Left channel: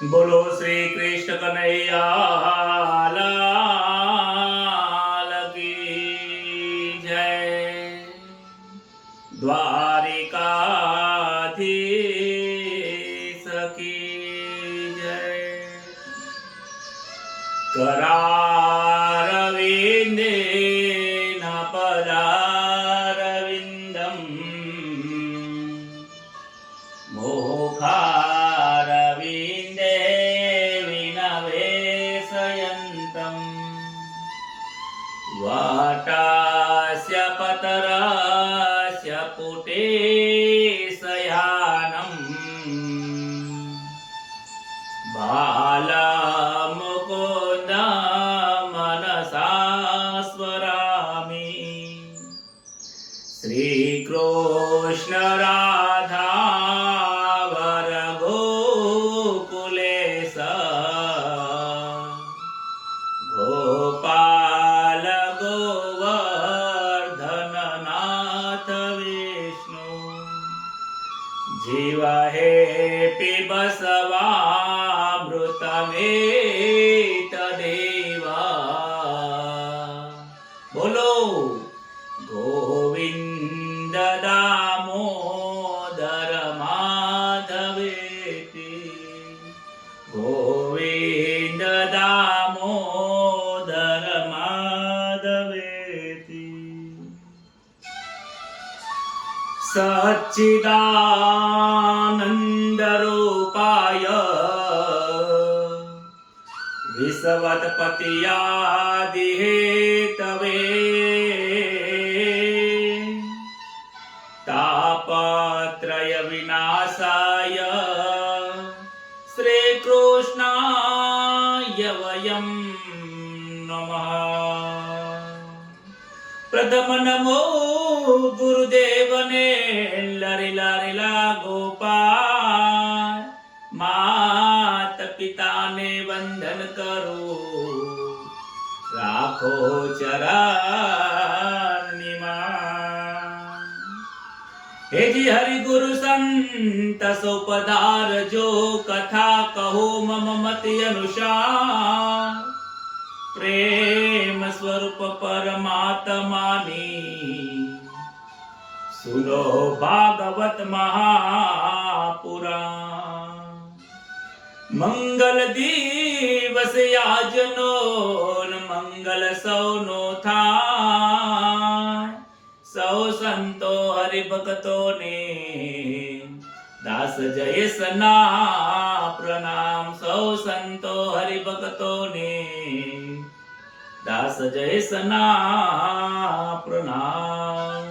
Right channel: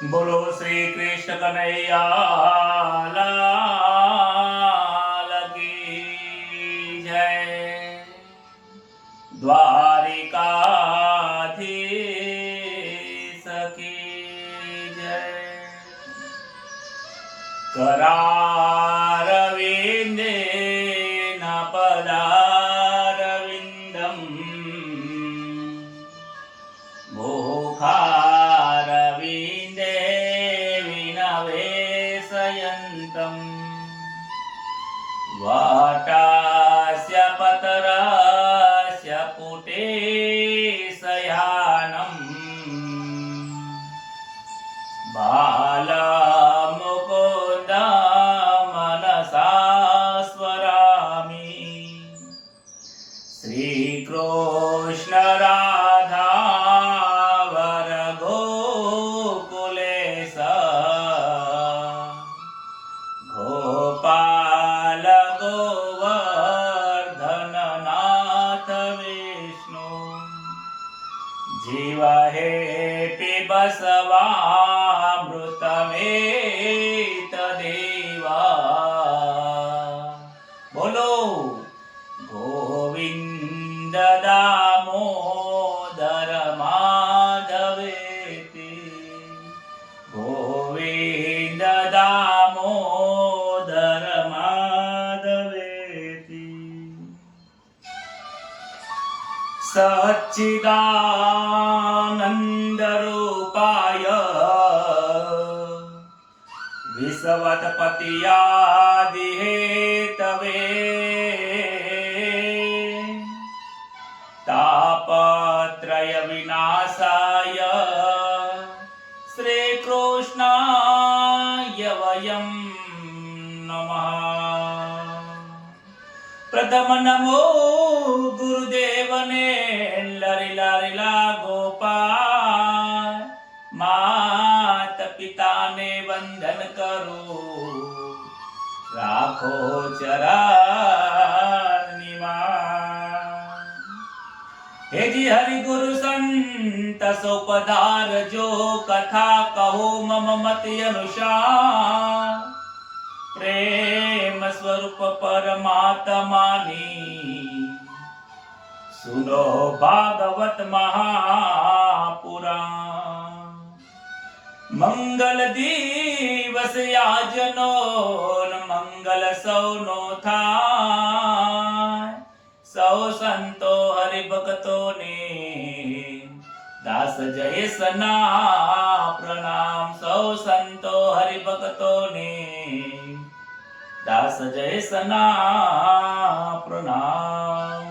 બોલો શ્રી કૃષ્ણ કનૈયા લાલ કી જય। દ્વારિકાધીશ કી જય। करारविन्देन पदारविन्दम् मुखारविन्दे विनवेशयन्तम् वाटास्य पतरस्य पुटे शयानम् बालमुकुन्द मनसा स्मरामि। श्रीकृष्ण राधा वर गोकुलेश गोपाल गोवर्धननाथ विष्णु जीव हे पिबसवामृतमेतदेवा। बोलो गोविंद दामोदर माधवेति गोविंद दामोदर माधवेति। सच्चिदानंद रूपाय विश्वत्पत्यादिहेतवे तापत्रय विनाशाय श्रीकृष्णाय वयं नमः। प्रथम नमो गुरुदेवने लरिला रिला गोपाल मात पिता ने वंदन करो राखो चरणिमा। हे जी हरि गुरु संत सो पधार जो कथा कहो मम मति अनुसार प्रेम स्वरूप परमात्मानी सुनो भागवत महापुराण। मंगल दिवस याजनो मंगल सौनो थाय सौ संतो हरि भक्तो ने दास जय सना प्रणाम। सौ संतो हरि भक्तो ने दास जय सना प्रणाम।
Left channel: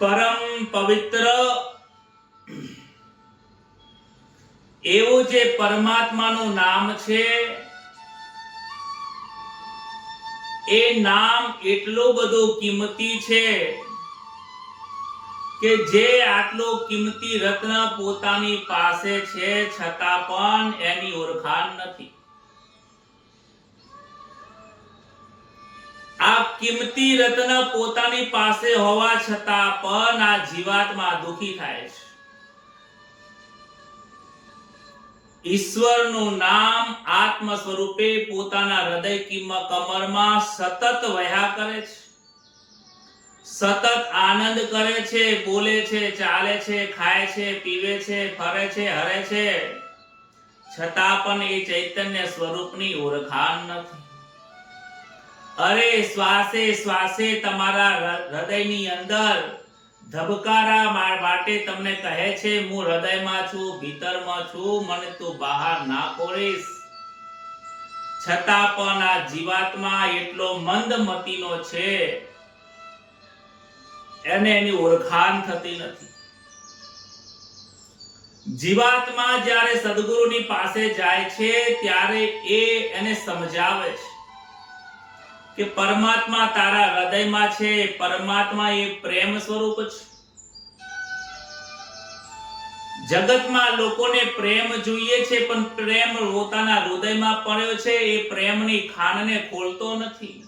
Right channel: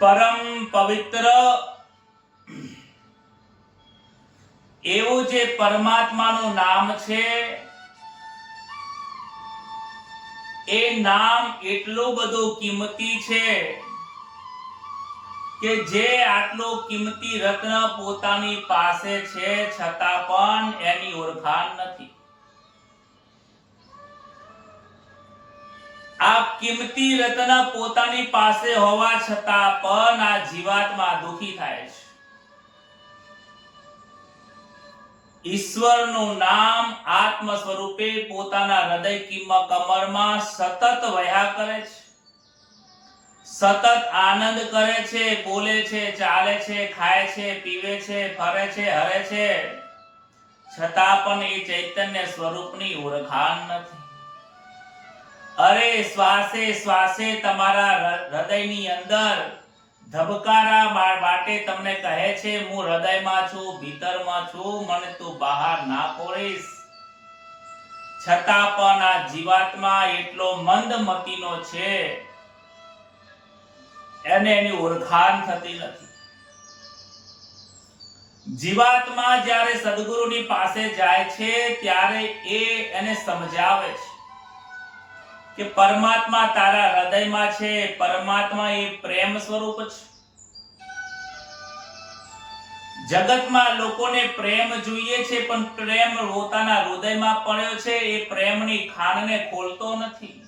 પરમ પવિત્ર એવું જે પરમાત્માનું નામ છે એ નામ એટલું બધું કિંમતી છે કે જે આટલો કિંમતી રત્ન પોતાની પાસે છે છતાં પણ એની ઓળખાણ નથી। આ કિંમતી રત્ન પોતાની પાસે હોવા છતાં પણ આ જીવાત્મા દુખી થાય છે। ઈશ્વરનું નામ આત્મ સ્વરૂપે પોતાના હૃદય કમરમાં સતત વહ્યા કરે છે, સતત આનંદ કરે છે, બોલે છે, ચાલે છે, ખાય છે, પીવે છે, ફરે છે, હરે છે, છતાં પણ એ ચૈતન્ય સ્વરૂપની ઓળખાણ નથી। અરે શ્વાસે શ્વાસે તમારા હૃદયની અંદર ધબકારા માટે તમને કહે છે હું હૃદયમાં છું, ભીતરમાં છું, મને તું બહાર ના ખોલીશ, છતાં પણ આ જીવાત્મા એટલો મંદમતીનો છે એને એની ઓળખાણ થતી નથી। જીવાત્મા જ્યારે સદગુરુની પાસે જાય છે ત્યારે એ એને સમજાવે છે કે પરમાત્મા તારા હૃદયમાં છે, પરમાત્મા એ પ્રેમ સ્વરૂપ છે। જગતમાં લોકોને પ્રેમ જોઈએ છે પણ પ્રેમ પોતાના હૃદયમાં પડ્યો છે એ પ્રેમની ખાનને ખોલતો નથી,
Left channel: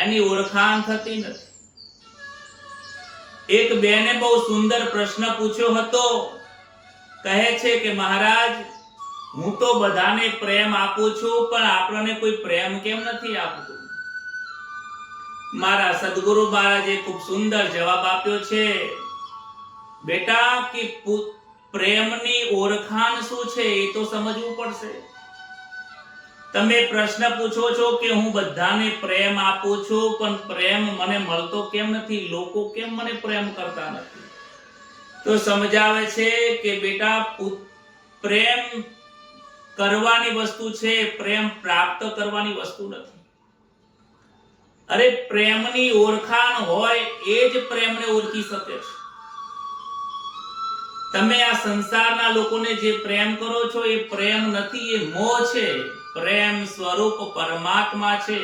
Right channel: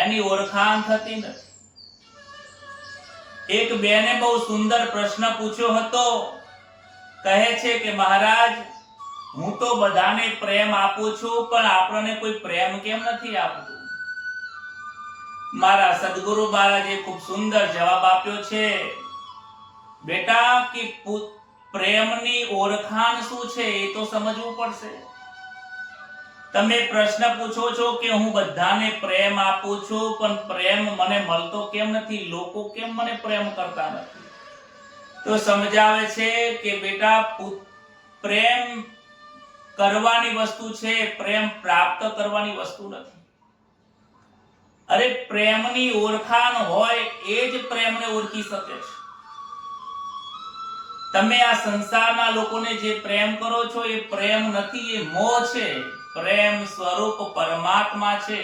એની ઓળખાણ થતી નથી। એક બેને બહુ સુંદર પ્રશ્ન પૂછ્યો હતો. કહે છે કે મહારાજ, હું તો બધાને પ્રેમ આપું છું, પણ આપણને કોઈ પ્રેમ કેમ નથી આપતું? મારા સદગુરુ મહારાજે ખૂબ સુંદર જવાબ આપ્યો છે. બેટા, કે પ્રેમની ઓળખાણ શું છે એ તો સમજવું પડશે. તમે પ્રશ્ન પૂછો છો કે હું બધાને પ્રેમ આપું છું, પણ પ્રેમ મને મળતો કેમ નથી? લોકો કેમ મને પ્રેમ કરતા નથી? તો સમજાવે છે કે બેટા, પ્રેમ કરવાની વસ્તુ છે, પ્રેમ પ્રાપ્ત કરવાની વસ્તુ નથી. અરે, પ્રેમની ઓળખાણ હોય એ જ પ્રેમને ઓળખી શકે છે. તમે આ સંસારના લોકોને જે પ્રેમ કરો છો એ પ્રેમ નથી, એ મોહ છે. પ્રેમ સ્વરૂપ પરમાત્મા છે.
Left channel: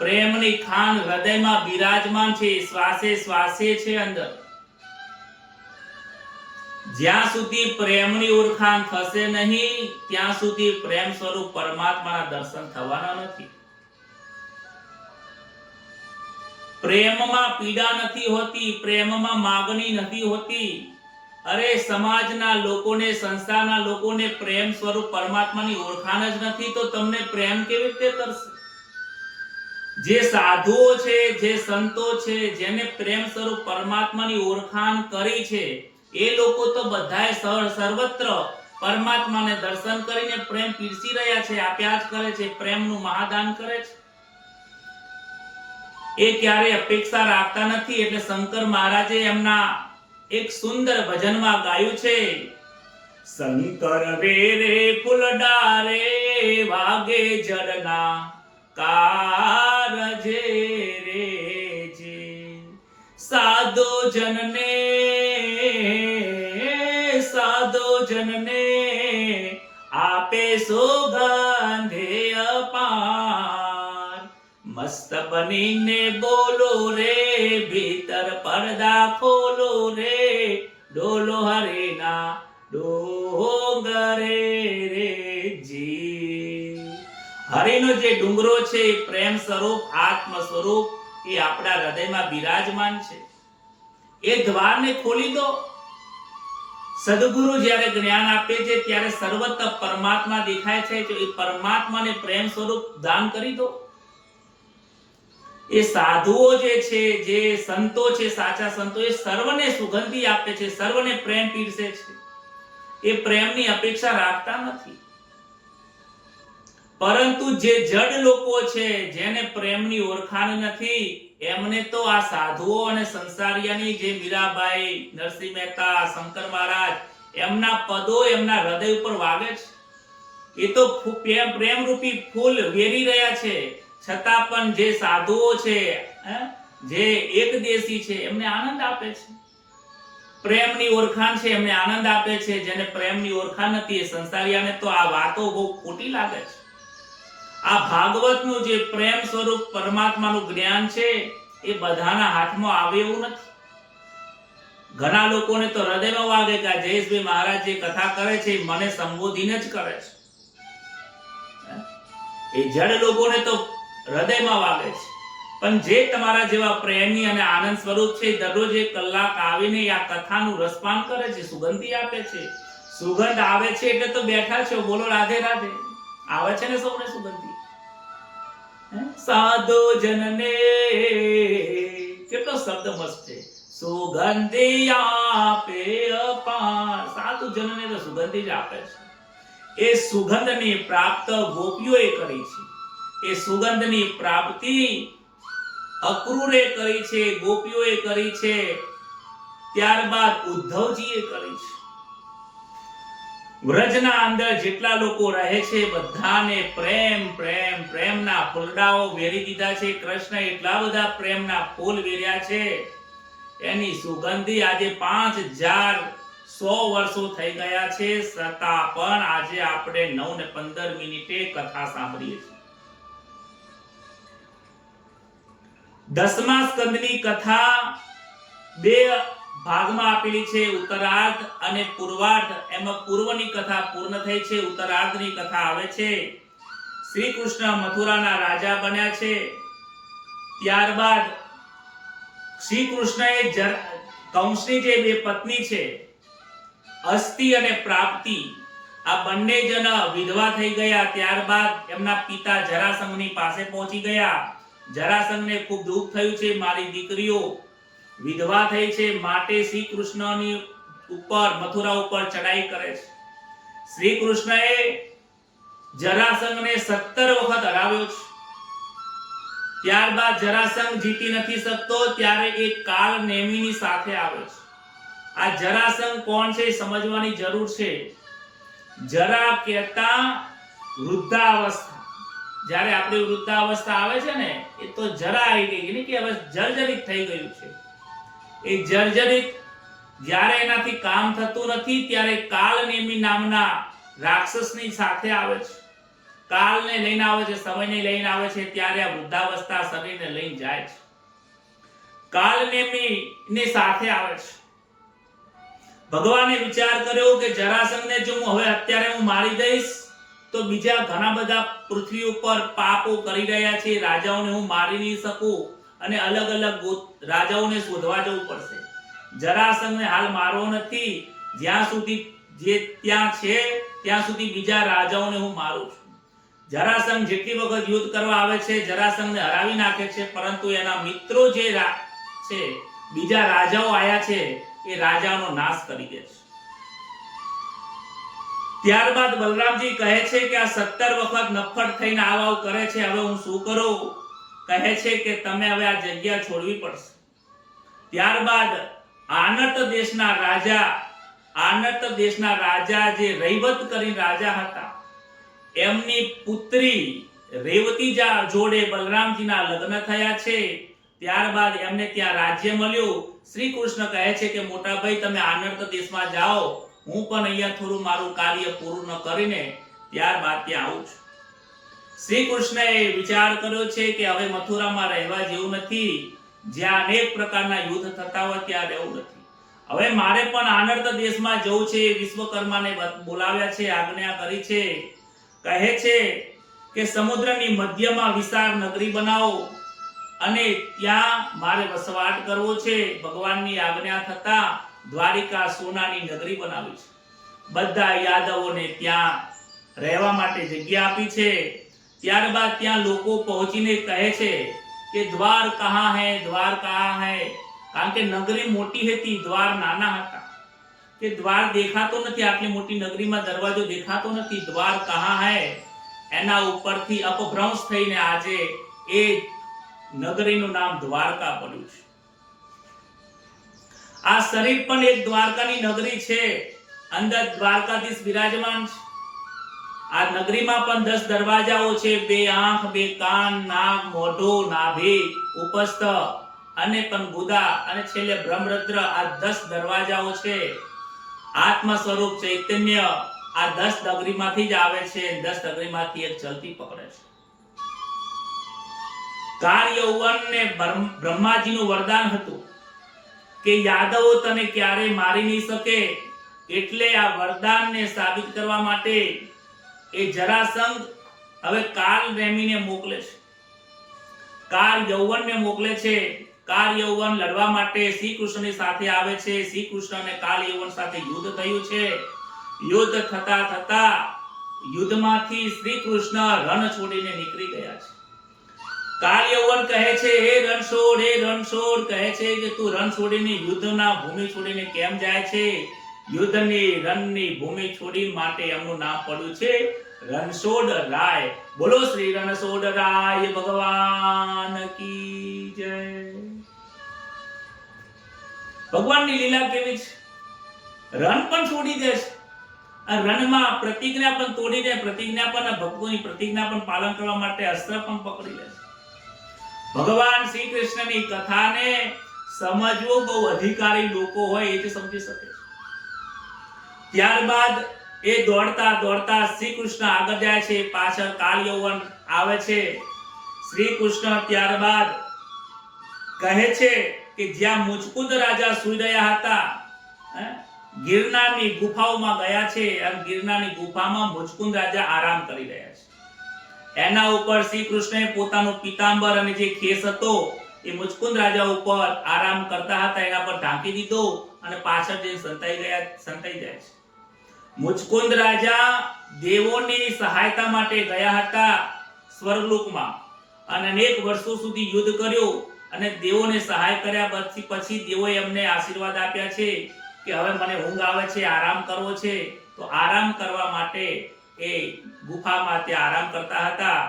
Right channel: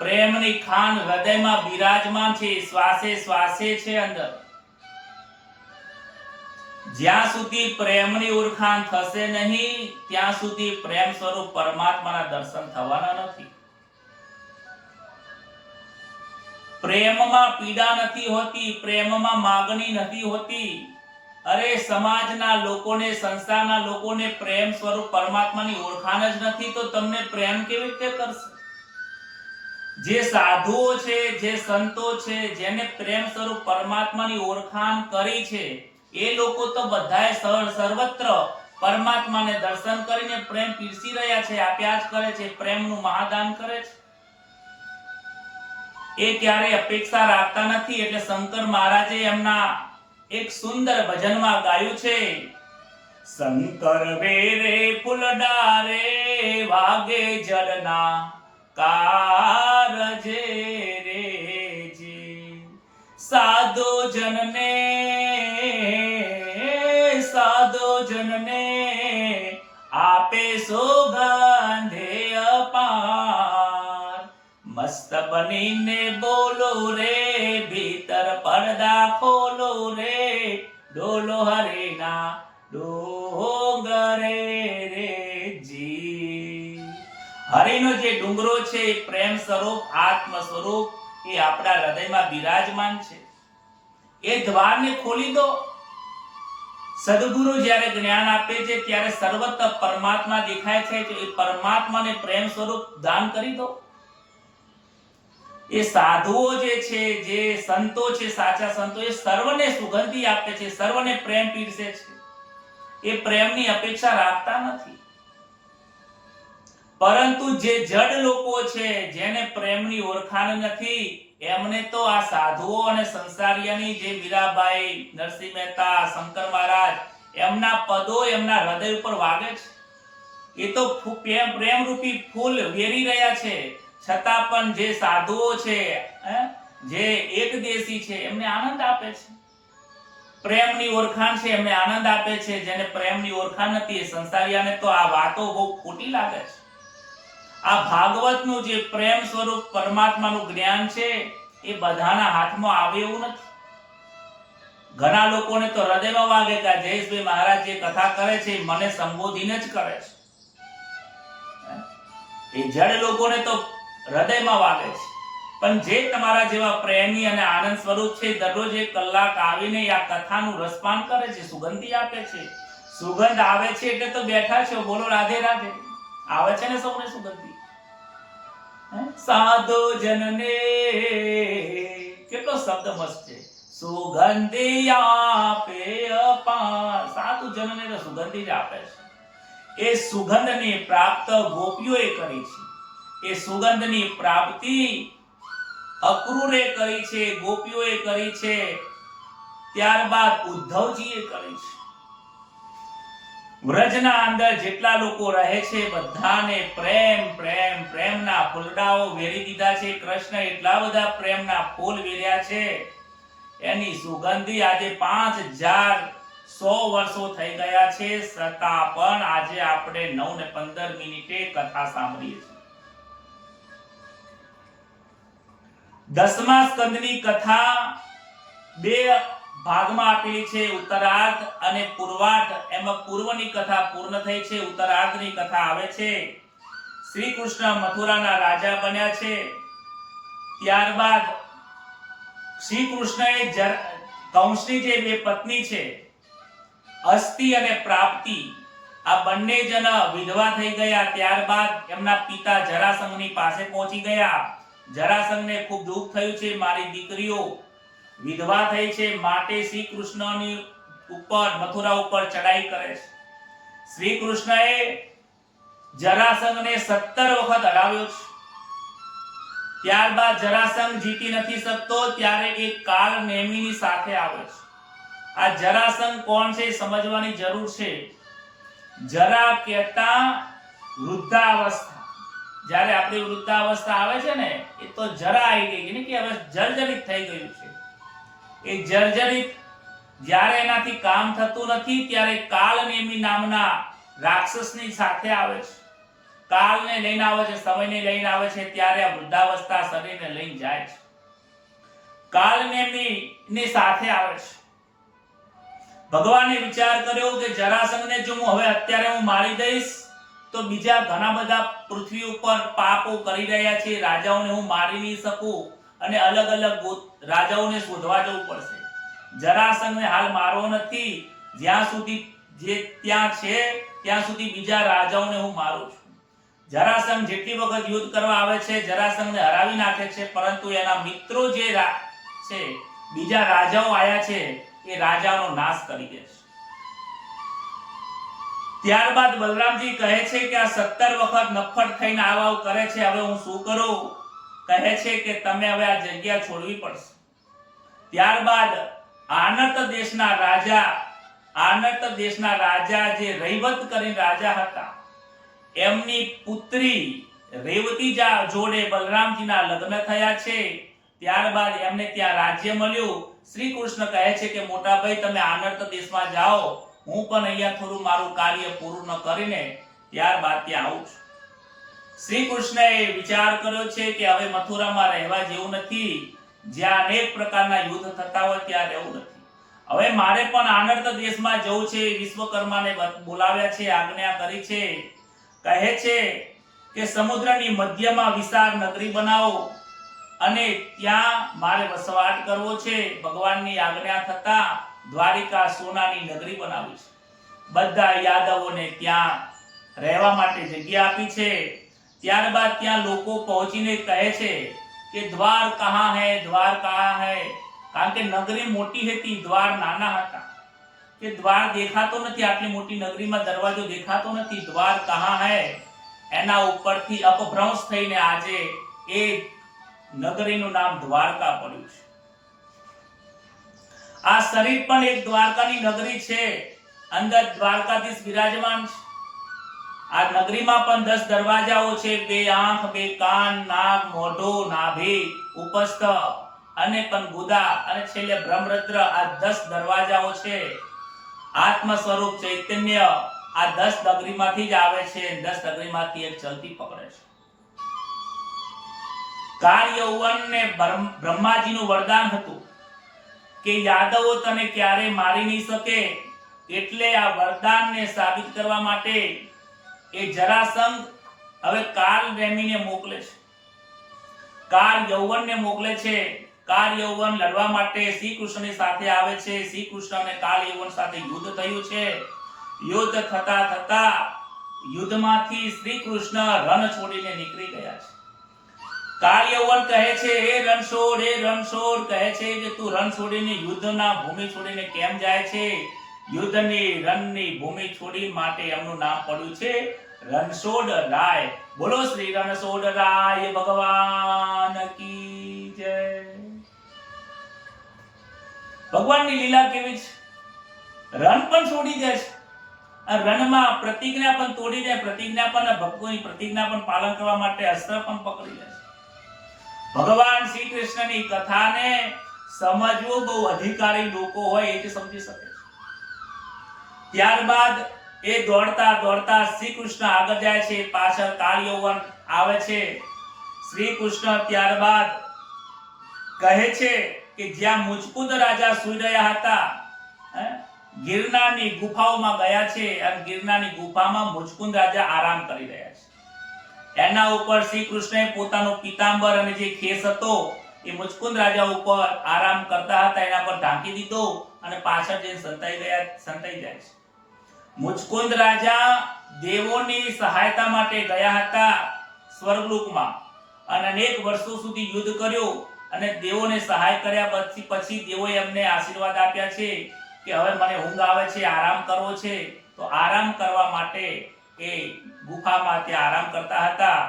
પ્રેમની ખાન હૃદયમાં બિરાજમાન છે, શ્વાસે શ્વાસે છે અંદર. જ્યાં સુધી પ્રેમની ઓળખાણ થશે નહીં, ત્યાં સુધી પ્રેમ સ્વરૂપ પરમાત્માના દર્શન થવાના નથી. પ્રેમમાં પીડા નથી હોતી, પ્રેમમાં માગણી નથી હોતી. અરે, સમાજના લોકોને, સંસારના લોકોને પ્રેમ સ્વરૂપ પરમાત્માની ઓળખાણ જ નથી, તો તમને પ્રેમ કેવી રીતે કરશે? જે સાધુઓ છે, જે સંતો છે, જેને પ્રેમ સ્વરૂપ પરમાત્માની ઓળખાણ કરી છે, એ લોકો તો બધાએ સર્વત્ર પરમાત્માને દર્શન કરીને પ્રેમ પીરસી રહ્યા છે, આપ્યા જ કરે છે, પ્રેમનું મહાદાન કરે છે. એ ક્યારે અપેક્ષા રાખતા નથી. એટલે શંકર મહારાજે એમના એક સુંદર ભજનમાં ગાયું છે. શંકર વેરે ફૂલડારે વાગે જડના કારજે રે જે સાધો જનને આપે સોગંધે અપાર. મસ્ત બનીને બોલો રે, ભીતર પડદા ખોલો રે, ડોલો હરેના ડોંગરે રે જી. હરિનો જે ડુંગરો છે એ પ્રેમ સ્વરૂપ, આત્મ સ્વરૂપ, એ આપણા હૃદયમાં બિરાજમાન છે. એ દ્વારને ખોલી દો. સદગુરુ જ્યારે જ્ઞાન આપે છે ત્યારે સર્વત્ર પરમાત્મા દેખાય છે, તો એ પરમાત્માને પ્રેમ સ્વરૂપ દાન કરી દો. એ સાધુઓ જે છે, જે સંતો છે, સાચા સંતો, એ સર્વને સુગંધી આપે છે, સર્વને પ્રેમ પીરસે છે. એ પ્રેમની અપેક્ષા રાખતા નથી. પરંતુ જે જડ લોકો છે, જેને પ્રેમની ઓળખાણ નથી, એમને તો આ સાધુઓ અને સંસારિયાની, જે મીરાબાઈ, નરસિંહ મહેતા, શંકર મહારાજ, એમના પદો એમના હૃદય ઉપર વાગે છે. એ તો પ્રેમરૂપી ફૂલ વેરી રહ્યા છે. છતાં પણ જે સાધુઓ છે, જે એકદેશી છે, એમને આનંદ આપે છે. પ્રેમની ઓળખાણ છે, એમને આનંદ આપે છે. જેને પ્રેમની ઓળખાણ નથી, એ સંસારિયાને તો આ વાતો બહુ ખોટી લાગે છે. આ ભાગવતનું જે પ્રેમ સ્વરૂપ પરમાત્માનું જ્ઞાન છે, એ બધાના હાથમાં આવે એવું નથી. ઘણા લોકોને તો હૃદયમાં વાગે કે જયેશભાઈ મહારાજ જે કથા કરે છે, મને સંબોધીને જ કરે છે. એ જડ લોકોને તો હૃદયમાં વાગે છે. પણ જે તમારા જેવા પ્રેમી અને આનંદ સ્વરૂપ છે, દરરોજ 1 કલાક આવીને આ કથાનું રસપાન કરે છે, સુગંધી આપે છે. સુગંધ આવે છે એટલે તો બેઠા છો. બોલો રાધે રાધે. આવે છે ને સૌને સુગંધી? સાધો જનને, કેટલો શબ્દ મસ્ત છે. સુગંધી આપે અપાર. સાધુ જનને તો સુગંધી જ આપે છે. એ સુગંધની પ્રાપ્ત ગોપીઓએ કરી છે. એ સુગંધની પ્રાપ્તિ અક્રૂરે કરી છે, ગોપીઓએ કરી છે, ત્યારબાદ ઉદ્ધવજીએ કરી છે. વ્રજના અંદર જેટલા લોકો રહે છે, બધાને પ્રેમ પ્રેમ પ્રેમના ફૂલડાઓ વેરી દીધા છે. કૃષ્ણ એટલા બધા પ્રેમના ફૂલ વેર્યા છે, એની સુગંધી આજે 5100 વર્ષો થઈ ગયા છે, છતાં પણ આજે આપણે 9 ને 15 મિનિટે કથા સાંભળીએ છીએ. 10મા સ્કંદની કથા 2 ભાગમાં આપેલી છે, ઉત્તરાર્ધ અને પૂર્વાર્ધ. એમાં પૂર્વની કથા પૂર્ણ થઈ છે, ઉત્તરાર્ધની કથા આવે છે. શ્રી કૃષ્ણ મથુરાના રાજા બન્યા છે. ત્યારબાદ શ્રી કૃષ્ણએ કંસની જે બે પત્ની છે અસ્તિ અને પ્રાપ્તિ, આ બંને જણ વિધવા થઈ ગયા. ત્યારબાદ એમના પિતા જરાસંઘની પાસે પહોંચી ગયા. જરાસંઘને ખૂબ દુઃખ થયું છે, મારી દીકરીઓ વિધવા થઈ છે, માટે શ્રી કૃષ્ણની ઉપર મથુરા ઉપર ચડાઈ કરે છે. શ્રી કૃષ્ણએ જરાસંઘને 17 વખત હરાવ્યો છે. ત્યારબાદ જરાસંઘ જીતી નથી શકતો ત્યારે એક કાલ નેમીની સાથે આવે છે. આ જરાસંઘ કોણ છે સમજવાની જરૂર છે. જરા કહેતા વૃદ્ધાવસ્થા. જ્યારે આપણી વૃદ્ધાવસ્થા આવે છે ને, એ તો જરા આવી ગઈ ને, કે હવે જર્જરિત થઈ ગયું છે. એ જર્જરિત જ્યારે એનાથી કામ થતું નથી ત્યારે કાલનેમી નામના રાક્ષસની સાથે આવે છે. કાલને લઈને આવે છે, સમયને લઈને આવે છે. ત્યારે આ વૃદ્ધાવસ્થા શરીરને લઈને જાય છે. કાલનેમી ની સાથે આવે છે. ભગવાને વિચાર કર્યો કે જરાસંઘને જો હું હવે અત્યારે હું મારી દઈશ તો બીજા ઘણા બધા પૃથ્વી ઉપર પાપો કરી રહ્યા છે, રાજાઓને હું મારી નહીં શકું અને અલગ અલગ રાજાઓને શોધવા જવું પડશે. જરાસંઘને હાલ મારવો નથી, જ્યાં સુધી જે ત્યાં છે ત્યાં સુધી બીજા રાજાઓને હું મારું છું. જરાસંઘ જેટલી વખત યુદ્ધ કરવા આવે છે, જરાસંઘને હરાવી નાખે છે, પરંતુ એના મિત્રો જે છે બીજા રાજાઓ આયા છે એ રાજાનો નાશ કરી દે છે. ત્યારબાદ બલરામજી કહે છે કે આ 17 વખત નફ્ફટ થઈને આવ કરે છે, હવે હું શું કરું? કહે છે કે તમે હવે આ જગ્યા છોડવી પડશે. ત્યારબાદ આનર્ત દેશના રાજા જે રૈવત કરીને રાજા હતા, એમની પુત્રી રેવતી જોડે બલરામજીના લગ્ન થયા છે. ત્યારબાદ એમને ત્યાં રાજ્ય મળ્યું. શ્રી કૃષ્ણ કહે છે કે મોટા ભાઈ તમે આનર્ત દેશમાં જાઓ, હું પણ અહીંયા થોડું મારું કાર્ય પૂરું કરીને ત્યારબાદ ત્યાં આવું છું. શ્રી કૃષ્ણએ વિચાર કર્યો છે કે હવે મથુરામાં રહેવા જેવું નથી, જ્યાં અનેક પ્રકારના યુદ્ધ થતા હોય ત્યાં રહેવું નથી. હવે મારે પણ આનર્ત દેશમાં જવું છે. વિશ્વકર્માને બોલાવ્યા છે, આજ્ઞા કરી છે. કહે છે કે સમુદ્રની મધ્યમાં વિશાળ નગરી બનાવો અને ત્યાં મારે વસવાટ કરવો છે. ભગવાનની આજ્ઞા થતા દ્વારિકા સોનાની નગરી બનાવી છે. બધા યાદવોને ત્યાં રહેવા માટે જગ્યા આપી છે. ત્યારબાદ ત્યાં લોકો પહોંચીને કહે છે કે દ્વાર કહાં હૈ, દ્વાર કહાં હૈ? કારણ કે નગરી મોટી હતી, દ્વાર નાના હતા. કે દ્વાર દેખાતો નથી, આટલી મોટી નગરીમાં દરવાજો દેખાતો નથી, દ્વાર કહાં હૈ? એના ઉપરથી અપભ્રંશ થઈને આજે એ નગરીનું નામ દ્વારકા પડ્યું છે. આ શરીર પણ એક દ્વારકાની નગરી છે. અંદર દ્વારકાધીશ બિરાજમાન છે. આ નગરીમાં પણ 10 દરવાજાઓ છે. 2 આંખ, 2 કાન, નાક, મોઢું, નાભી, ઉપસ્થ અને કનગુદા અને છેલ્લે બ્રહ્મરદ્ર. આ 10 દરવાજાઓ છે. આત્મ સ્વરૂપ ચૈતન્ય આ 10 નગરીમાંથી જ આવે છે. 10 નગરીમાંથી એક ચલતી પકડે છે. કાર યૌવનને બ્રહ્માજીનું વરદાન હતું કે યાદવો તને ક્યારે મારી નહીં શકે. એટલે આ વરદાનને સાબિત કરવા માટે એ જરાસંઘ હવે કાલ નેમીને મોકલે છે, કાર યૌવનને મોકલે છે. કાર યૌવન લડવા માટે શ્રી કૃષ્ણની સાથે આવે છે. શ્રી કૃષ્ણ અને કાલ યૌવન સાથે યુદ્ધ થયું છે. યુદ્ધ થતા થતા યુદ્ધમાંથી શ્રી કૃષ્ણ રણ છોડીને નીકળી ગયા છે. કાલ યૌવન કહે છે હે રણછોડ, કહે છે કે તું રણ છોડીને યુદ્ધના ભૂમિ છોડીને કેમ જાય છે? યુદ્ધની રણની ભૂમિ છોડી માટે એમનું નામ પડ્યું છે રણછોડ રાય. બોલો શ્રી રણછોડ રાય ભગવાન કી જય. ભગવાનની લીલા કેવી છે? રણ પણ છોડી દે છે. રણમાં પ્રતિજ્ઞા પણ તોડી દે, પ્રતિજ્ઞા પણ ભક્તોની પ્રતિજ્ઞા પણ પાલન કરવા માટે અસ્ત્ર પણ પકડી લે છે. ભગવાન શ્રી કૃષ્ણની કથાને સમજવું બહુ અધિકારી લોકો હોય એ જ સમજી શકે. ત્યારબાદ એ દોડતા દોડતા શ્રી કૃષ્ણ આગળ જાય છે, પાછળ કાળ યૌવન આવે છે. શ્રી કૃષ્ણ ત્યારબાદ કહે છે કે જ્યાં મુચકુંદ રાજા સૂઈ રહ્યા હતા, ગિરનારની ગુફાઓમાં ગયા છે. અને ગિરનારની ગુફામાં મુચકુંદ રાજા આરામ કરી રહ્યા છે. એના ઉપર શ્રી કૃષ્ણએ પોતાનો પીતાંબર અને જે ખેસ હતો એ મુચકુંદ રાજા ઉપર આરામ કરતા હતા એના પર ઢાંકી દીધો અને પાછળ જઈને સંતાઈ જાય છે. મુચકુંદ રાજા દેવોની સહાયતા માટે ગયા હતા સ્વર્ગલોકમાં અને અનેક વર્ષો સુધી યુદ્ધ કર્યું અને દેવોને સહાય કર્યા પછી દેવોએ એમને આશીર્વાદ આપ્યા છે કે હવે મને ઊંઘ આવે છે, આરામ કરવો છે. તો આરામ કરવા માટે એ ગુફામાં ત્યાં આરામ કરતા હતા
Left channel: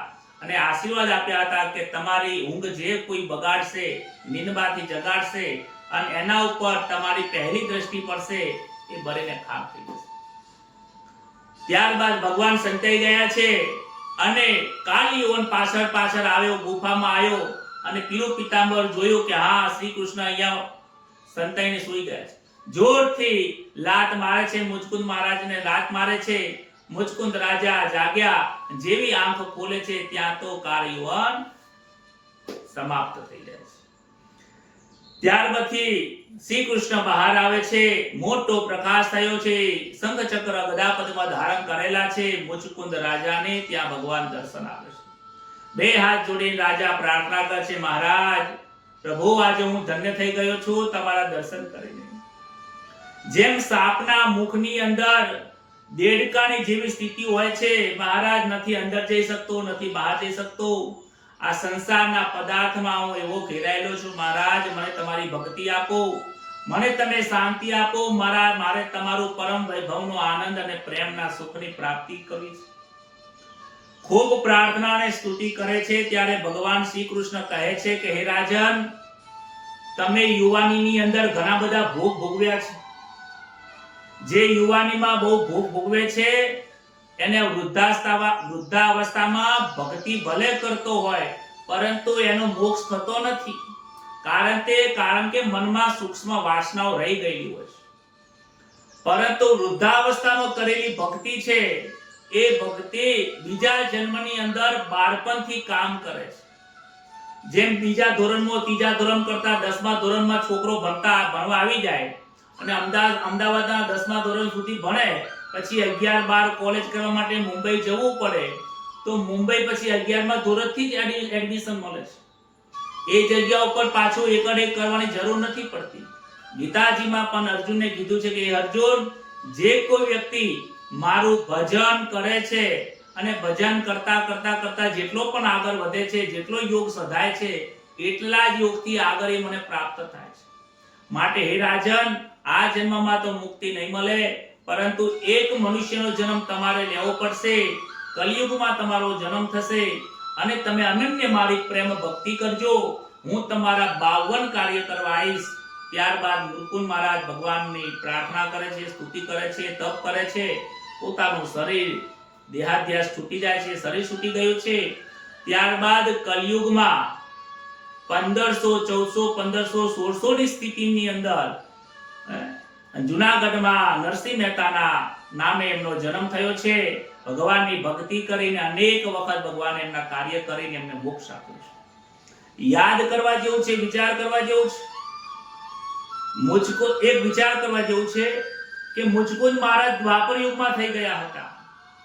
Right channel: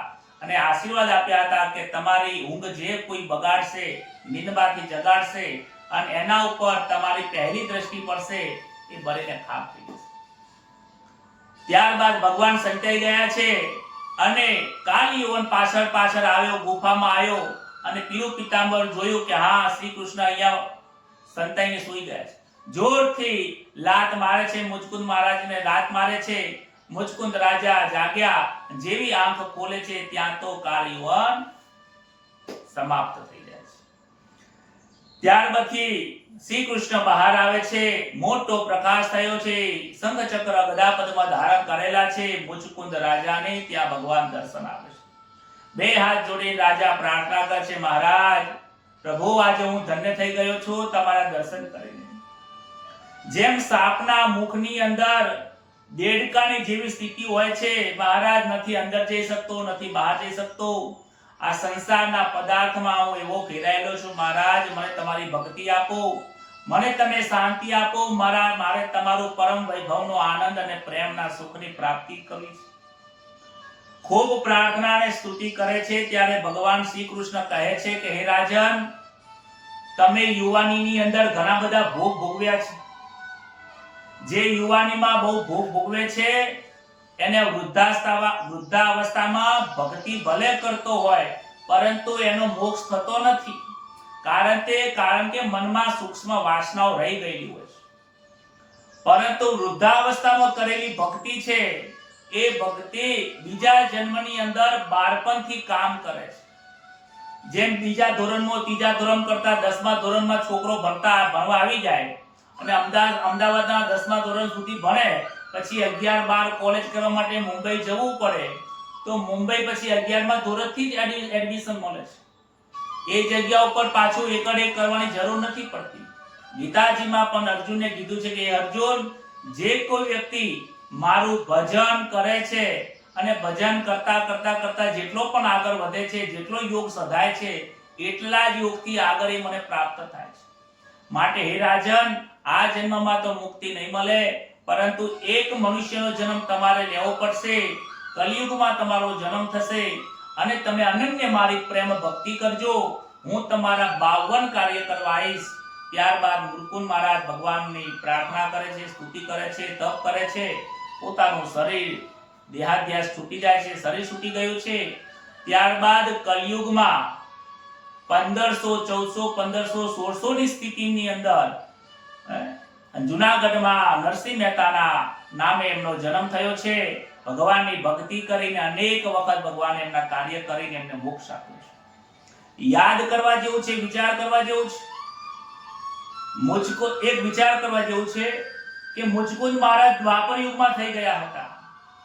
અને આશીર્વાદ આપ્યા હતા કે તમારી ઊંઘ જે કોઈ બગાડશે, નીંદમાંથી જગાડશે અને એના ઉપર તમારી પહેલી દ્રષ્ટિ પડશે એ બળીને ખાક થઈ જશે. ત્યારબાદ ભગવાન સંતાઈ ગયા છે અને કાલિયોન પાછળ આવ્યો, ગુફામાં આવ્યો અને પીળું પિતાંબર જોયું કે હા શ્રી કૃષ્ણ અહીંયા સંતાઈને સૂઈ ગયા છે. જોરથી લાત મારે છે, મુચકુંદ મહારાજને લાત મારે છે. મુચકુંદ રાજા જાગ્યા, જેવી આંખ ખોલે છે ત્યાં તો કાલિયોન સમાપ્ત થઈ જાય છે. ત્યાર પછી શ્રી કૃષ્ણ બહાર આવે છે, મોટો પ્રકાશ થયો છે, શંખ ચક્ર ગદા પદ્મ ધારણ કરેલા છે. મુચકુંદ રાજાને ત્યાં ભગવાન દર્શન આપે છે. બે હાથ જોડીને રાજા પ્રાર્થના કરે છે, મહારાજ પ્રભુ આજે હું ધન્ય થઈ ગયો છું તમારા દર્શન કરીને. જેમ સાપના મુખની અંદર દેડકાની જેવી સ્થિતિ હોય છે, મહારાજ નથી અંદર જઈ શકતો, નથી બહાર જઈ શકતો. આ સંસારના પદાર્થમાં હું એવો ઘેરાયેલો છું. મહારાજ મને તમારી ભક્તિ આપો, મને તમે શાંતિ આપો. મારે તમારું પરમ વૈભવનો આનંદ અને પ્રેમના સુખની પ્રાપ્તિ કરવી છે. ખૂબ પ્રાર્થના અને સ્તુતિ કરે છે. ત્યારે ભગવાન શ્રી કૃષ્ણ કહે છે કે હે રાજન, તમે યુવાનીની અંદર ઘણા બધા ભોગ ભોગવ્યા છે. જે યુવાનીમાં બહુ ભોગ ભોગવે છે એને વૃદ્ધાવસ્થામાં ભક્તિ ભલે કરતો હોય પરંતુ એનો મોક્ષ થતો નથી. કારણ કે મનમાં સૂક્ષ્મ વાસનાઓ રહી ગયેલી હોય છે. પરંતુ વૃદ્ધાવસ્થામાં કરેલી ભક્તિ છે એ ભક્તિ બીજા જન્મની અંદર બાળપણથી કામ કરે છે. જેમ બીજા ધોરણમાં, ત્રીજા ધોરણ કરતા 10મા ધોરણમાં છોકરો ભણવા આવી જાય અને અમદાવાદના 10મા ધોરણ સુધી ભણે, પછી 11-12 કોલેજ કરવા માટે મુંબઈ જવું પડે તો મુંબઈ પછી 11મા ધોરણથી જ એડમિશન મળે છે. એ જગ્યા ઉપર પાછું એકડ કરવાની જરૂર નથી પડતી. ગીતાજીમાં પણ અર્જુનને કીધું છે કે અર્જુન, જે કોઈ વ્યક્તિ મારું ભજન કરે છે અને ભજન કરતા જેટલો પણ આગળ વધે છે, જેટલો યોગ સધાય છે, એટલા જ યોગથી આગળ એ મને પ્રાપ્ત થાય છે. માટે હે રાજન, આ જન્મમાં તો મુક્તિ નહીં મળે, પરંતુ એક મનુષ્યનો જન્મ તમારે લેવો પડશે. કલિયુગમાં તમારો જન્મ થશે અને તમે અનન્ય મારી પ્રેમ ભક્તિ કરજો. હું તમારા 52 કાર્ય કરવા આવીશ. ત્યારબાદ મુચકુંદ મહારાજ ભગવાનની પ્રાર્થના કરે છે, સ્તુતિ કરે છે, તપ કરે છે. પોતાનું શરીર દેહાધ્યાસ છૂટી જાય છે, શરીર છૂટી ગયું છે. ત્યારબાદ કલિયુગમાં 1500, 1400, 1500, 1600 ની સ્થિતિની અંદર જુનાગઢમાં નરસિંહ મહેતાના નામે એમનો જન્મ થયો છે. ભગવાનની ભક્તિ કરીને અનેક વખત ભગવાન એમના કાર્ય કરીને એમને મોક્ષ આપ્યો છે. યાદ કરવા જેવું છે, વિચાર કરવા જેવું છે. એક વિચાર કરવા જેવું છે કે મુચકુંદ મહારાજ દ્વાપર યુગમાં થઈ ગયા હતા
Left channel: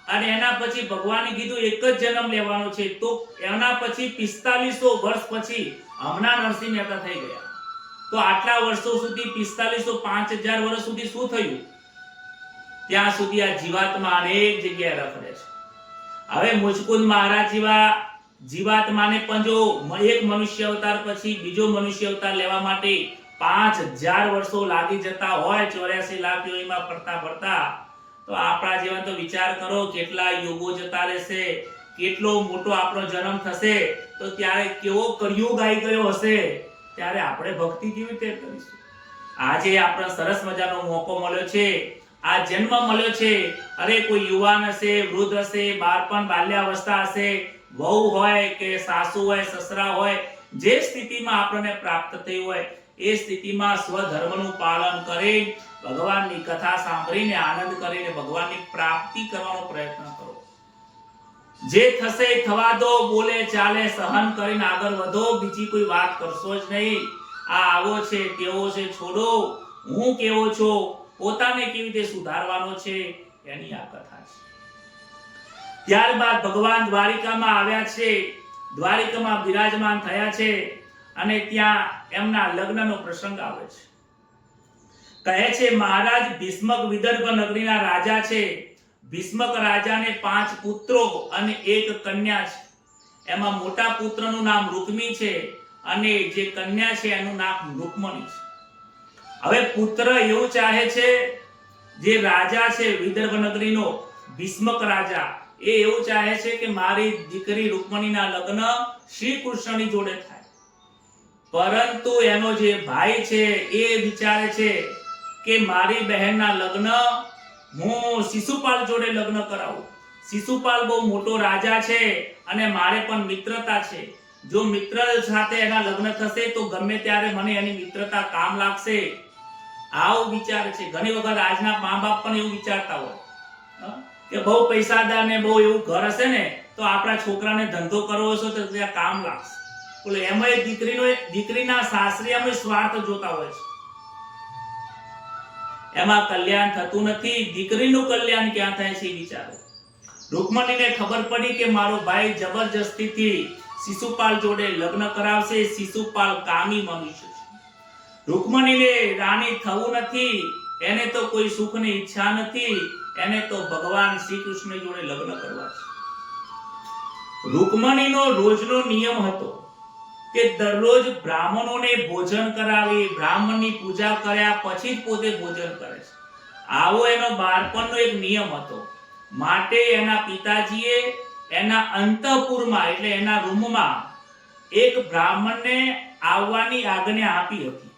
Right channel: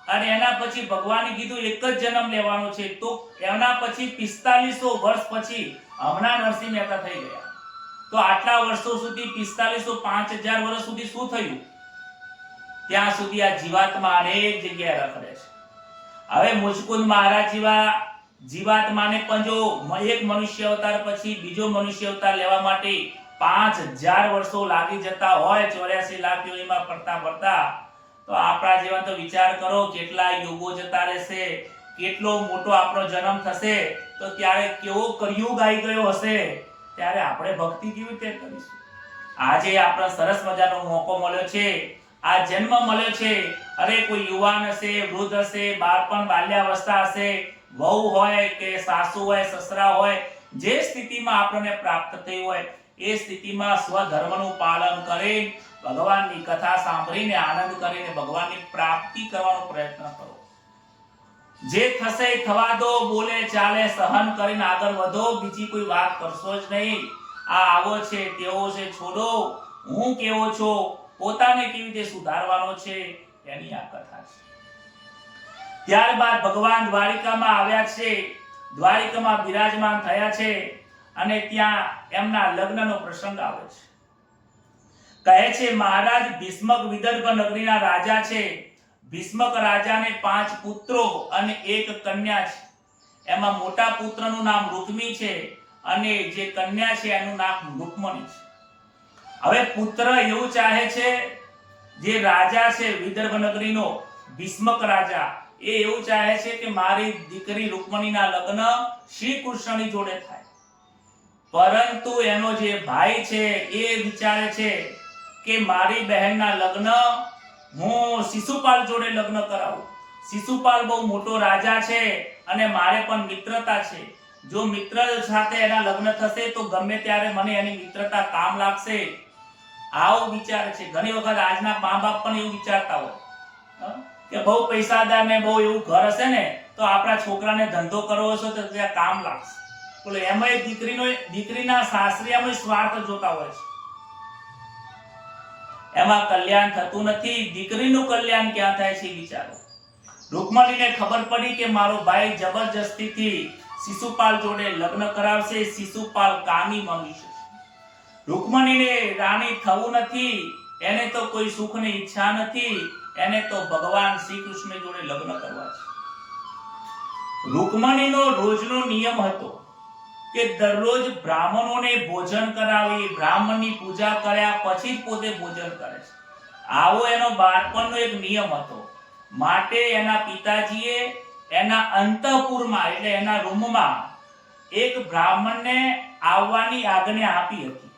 અને એના પછી ભગવાને કીધું એક જ જન્મ લેવાનો છે. તો એના પછી 4500 વર્ષ પછી હમણાં નરસિંહ મહેતા થઈ ગયા. તો આટલા વર્ષો સુધી 4500, 5000 વર્ષ સુધી શું થયું? ત્યાં સુધી આ જીવાત્મા અનેક જગ્યાએ રખડે છે. હવે મુચકુંદ મહારાજ જીવાત્માને પણ જો એક મનુષ્ય અવતાર પછી બીજો મનુષ્ય અવતાર લેવા માટે 5000 વર્ષો લાગી જતા હોય, 84 લાખ યોનીમાં ફરતા, તો આપણા જીવન તો વિચાર કરો કેટલા યુગો જતા રહેશે, કેટલો મોટો આપણો જન્મ થશે. તો ત્યારે કેવો કળિયુગ આવી ગયો હશે, ત્યારે આપણે ભક્તિ કેવી રીતે કરીશું? આજે આપણે સરસ મજાનો મોકો મળ્યો છે, આ જન્મ મળ્યો છે. અરે કોઈ યુવાન હશે, વૃદ્ધ હશે, બાળપણ બાલ્યાવસ્થા હશે, વહુ હોય કે સાસુ હોય, સસરા હોય, જે સ્થિતિમાં આપણને પ્રાપ્ત થઈ હોય એ સ્થિતિમાં સ્વધર્મનું પાલન કરી ભગવાનની કથા સાંભળીને આનંદ કરીને ભગવાનની પ્રાપ્તિ કરવાનો પ્રયત્ન કરો. જે થશે થવા દો, બોલે ચાલે સહન કરીને આગળ વધો. બીજી કોઈ વાત કરશો જ નહીં. આ આવો છે, તેવો છે, છોડો. હું કેવો છો, પોતાને કેવી રીતે સુધારવાનો છે, એની આ કથા છે. ત્યારબાદ ભગવાન દ્વારિકામાં આવ્યા છે, દ્વારિકામાં બિરાજમાન થયા છે અને ત્યાં એમના લગ્નનો પ્રસંગ આવે છે. કહે છે મહારાજ ભીષ્મક વિદર્ભ નગરીના રાજા છે. ભીષ્મક રાજાને 5 પુત્રો અને 1 કન્યા છે. એમાં મોટા પુત્રનું નામ રુક્મી છે અને જે કન્યા છે એનું નામ રુક્મણી છે. હવે પુત્ર એવું ચાહે છે, જે રાજા છે વિદર્ભ નગરીનો ભીષ્મક રાજા, એ એવું ચાહે છે કે મારી દીકરી રુક્મણીના લગ્ન શ્રી કૃષ્ણની જોડે થાય. પરંતુ એનો જે ભાઈ છે એ વિચારે છે કે મારી બહેનના લગ્ન હું શિશુપાલ જોડે લગ્ન કરાવું. શિશુપાલ બહુ મોટો રાજા છે અને મારે પણ મિત્રતા છે. જો મિત્ર સાથે એના લગ્ન થશે તો ગમે ત્યારે મને એની મિત્રતા કામ લાગશે. આવું વિચારે છે. ઘણી વખત આજના મા બાપ પણ એવું વિચારતા હોય કે બહુ પૈસાદાર ને બહુ એવું ઘર હશે ને તો આપણા છોકરાને ધંધો કરવો હશે તો ત્યાં કામ લાગશે. બોલે એમાં દીકરીના સાસરિયામાં સ્વાર્થ જોતા હોય છે. એમાં કલ્યાણ થતું નથી. દીકરીનું કલ્યાણ ક્યાં થાય છે વિચારો. રુક્મણીને ખબર પડી કે મારો ભાઈ જબરજસ્તીથી શિશુપાલ જોડે લગ્ન કરાવશે. શિશુપાલ કામી મનુષ્ય છે. રુક્મણીને રાણી થવું નથી. એને તો કોઈ સુખની ઈચ્છા નથી. એને તો ભગવાન શ્રી કૃષ્ણ જોડે લગ્ન કરવા છે. રુક્મણીનો રોજનો નિયમ હતો કે દરરોજ બ્રાહ્મણોને ભોજન કરાવી, બ્રાહ્મણની પૂજા કર્યા પછી જ પોતે ભોજન કરે છે. આવો એનો બાળપણનો એક નિયમ હતો. માટે એના પિતાજીએ એના અંતઃપુરમાં એટલે એના રૂમમાં એક બ્રાહ્મણને આવવાની આજ્ઞા આપી હતી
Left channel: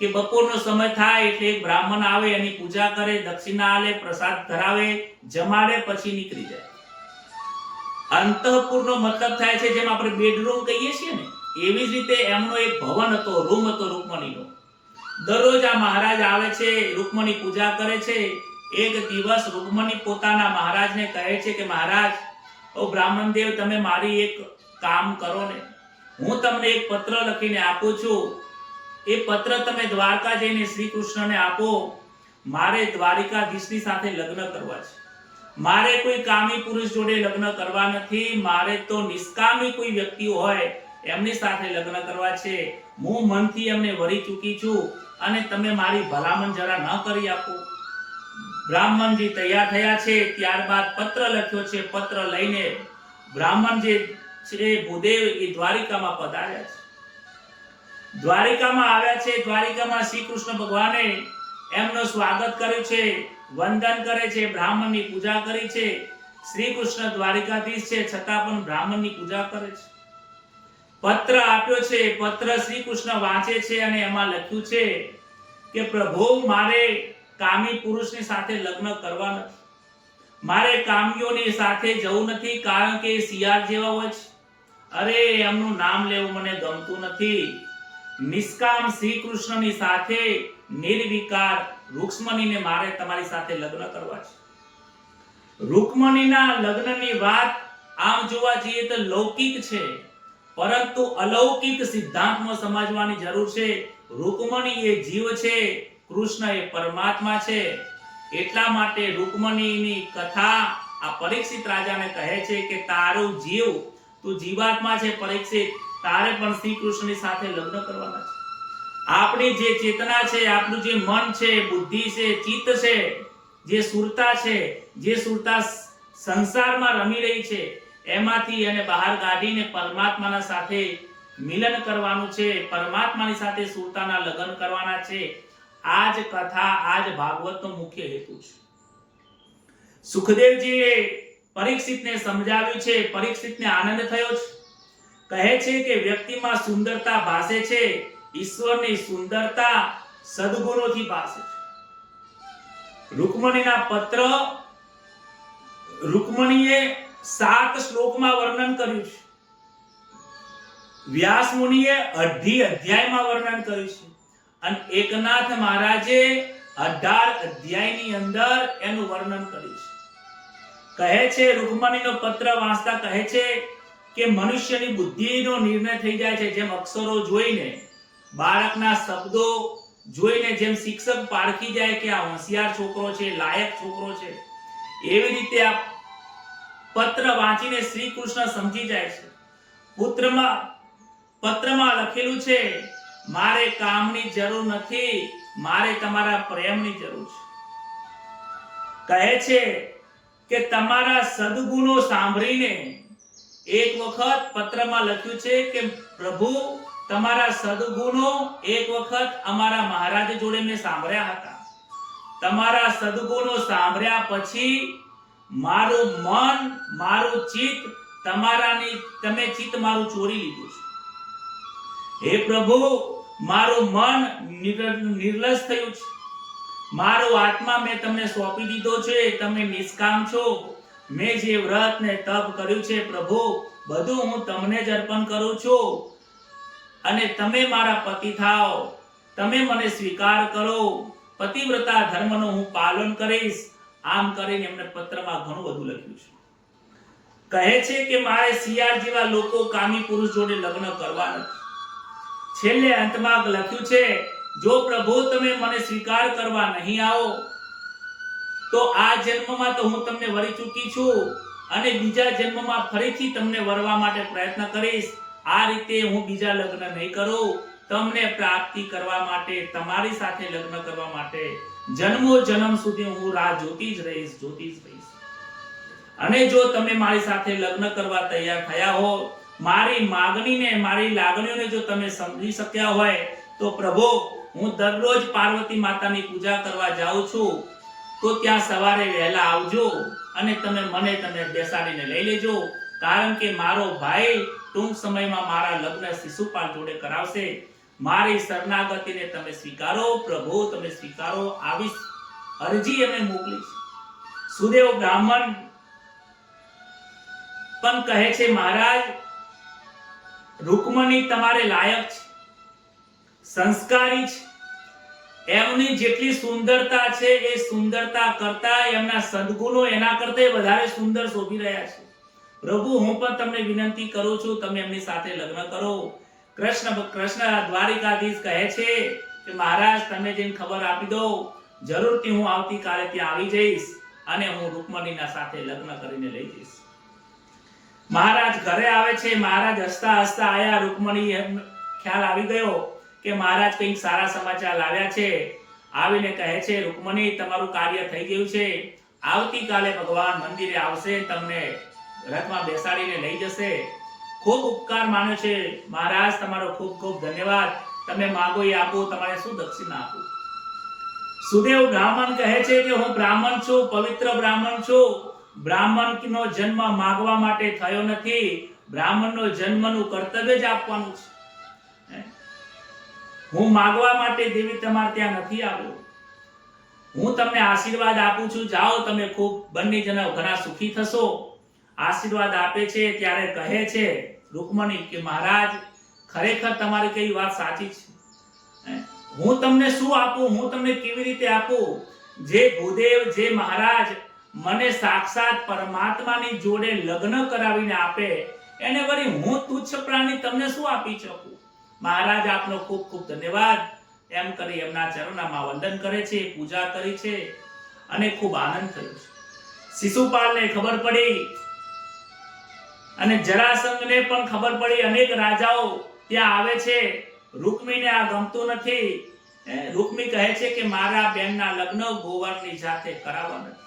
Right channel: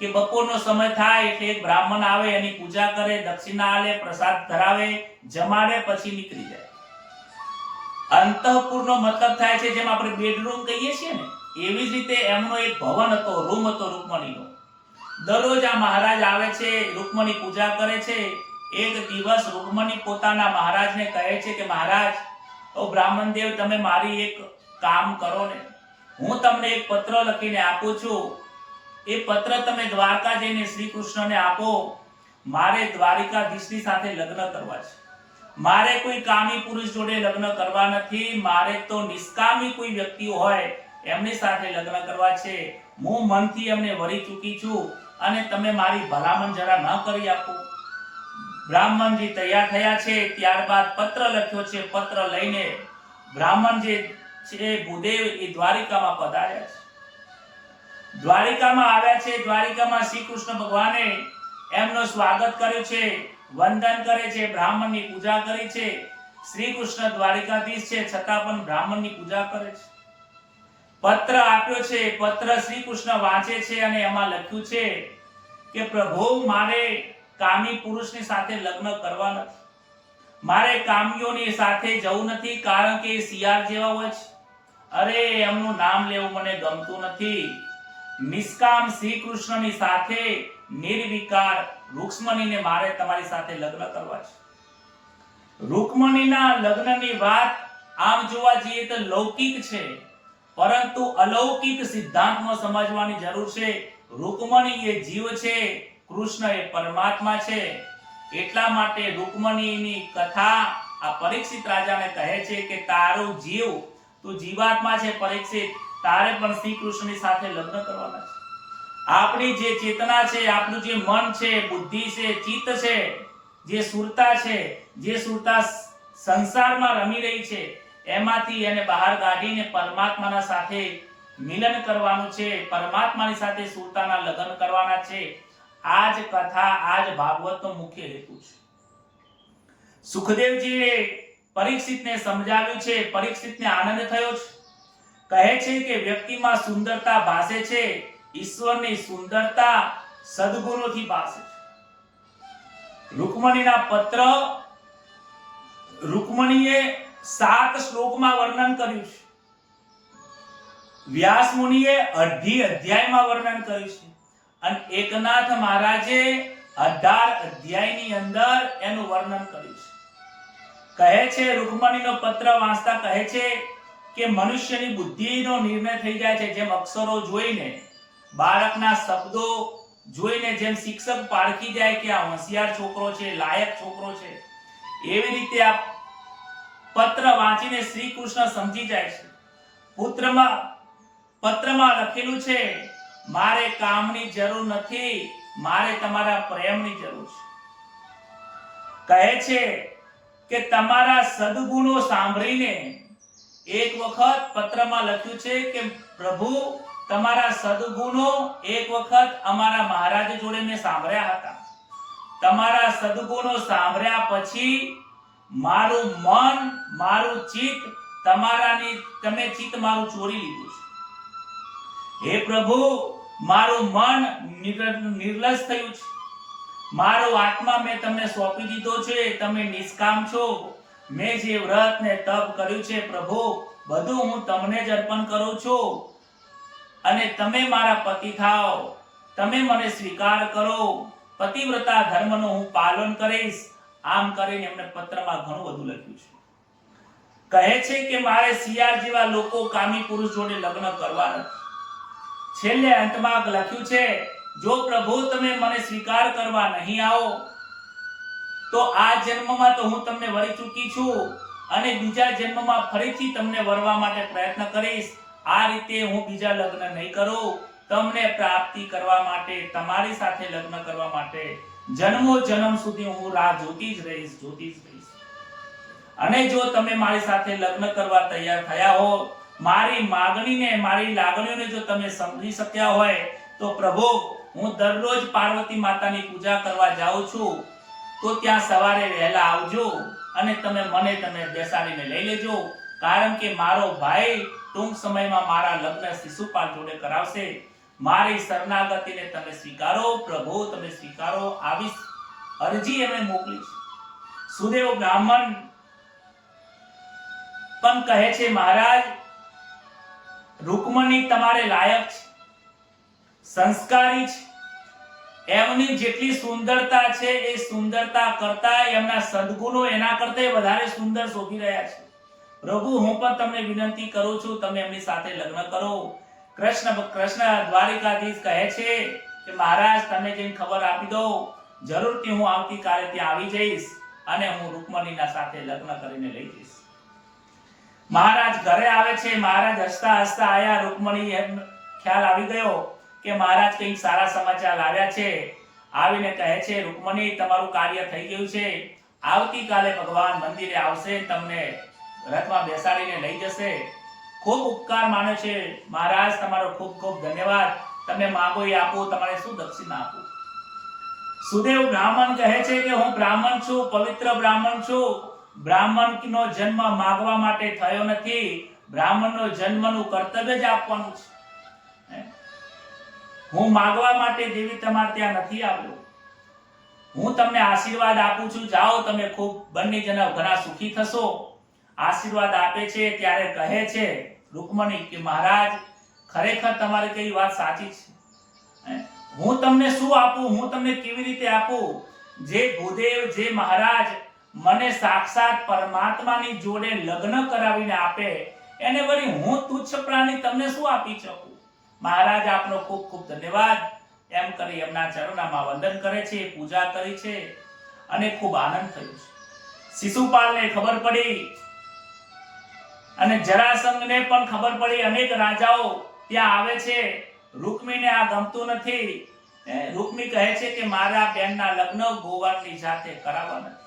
કે બપોરનો સમય થાય એટલે એક બ્રાહ્મણ આવે, એની પૂજા કરે, દક્ષિણા આલે, પ્રસાદ ધરાવે, જમાડે, પછી નીકળી જાય. અંતઃપુરનો મતલબ થાય છે જેમ આપણે બેડરૂમ કહીએ છીએ ને, એવી જ રીતે એમનો એક ભવન હતો, રૂમ હતો રુક્મણીનો. દરરોજ આ મહારાજ આવે છે, રુક્મણી પૂજા કરે છે. એક દિવસ રુક્મણી પોતાના મહારાજને કહે છે કે મહારાજ, ઓ બ્રાહ્મણ દેવ, તમે મારી એક કામ કરો ને. હું તમને એક પત્ર લખીને આપું છું. એ પત્ર તમે દ્વારકા જઈને શ્રી કૃષ્ણને આપો. મારે દ્વારિકાધીશની સાથે લગ્ન કરવા છે. મારે કોઈ કામી પુરુષ જોડે લગ્ન કરવા નથી. મારે તો નિષ્કામી કોઈ વ્યક્તિ હોય એમની સાથે લગ્ન કરવા છે. હું મનથી એમને વરી ચૂકી છું અને તમે મારી ભલામણ જરા ન કરી આપો. બ્રાહ્મણજી તૈયાર થયા છે. ત્યારબાદ પત્ર લખ્યો છે. પત્ર લઈને બ્રાહ્મણ જે છે ભૂદેવ એ દ્વારિકામાં પધાર્યા છે. દ્વારિકામાં આવ્યા છે. દ્વારિકામાં શ્રી કૃષ્ણ ભગવાને એમનું સ્વાગત કર્યું છે, વંદન કરે છે, બ્રાહ્મણની પૂજા કરી છે. શ્રી કૃષ્ણ દ્વારિકાધીશ છે છતાં પણ બ્રાહ્મણની પૂજા કરે છે. પત્ર આપ્યો છે. પત્ર શ્રી કૃષ્ણ વાંચે છે અને એમાં લખ્યું છે કે પ્રભુ, મારે કામી પુરુષની સાથે લગ્ન કરવા નથી. મારે કામીઓની સાથે જવું નથી, કારણ કે એ શિયાળ જેવા હોય છે. અરે, એમનું નામ લેવું મને ગમતું નથી. નિષ્કામ શ્રી કૃષ્ણની સાથે નિર્વિકાર રુક્મણીને મારે તમારી સાથે લગ્ન કરવા છે. રુક્મણીના લગ્નની વાત આમ જોવા જઈએ તો લૌકિક છે, પરંતુ અલૌકિક સિદ્ધાંતમાં સમજવાની જરૂર છે. રુક્મણી એ જીવ છે, કૃષ્ણ એ પરમાત્મા છે. એટલા માટે રુક્મણીની કથા આ પરીક્ષિત રાજાને કહે છે કે તારું જીવ, તું જીવાત્મા છે પરીક્ષિત, તારે પણ શ્રી કૃષ્ણની સાથે લગ્ન કરવાના છે. આપણી જે ચેતના છે, આપણું જે મન છે, બુદ્ધિ છે, ચિત્ત છે, જે સુરતા છે, જે સુરતા સંસારમાં રમી રહી છે, એમાંથી એને બહાર કાઢીને પરમાત્માના સાથે મિલન કરવાનું છે. પરમાત્માની સાથે સુરતાના લગ્ન કરવાના છે. આ જ કથા, આ જ ભાગવતનો મુખ્ય હેતુ છે. સુખદેવજીએ પરીક્ષિતને સમજાવ્યું છે. પરીક્ષિતને આનંદ થયો છે. કહે છે કે વ્યક્તિમાં સુંદરતા ભાસે છે, ઈશ્વરની સુંદરતા સદગુણોથી ભાસે છે. રુક્મણીના પત્ર રુક્મણીએ 7 શ્લોકમાં વર્ણન કર્યું છે. વ્યાસ મુનિએ 2 અધ્યાયમાં વર્ણન કર્યું છે અને એકનાથ મહારાજે 18 અધ્યાયની અંદર એનું વર્ણન કર્યું છે. કહે છે રુક્મણીનો પત્ર વાંચતા કહે છે કે મનુષ્યની બુદ્ધિનો નિર્ણય થઈ જાય છે. જેમ અક્ષરો જોઈને, બાળકના શબ્દો જોઈને જેમ શિક્ષક પારખી જાય કે આ હોશિયાર છોકરો છે, લાયક છોકરો છે, એવી રીતે આ પત્ર વાંચીને શ્રી કૃષ્ણ સમજી જાય છે. પત્રમાં લખેલું છે, મારે કામની જરૂર નથી, મારે તમારા પ્રેમની જરૂર છે. કહે છે કે તમારા સદગુણો સાંભળીને, એક વખત પત્રમાં લખ્યું છે કે પ્રભુ તમારા સદગુણો એક વખત અમારા મહારાજ જોડે મેં સાંભળ્યા હતા. તમારા સદગુણો સાંભળ્યા પછી મારું મન, મારું ચિત્ત તમે ચિત્ત મારું ચોરી લીધું છે. હે પ્રભુ, મારું મન નિર્લજ થયું છે, મારો આત્મા મેં તમને સોંપી દીધો છે. તમે નિષ્કામ છો. મેં જે વ્રત ને તપ કર્યું છે પ્રભુ, બધું હું તમને જ અર્પણ કરું છું. અને તમે મારા પતિ થાઓ, તમે મને સ્વીકાર કરો, પતિવ્રતા ધર્મનું હું પાલન કરીશ. આમ કરીને એમને પત્રમાં ઘણું બધું લખ્યું છે. કહે છે કે મારે શિયાળ જેવા લોકો કામી પુરુષ જોડે લગ્ન કરવા નથી. છેલ્લે અંતમાં લખ્યું છે, જો પ્રભુ તમે મને સ્વીકાર કરવા નહીં આવો તો આ જન્મમાં તો હું તમને વરી ચૂકી છું, અને બીજા જન્મમાં ફરીથી તમને વરવા માટે પ્રયત્ન કરીશ. આ રીતે હું બીજા લગ્ન નહીં કરું. તમને પ્રાપ્તિ કરવા માટે, તમારી સાથે લગ્ન કરવા માટે જન્મો જન્મ સુધી હું રાહ જોતી જ રહીશ. અને જો તમે મારી સાથે લગ્ન કરવા તૈયાર થયા હો, મારી માગણીને, મારી લાગણીઓને જો તમે સમજી શક્યા હોય, તો પ્રભુ હું દરરોજ પાર્વતી માતાની પૂજા કરવા જાઉં છું, તો ત્યાં સવારે વહેલા આવજો અને તમે બેસાડીને લઈ લેજો. કારણ કે મારો ભાઈ ટૂંક સમયમાં મારા લગ્ન શિશુપાલ જોડે કરાવશે. મારી શરણાગતિને તમે સ્વીકારો પ્રભુ, તમે સ્વીકારો. આવી અરજી એમણે મોકલી. સુદેવ બ્રાહ્મણ પણ કહે છે, મહારાજ રૂકમણી તમારે લાયક છે, સંસ્કારી છે. એમની જેટલી સુંદરતા છે એ સુંદરતા કરતા એમના સદગુણો એના કરતા વધારે સુંદર શોભી રહ્યા છે. પ્રભુ હું પણ તમને વિનંતી કરું છું, તમે એમની સાથે લગ્ન કરો. કૃષ્ણ દ્વારિકાધીશ કહે છે કે મહારાજ તમે જેને ખબર આપી દો, જરૂરથી હું આવતીકાલે ત્યાં આવી જઈશ અને હું રૂકમણીના સાથે લગ્ન કરીને લઈ જઈશ. મહારાજ ઘરે આવે છે. મહારાજ હસતા હસતા આયા. રૂકમણી ખ્યાલ આવી ગયો કે મહારાજ કંઈક સારા સમાચાર લાવ્યા છે. આવીને કહે છે, રૂકમણી તમારું કાર્ય થઈ ગયું છે. આવતીકાલે ભગવાન મંદિરે આવશે, તમને રથમાં બેસાડીને લઈ જશે. ખૂબ ઉપકાર માન્યો છે મહારાજ, તમારો ખૂબ ખૂબ ધન્યવાદ. તમે માંગો એ આપો. તમારે શું દક્ષિણા આપું? સુદેવ બ્રાહ્મણ કહે છે કે હું બ્રાહ્મણ છું, પવિત્ર બ્રાહ્મણ છું. બ્રાહ્મણનો જન્મ માંગવા માટે થયો નથી. બ્રાહ્મણનો જન્મનું કર્તવ્ય જ આપવાનું છે. હું માંગવા માટે દેવી તમારે ત્યાં નથી આવ્યો. હું તમને આશીર્વાદ આપું છું. જાઓ, તમે ખૂબ બંને જણા ઘણા સુખી થશો. આશીર્વાદ આપે છે ત્યારે કહે છે રૂકમણી કે મહારાજ ખરેખર તમારી કઈ વાત સાચી છે. હું તમને શું આપું, હું તમને કેવી રીતે આપું? જે ભૂદેવ, જે મહારાજ મને સાક્ષાત પરમાત્માની જોડે લગ્ન કરાવીને આપે, એને વળી હું તુચ્છ પ્રાણી તમને શું આપી શકું? મહારાજ આપનો ખૂબ ખૂબ ધન્યવાદ. એમ કરી એમના ચરણોમાં વંદન કરે છે, પૂજા કરી છે અને ખૂબ આનંદ થયો છે. શિશુપાલને ખબર પડી અને જરાસંઘને પણ ખબર પડી. અનેક રાજાઓ ત્યાં આવે છે. રૂકમીને આ ગમતું નથી. રૂકમી કહે છે કે મારા બેનના લગ્ન ગોવાળની સાથે કરાવવા નથી.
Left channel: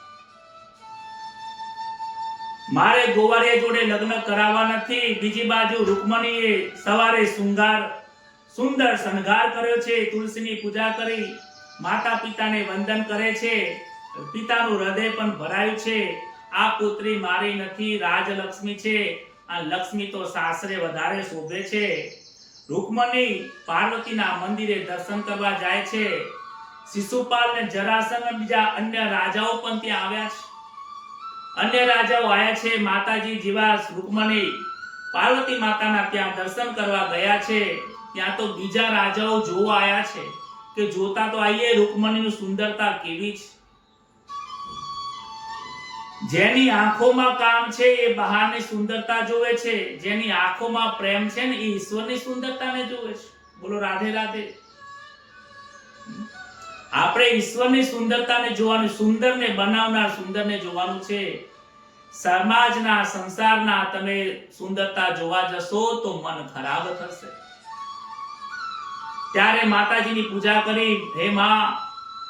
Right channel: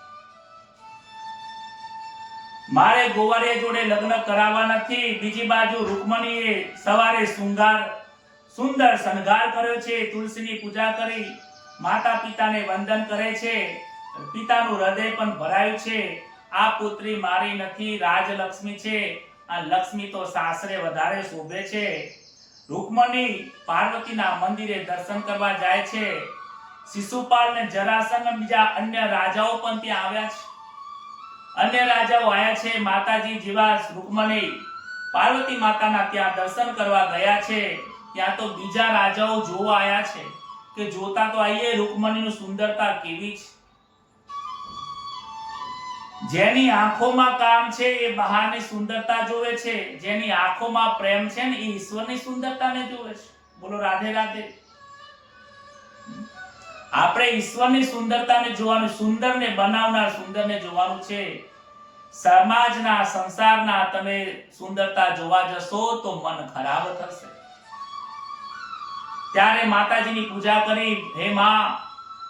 મારે ગોવાળિયા જોડે લગ્ન કરાવવા નથી. બીજી બાજુ રૂકમણીએ સવારે સુંદર શણગાર કર્યો છે, તુલસીની પૂજા કરી, માતા પિતાને વંદન કરે છે. પિતાનું હૃદય પણ ભરાયું છે. આ પુત્રી મારી નથી, રાજલક્ષ્મી છે. આ લક્ષ્મી તો સાસરે વધારે શોભે છે. રૂકમણી પાર્વતીના મંદિરે દર્શન કરવા જાય છે. શિશુપાલ ને જરાસંઘ બીજા અન્ય રાજાઓ પણ ત્યાં આવ્યા છે. અન્ય રાજાઓ આવ્યા છે. માતાજી જેવા રૂકમણી પાર્વતી માતાના ત્યાં દર્શન કરવા ગયા છે. ત્યાં તો બીજા રાજાઓ જોવા આવ્યા છે કે જોતા તો આઈએ રૂકમણીની સુંદરતા કેવી છે. જેની આંખોમાં કામ છે એ બહારની સુંદરતા જોવે છે. જેની આંખોમાં પ્રેમ છે ને એ ઈશ્વરની સુંદરતાને જોવે છે. બોલો રાધે રાધે. આપણે ઈશ્વરની સુંદરતાને જોવાનું, સુંદરને બનાવનાર સુંદરને જોવાનું છે. સમાજના, સંસારના તમે સુંદરતા જોવા જશો તો મન ખરાબ થશે. ત્યારે માતાજીની પૂજા કરી, હે માં,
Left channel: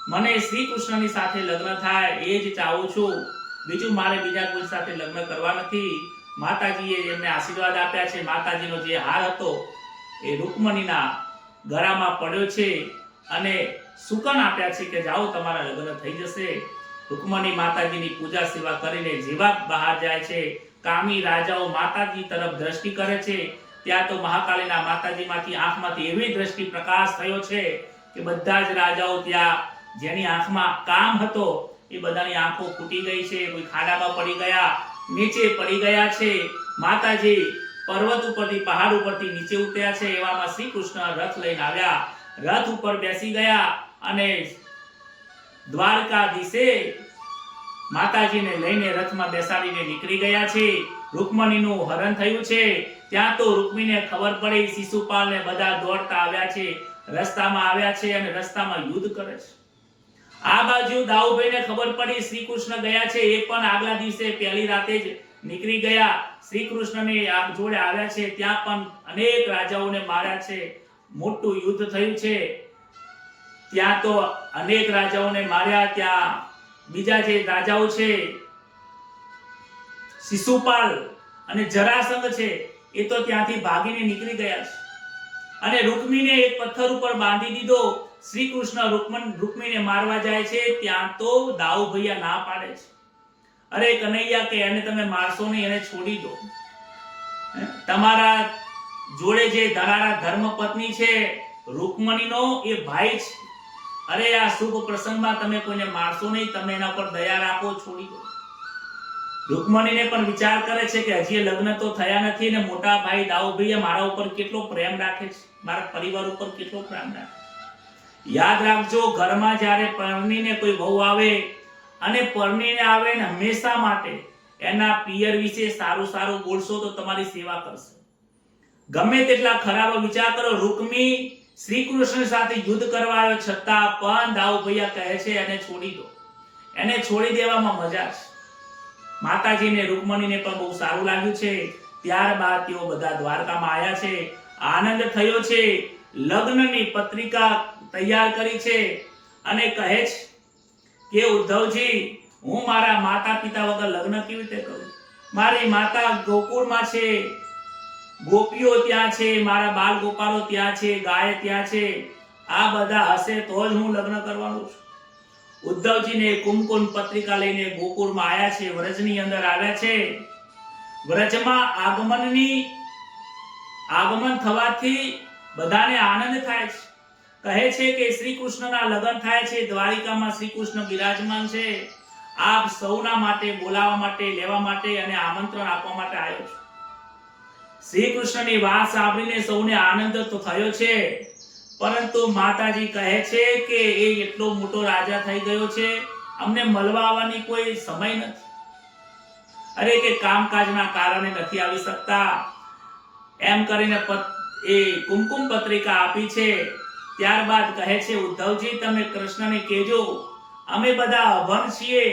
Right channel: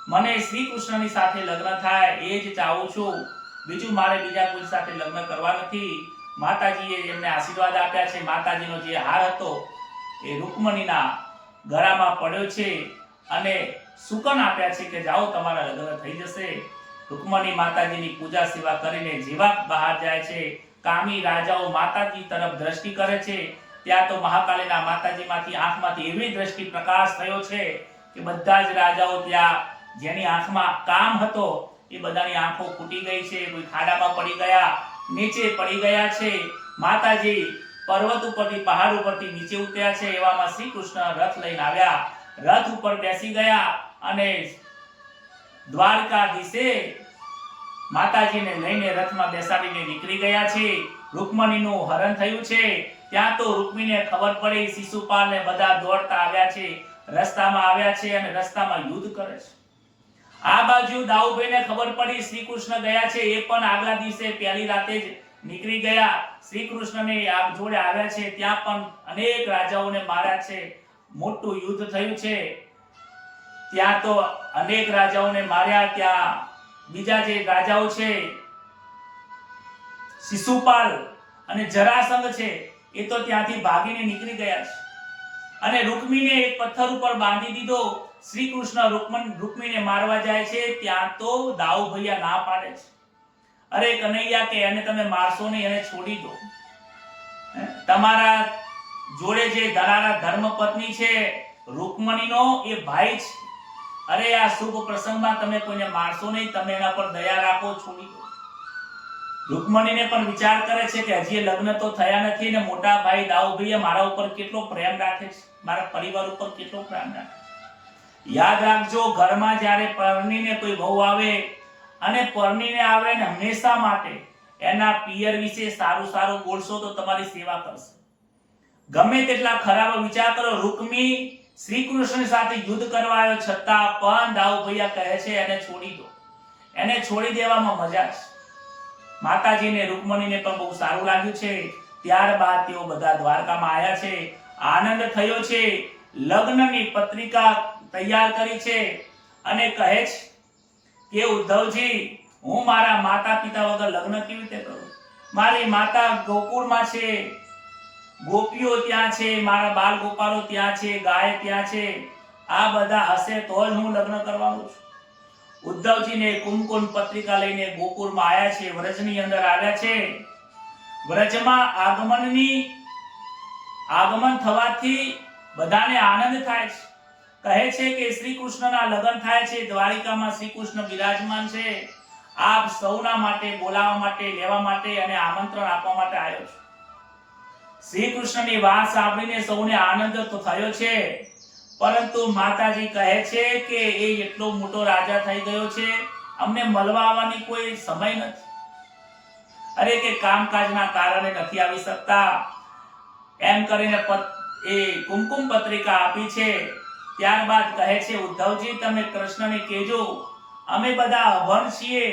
મને શ્રી કૃષ્ણની સાથે લગ્ન થાય એ જ ચાહું છું, બીજું મારે બીજા કોઈ સાથે લગ્ન કરવા નથી. માતાજીએ એમને આશીર્વાદ આપ્યા છે. માતાજીનો જે હાર હતો એ રૂકમણીના ગળામાં પડ્યો છે અને સુકન આપ્યા છે કે જાઓ તમારા લગ્ન થઈ જશે. રૂકમણી માતાજીની પૂજા સેવા કરીને જેવા બહાર જાય છે, કામી રાજાઓ માતાજી તરફ દ્રષ્ટિ કરે છે, ત્યાં તો મહાકાલીના માતાજીમાંથી આંખમાંથી એવી દ્રષ્ટિ પ્રકાશ થયો છે કે બધા જ રાજાઓ ત્યાં જેની આંખમાં કામ હતો એ બધાની આંખો ફૂટી ગઈ છે, કોઈ ખાડામાં પડી ગયા, નીચે પડી ગયા છે. માતાજી પર્વત ઉપરથી, પહાડ ઉપરથી નીચે ઉતર્યા છે. એવામાં શ્રી કૃષ્ણ રથ લઈને આવ્યા, રથ ઉપર બેસી ગયા અને દ્વારકાધીશે માતાજીને લઈને રથમાં બેસાડીને નીકળી ગયા છે. રૂકમણીનું હરણ થયું છે. ત્યાં તો રૂકમીને ખબર પડી, શિશુપાલ ને બધા દોડતા આવ્યા છે, રસ્તામાં આવ્યા છે અને રસ્તામાં યુદ્ધ કરે છે. આ બાજુ દાઉભાઈને ખબર પડી શ્રી કૃષ્ણ ગયા છે, એ પણ આગલા દિવસે પહેલી રાતે જ નીકળી ગયા. શ્રી કૃષ્ણને જોડે આવ્યા છે, ત્યાં પણ અનેક રાજાઓને માર્યા છે, મોટું યુદ્ધ થયું છે. ત્યાં તો અનેક રાજાઓને માર્યા. ત્યાં બીજા જે રાજાઓ છે, શિશુપાલ અને જરાસંઘ છે, એ તો ત્યાંથી ભાગીને નીકળી ગયા છે અને રૂકમીને એક પથ્થર ઉપર બાંધી દીધો. શ્રી કૃષ્ણ રૂકમીને મારવા જાય છે, ત્યાં તો દાઉ ભૈયા ના પાડે છે, અરે કનૈયા કે એને તમે મારશો નહીં, એને છોડી દો. તમારા જોડે જે ધરારા ધર્મપત્ની છે રૂકમણીનો એ ભાઈ છે, અરે આ શુભ પ્રસંગમાં તમે કોઈને મારશો નહીં, તમે એના પર દયા રાખો, છોડી દો. રૂકમણીને પણ વિચાર કરે છે કે હજી લગ્ન તો થયા નથી ને મોટા ભાઈ દાઉભાઈ મારા ઉપર કેટલો પ્રેમ રાખે છે, મારા પરિવાર ઉપર કેટલો પ્રેમ રાખે. યાદ રાખજો, ઘરમાં જ્યારે પરણીને કોઈ વહુ આવે અને પરણીને આવે ને હંમેશા માટે એના પિયર વિશે સારું સારું બોલશો તો તમારી સેવા કરશે. ગમે તેટલા ખરાબ વિચાર કરો. રૂકમી શ્રી કૃષ્ણ સાથે યુદ્ધ કરવા આવ્યો છતાં પણ દાઉભાઈ કહે છે એને છોડી દો, એને છોડી દેવામાં મજા છે. માતાજીને રૂકમણીને પણ બહુ સારું લાગ્યું છે. ત્યારબાદ તેઓ બધા દ્વારકામાં આવ્યા છે, આનંદ થયો છે, લગ્નની પત્રિકા તૈયાર કરી છે અને કહે છે કે ઉદ્ધવજી, હું મારા માતા પિતા વગર લગ્ન કેવી રીતે કરું? મારી માતા ગોકુળમાં છે, ગોપીઓ ત્યાં છે, મારા બાલ ગોપાલો ત્યાં છે, ગાય ત્યાં છે, આ બધા હશે તો જ હું લગ્ન કરવાનું છું. ઉદ્ધવજીને કુમકુમ પત્રિકા લઈને ગોકુળમાં આવ્યા છે, વ્રજની અંદર આવ્યા છે. વ્રજમાં આગમન થવાથી બધાને આનંદ થાય છે. કહે છે કે શ્રી કૃષ્ણના લગ્ન થાય છે, દ્વારિકામાં શ્રી કૃષ્ણ બિરાજમાન છે. આપ સૌના માટે બોલાવવા માટે, લેવા માટે અને આમંત્રણ આપવા માટે આવ્યો છું. શ્રી કૃષ્ણની વાત સાંભળીને સૌને આનંદ તો થયો છે, પરંતુ માતાજી કહે છે કે એ એટલો મોટો રાજા થઈ ગયો છે, અમને મળવા આવવાની કોઈ સમય નથી, અરે કે કામકાજના કારણે નથી આવી શકતા. એમ કરીને એ કુમકુમ પત્રિકા આપી છે. ત્યારબાદ કહે છે ઉદ્ધવજી, તમે કૃષ્ણને કહેજો અમે બધા અભણ છીએ,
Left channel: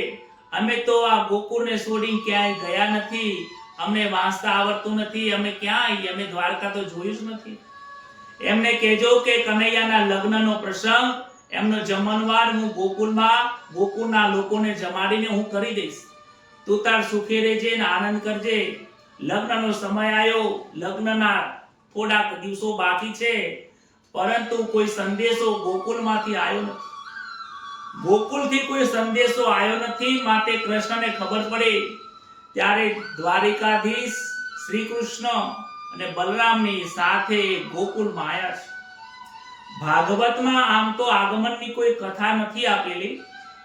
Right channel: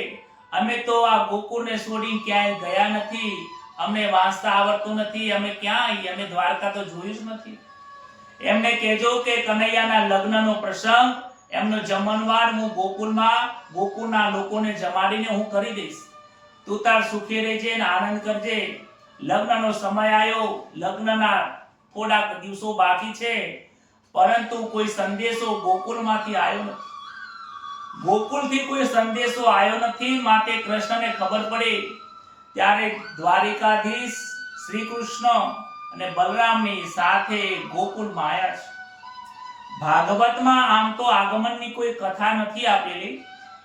અમે તો આ ગોકુળને છોડી ક્યાંય ગયા નથી, અમને વાંચતા આવડતું નથી, અમે ક્યાં આવીએ, અમે દ્વારકા તો જોયું જ નથી. એમને કહેજો કે કનૈયાના લગ્નનો પ્રસંગ, એમનો જમણવાર હું ગોકુળના લોકોને જમાડીને હું કરી દઈશ. તું તાર સુખી રહેજે ને આનંદ કરજે. લગ્નનો સમય આવ્યો, લગ્નના થોડાક દિવસો બાકી છે, પરંતુ કોઈ સંદેશો ગોકુળમાંથી આવ્યો નથી. ગોકુળથી કોઈ સંદેશો આવ્યો નથી. માટે કૃષ્ણને ખબર પડે ત્યારે દ્વારિકાધીશ શ્રી કૃષ્ણ અને બલરામની સાથે ગોકુળમાં આવ્યા છે. ભાગવતમાં આમ તો આગમનની કોઈ કથા નથી આપેલી,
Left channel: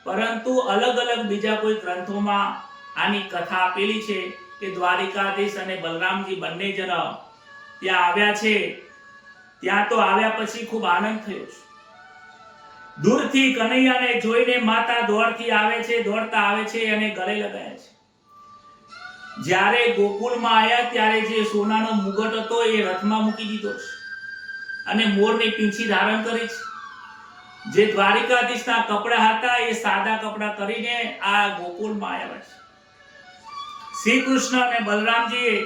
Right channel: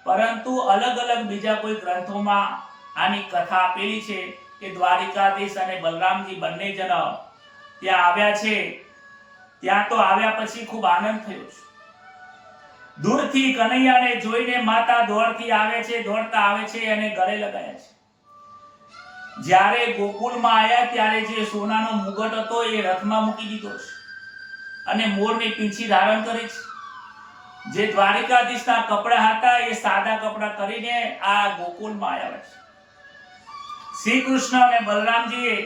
પરંતુ અલગ અલગ બીજા કોઈ ગ્રંથોમાં આની કથા આપેલી છે કે દ્વારિકાધીશ અને બલરામજી બંને જણ ત્યાં આવ્યા છે. ત્યાં તો આવ્યા પછી ખૂબ આનંદ થયો છે. દૂરથી કનૈયાને જોઈને માતા દોડતા આવે છે અને ગળે લગાયા છે. જ્યારે ગોકુળમાં આવ્યા ત્યારે જે સોનાનો મુગટ હતો એ રથમાં મૂકી દીધો છે અને મોરની પીંછી ધારણ કરી છે. જે દ્વારિકાધીશના કપડા હતા એ સાદા કપડા કરીને આ ગોકુળમાં આવ્યા છે. શ્રી કૃષ્ણ અને બલરામજીએ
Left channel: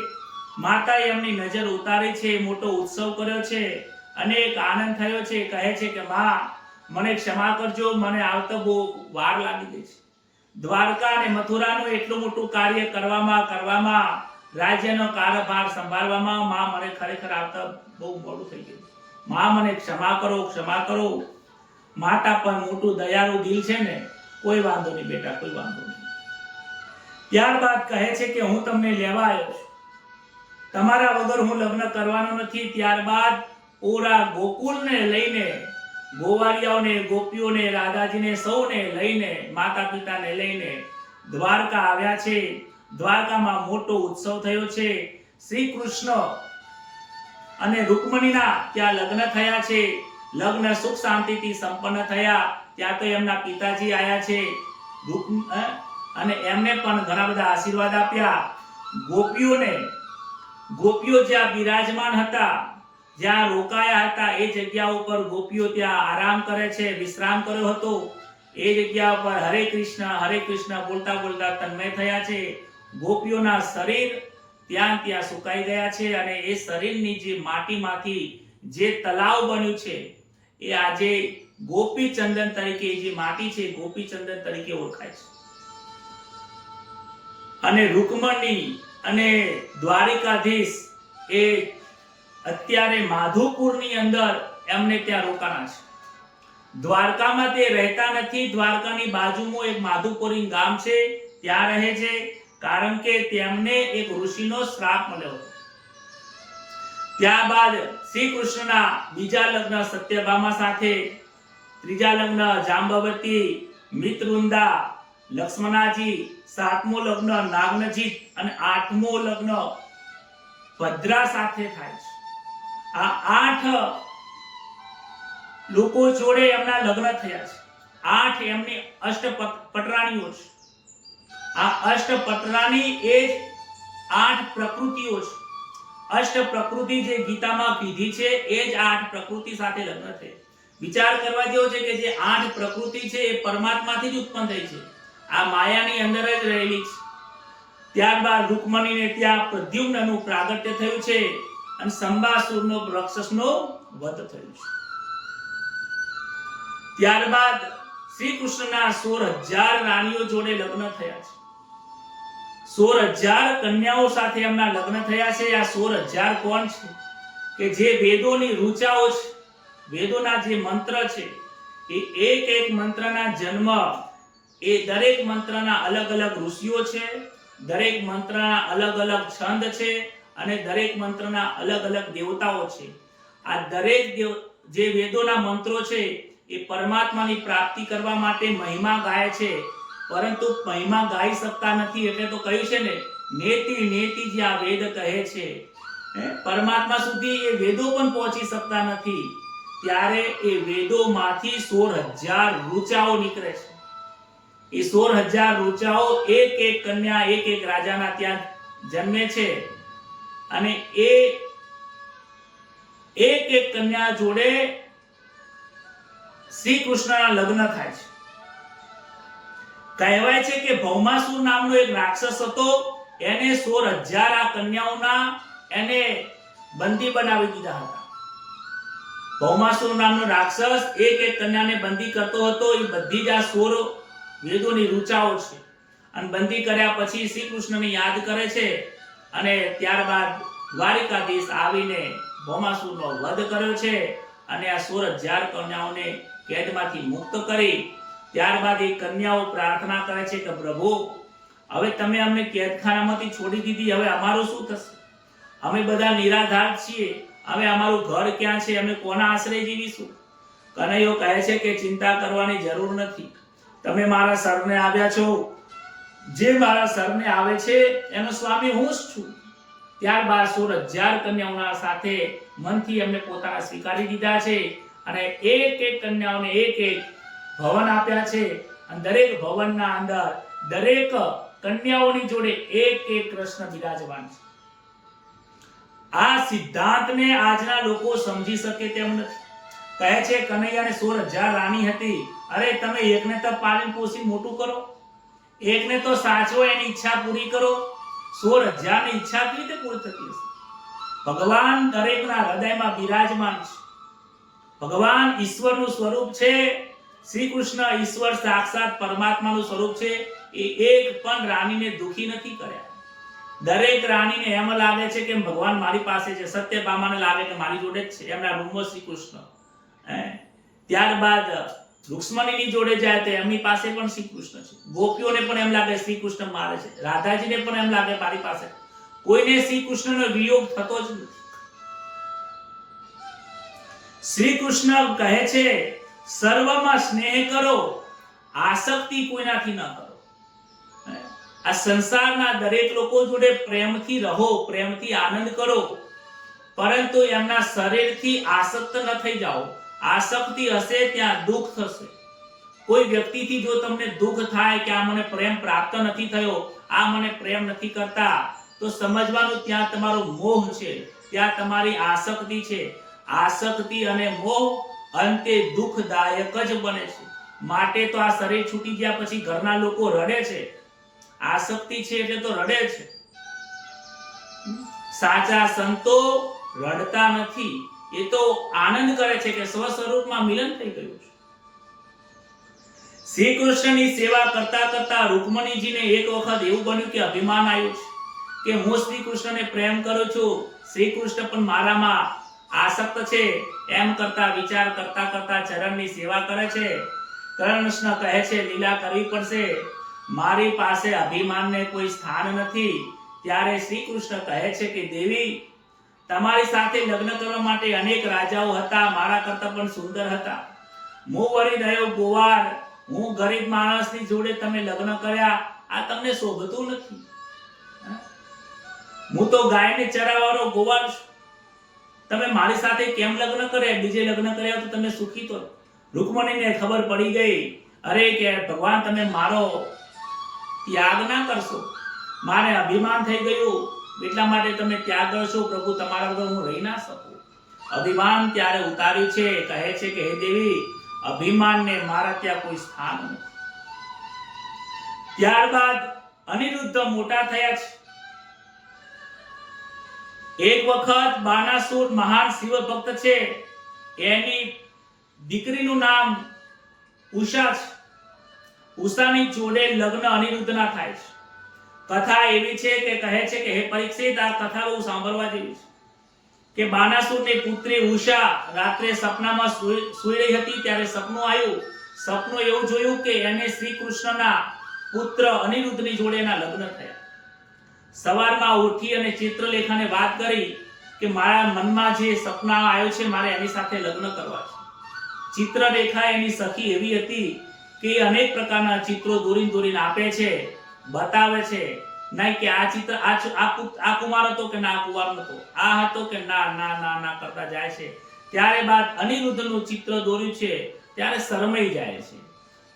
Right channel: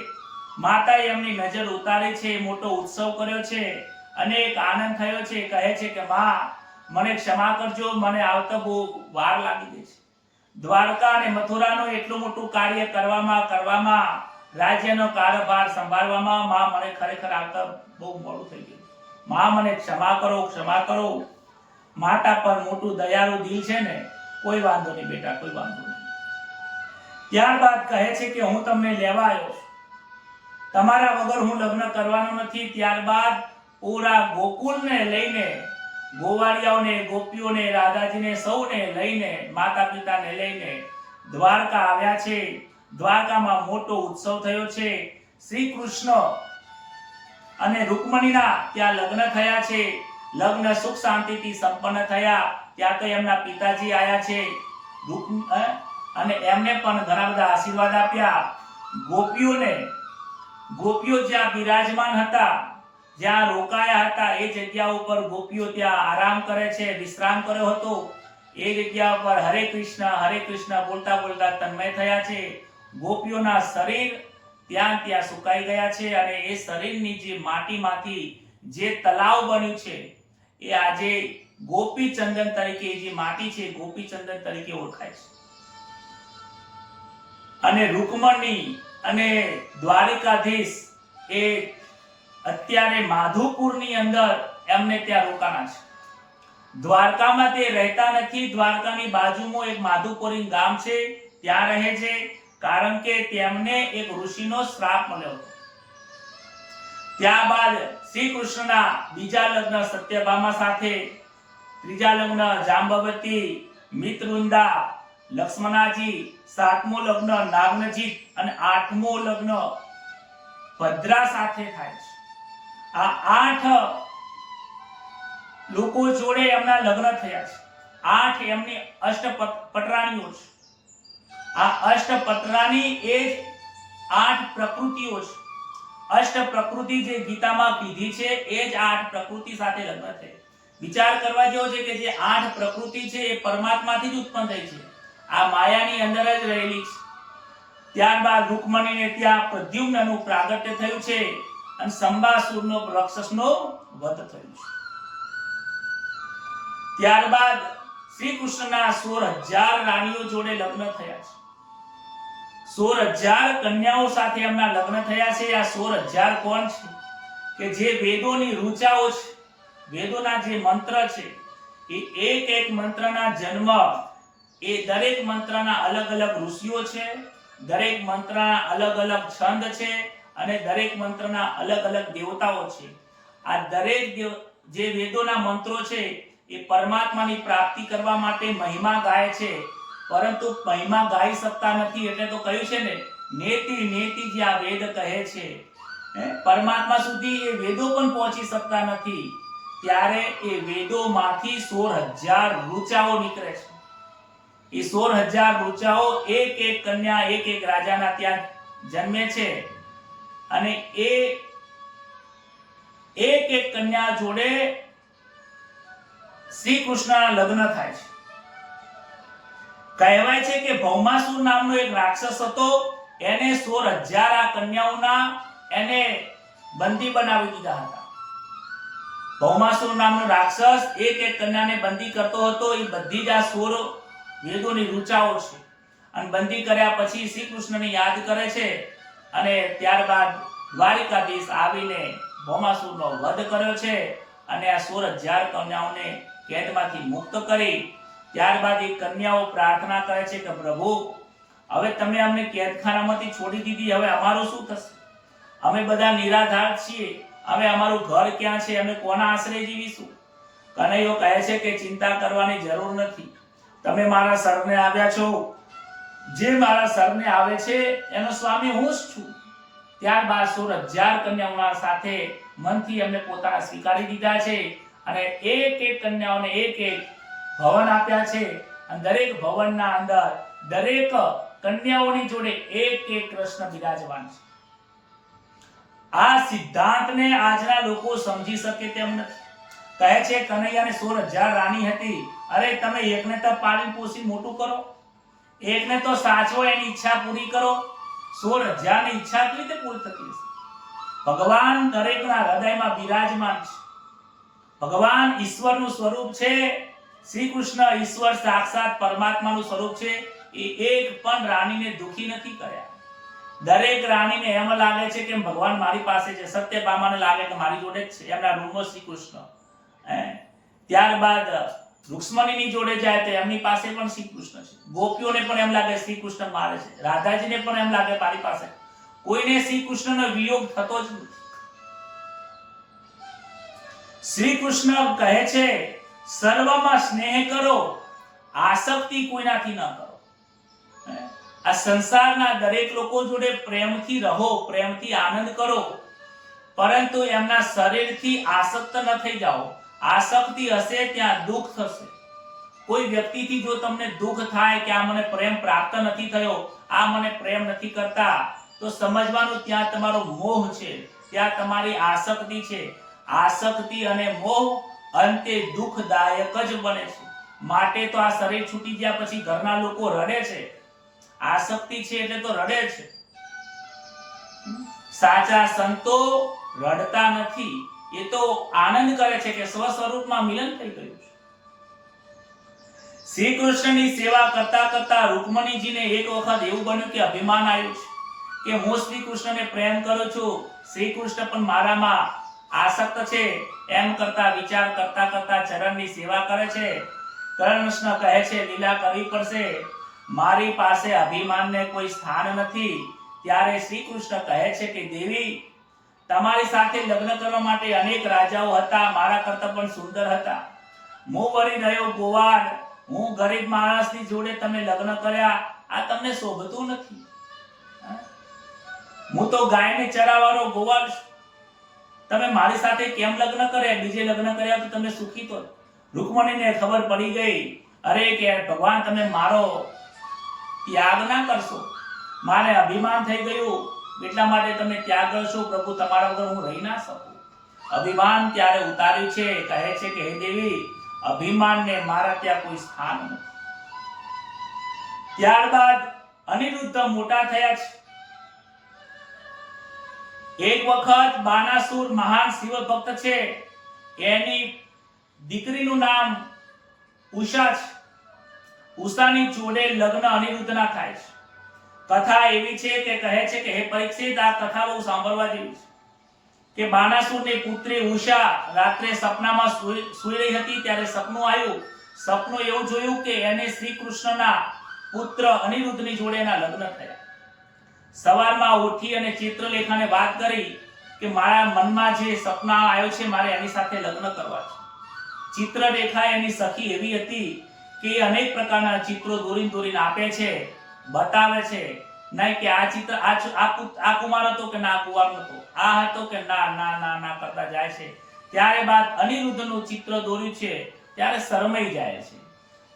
માતાએ એમની નજર ઉતારી છે, મોટો ઉત્સવ કર્યો છે અને એક આનંદ થયો છે, કહે છે કે માં મને ક્ષમા કરજો, મને આવતા બહુ વાર લાગી ગઈ છે. દ્વારકા અને મથુરાનું એટલું મોટું કાર્ય કરવામાં રાજ્યનો કારભાર સંભાળવામાં માં મને ખરેખર આવતા બહુ મોડું થઈ ગયું. માં મને ક્ષમા કરો. માતા પર મોટું દયાળુ દિલ છે ને, કોઈ વાંધો નહીં બેટા, કોઈ વાંધો નહીં. ત્યારબાદ કહે છે કે હું તમને લેવા આવ્યો છું, તમારા વગર હું લગ્ન કરવાનો નથી. ત્યારબાદ પૂરા ગોકુળને લઈને, ગોવાળિયાઓને, ગોપીઓને, રાધાજીને સૌને લઈને, માતા પિતાને લઈને દ્વારકા આવ્યા છે. દ્વારકામાં મોટો ઉત્સવ થયો છે. શ્રી કૃષ્ણ અને રૂકમણીના ત્યાં લગ્ન થયા છે. લગ્ન સુખ શાંતિથી સંપન્ન થયા. ત્યાં તો એમના પિતાજી આયા છે અને એમને પણ ઘણા બધા આશીર્વાદ આપ્યા. ગોપીઓ જ્યાં બિરાજમાન હતા, જ્યાં રોકાયા હતા, એ જગ્યા ઉપર ગોપીઓ ત્યાં આરામ કરે છે, વિશ્રામ કર્યો હતો. એ જગ્યા પર હરે કૃષ્ણ બોલતા બોલતા તન્મય થયા છે. ગોપીઓના શરીર ત્યાં સુકાઈ ગયા છે અને એ શરીરની જે માટીમાંથી જે તલાવ બન્યું છે એ આજે ગોપી ચંદન તરીકે, જે માટી છે ગોપી ચંદન તરીકે ઓળખાય છે. અને રૂકમણી અને દ્વારિકાધીશ એ અત્યારે માધુપુરની અંદર એમને ત્યાં રોકાણા છે. દ્વારકામાં તે રહેતા નથી. દ્વારકાની બાજુમાં એક માધુપુરી ગામ છે, ત્યાં રહે છે. કારણ કે તેમને એક ઋષિનો શ્રાપ મળ્યો હતો. ત્યારબાદ શ્રી કૃષ્ણના બીજા લગ્ન સત્યભામા સાથે, ત્રીજા લગ્ન જાંબવતી, મિત્રવૃંદા, લક્ષ્મણાજી, સાતમો લગ્ન નાગનજીત અને આઠમો લગ્ન ભદ્રા સાથે થાય છે. આ 8 લોકો જોડે એમના લગ્ન થયા છે. 8 એમની અષ્ટપટરાણીઓ છે. આ અષ્ટપટરાણી એ જ 8 પ્રકૃતિઓ છે. અષ્ટ પ્રકૃતિ જે ગીતામાં કીધી છે એ જ 8 પ્રકૃતિ સાથે લગ્ન છે. વિચાર કરવા જેવો છે કે જે 8 પ્રકૃતિ છે એ પરમાત્માથી જ ઉત્પન્ન થઈ છે, આ માયાની અંદર જ રહેલી છે. ત્યારબાદ રૂકમણીને ત્યાં પ્રદ્યુમ્નનું પ્રાગટ્ય થયું છે અને સંબાસુરનો રાક્ષસનો વધ થયો છે. ત્યારબાદ શ્રી કૃષ્ણના 16,000 રાણીઓ જોડે લગ્ન થયા છે. 16,000 કન્યાઓ સાથે એમના લગ્ન થયા છે. આ 16,000 કોણ છે? કે જે વેદોની ઋચાઓ છે, વેદોના જે મંત્ર છે, એ એક મંત્રના જન્મ, એ દરેક મંત્રના અલગ અલગ ઋષિઓ છે, દરેક મંત્રના અલગ અલગ છંદ છે અને દરેક મંત્રના અલગ અલગ દેવતાઓ છે. આ દરેક જે વેદોના મંત્રો છે એ પરમાત્માની પ્રાપ્તિ કરવા માટે મહિમા ગાય છે, પરંતુ મહિમા ગાઈ શકતા નથી. એટલે તો કહ્યું છે ને, નેતિ જે આ વેદ કહે છે, પરમાત્મા સુધી એ વેદો પણ પહોંચી શકતા નથી. ત્યારે એ વેદોમાંથી 16,000 ઋચાઓ નીકળે છે. એ 16,000 ઋચાઓ એક કન્યા, એક રાજાના ત્યાં જન્મે છે અને એ એક કન્યા જોડે શ્રી કૃષ્ણના લગ્ન થાય છે. કહેવાય છે કે ભૌમાસુર નામનો એક રાક્ષસ હતો, એને 16,000 આ કન્યાઓના એને બંદી બનાવી દીધા હતા. ભૌમાસુર નામનો રાક્ષસ એક કન્યાને બંદી કરતો હતો. એ બધી જ આ 16 વેદોની ઋચાઓ છે અને બંદી કર્યા પછી શ્રી કૃષ્ણને યાદ કરે છે અને ત્યારબાદ દ્વારિકાધીશ આવીને ભૌમાસુરનો વધ કર્યો છે અને આ 16,000 કન્યાઓને કેદમાંથી મુક્ત કરી. ત્યારબાદ એ કન્યાઓ પ્રાર્થના કરે છે કે પ્રભુ, હવે તમે અમને કેદખાનામાંથી છોડી દીધી, હવે અમારું શું થશે? અમે બધા નિરાધાર છીએ, હવે અમારું ઘર ક્યાં છે? અમે કોના આશ્રય જીવીશું? કનૈયો કહે છે કે ચિંતા કરવાની જરૂર નથી, તમે મારા સરને આવ્યા છો, જે મારા સરને આવે છે એનો સ્વામી હું જ છું. ત્યારબાદ 16,000 કન્યાઓના સાથે મનથી એમને પોતાના સ્વીકારી દીધા છે અને એક કન્યાઓને એક ભવન આપ્યા છે અને દરેક ભવનના અંદર દરેક કન્યાઓની જોડે એક કૃષ્ણ બિરાજમાન છે. આ સિદ્ધાંતને આજના લોકો સમજી શકે તેમ નથી. કહે છે કનૈયાને 16,000 રાણી હતી. અરે તમે એકને તો પાલન પોષી મોટું કરો, એકને તો સાચવો, એની ઈચ્છા પૂરી કરો. 16,000 ની ઈચ્છા કેવી રીતે પૂરી થતી હશે? ભગવાન દરેકના હૃદયમાં બિરાજમાન છે. ભગવાન ઈશ્વરનું સ્વરૂપ છે. શ્રી કૃષ્ણ ઈશ્વર સાક્ષાત પરમાત્માનું સ્વરૂપ છે. એ એક પણ રાણીને દુખી નથી કર્યા. દરેક રાણીને એમ લાગે છે કે ભગવાન મારી પાસે છે. સત્યભામાને લાગે કે મારી જોડે જ છે. એમના રૂમમાં શ્રી કૃષ્ણ. ત્યારબાદ રૂક્ષ્મણીની જોડે જાય તો એમની પાસે પણ શ્રી કૃષ્ણ છે. ગોપીઓને પણ એમ લાગે શ્રી કૃષ્ણ મારે છે. રાધાજીને પણ એમ લાગે મારી પાસે. કોઈને શ્રી કૃષ્ણનો વિયોગ થતો જ નથી. શ્રી કૃષ્ણ કહે છે સર્વમાં સ્નેહ કરો, આસક્તિ કોઈનાથી ન કરો. આ સંસારના દરેક લોકો જોડે પ્રેમથી રહો, પ્રેમથી આનંદ કરો, પરંતુ એમના શરીરથી આસક્ત ન થઈ જાઓ. આસક્તિ હશે ત્યાં દુઃખ થશે. કોઈ વ્યક્તિથી જો તમને દુઃખ થાય કે આ મને પ્રેમ પ્રાપ્ત નથી થયો, આ મને પ્રેમ નથી કરતા, તો સમજવાનું ત્યાં તમારો મોહ છે, ત્યાં તમારી આસક્તિ છે. આસક્તિ અને મોહ અંતે દુઃખદાયક જ બને છે. માટે તો આ શરીર છૂટી ગયા પછી ઘરના લોકો રડે છે. આસક્તિ છે એટલે તો રડે છે. સાચા સંતો રડતા નથી. એ તો આનંદ કરે છે કે સ્વ સ્વરૂપમાં મિલન થઈ ગયું છે. શ્રી કૃષ્ણની સેવા કરતા કરતા રૂકમણીજીને એક વખત એવું બન્યું કે અભિમાન આવ્યું છે કે હું શ્રી કૃષ્ણને પ્રેમ કરું છું, શ્રી કૃષ્ણ પણ મારામાં આસક્ત છે. એમ કરતા વિચાર કરતા કરતા ચરણની સેવા કરે છે. કૃષ્ણ કહે છે લીલા કરવી પડશે, મારી પાસે અભિમાનને કોઈ સ્થાન નથી. ત્યારે શ્રી કૃષ્ણ કહે છે કે દેવી, તમારી સાથે લગ્ન કરવા માટે અનેક રાજાઓ હતા, મારા કરતા પણ સુંદર હતા. હું વળી રહ્યો ગોવાળ, હું ગરીબ માણસની જોડે તમે લગ્ન કર્યા, આ તમને શોભતું નથી. હું તો ગાયને ચરાવવાનો ગોવાળ છું. તમે મારી સાથે કેમ લગ્ન કર્યા? બીજે લગ્ન કર્યા તો તમે સુખી તો. રૂકમણીને ખબર પડી ગઈ, અરે કે ભગવાન તમે મારો ત્યાગ ના કરશો, મારે અભિમાન થઈ ગયું, એટલા માટે તમે ત્યાગ કરશો. પ્રભુ તમારા વગર હું રહી ના શકું. અભિમાન ત્યારે ઉતાર્યું છે. કહે છે કે હે દેવી, અભિમાનને મારા ત્યાં કોઈ સ્થાન નથી. ત્યારબાદ અનિરુદ્ધ મોટા થયા છે. એક વખત બાનાસુર મહાન શિવ ભક્ત છે, એની દીકરીનું નામ ઉષા છે. ઉષાની જોડે લગ્ન અનિરુદ્ધના થાય છે. કથા એવી છે કે કહે છે કે હે પરીક્ષિત, આ કથા બહુ સાંભળવા જેવી છે કે બાનાસુરની પુત્રી ઉષા રાત્રે સપનામાં સૂઈ રહી હતી. ત્યારે સપનું આવ્યું. સપનું એવું જોયું કે એને શ્રી કૃષ્ણના પુત્ર અનિરુદ્ધની જોડે એના લગ્ન થયા. સવારમાં ઉઠી અને ચિત્રલેખાને વાત કરી કે મારા મનમાં જે સપના આવ્યું છે, મારે એની સાથે લગ્ન કરવા છે. ચિત્રલેખા એની સખી એવી હતી કે અનેક પ્રકારના ચિત્રો દોરીને આપે છે, બતાવે છે. નહીં કે આ ચિત્ર આ કુમાર હતો કે ના કુંવાર હતો, આ હતો કે ના ના ના ના કરતા જાય છે. ત્યારે બાદ અનિરુદ્ધનું ચિત્ર દોર્યું છે, ત્યારે શરમાઈ જાય છે.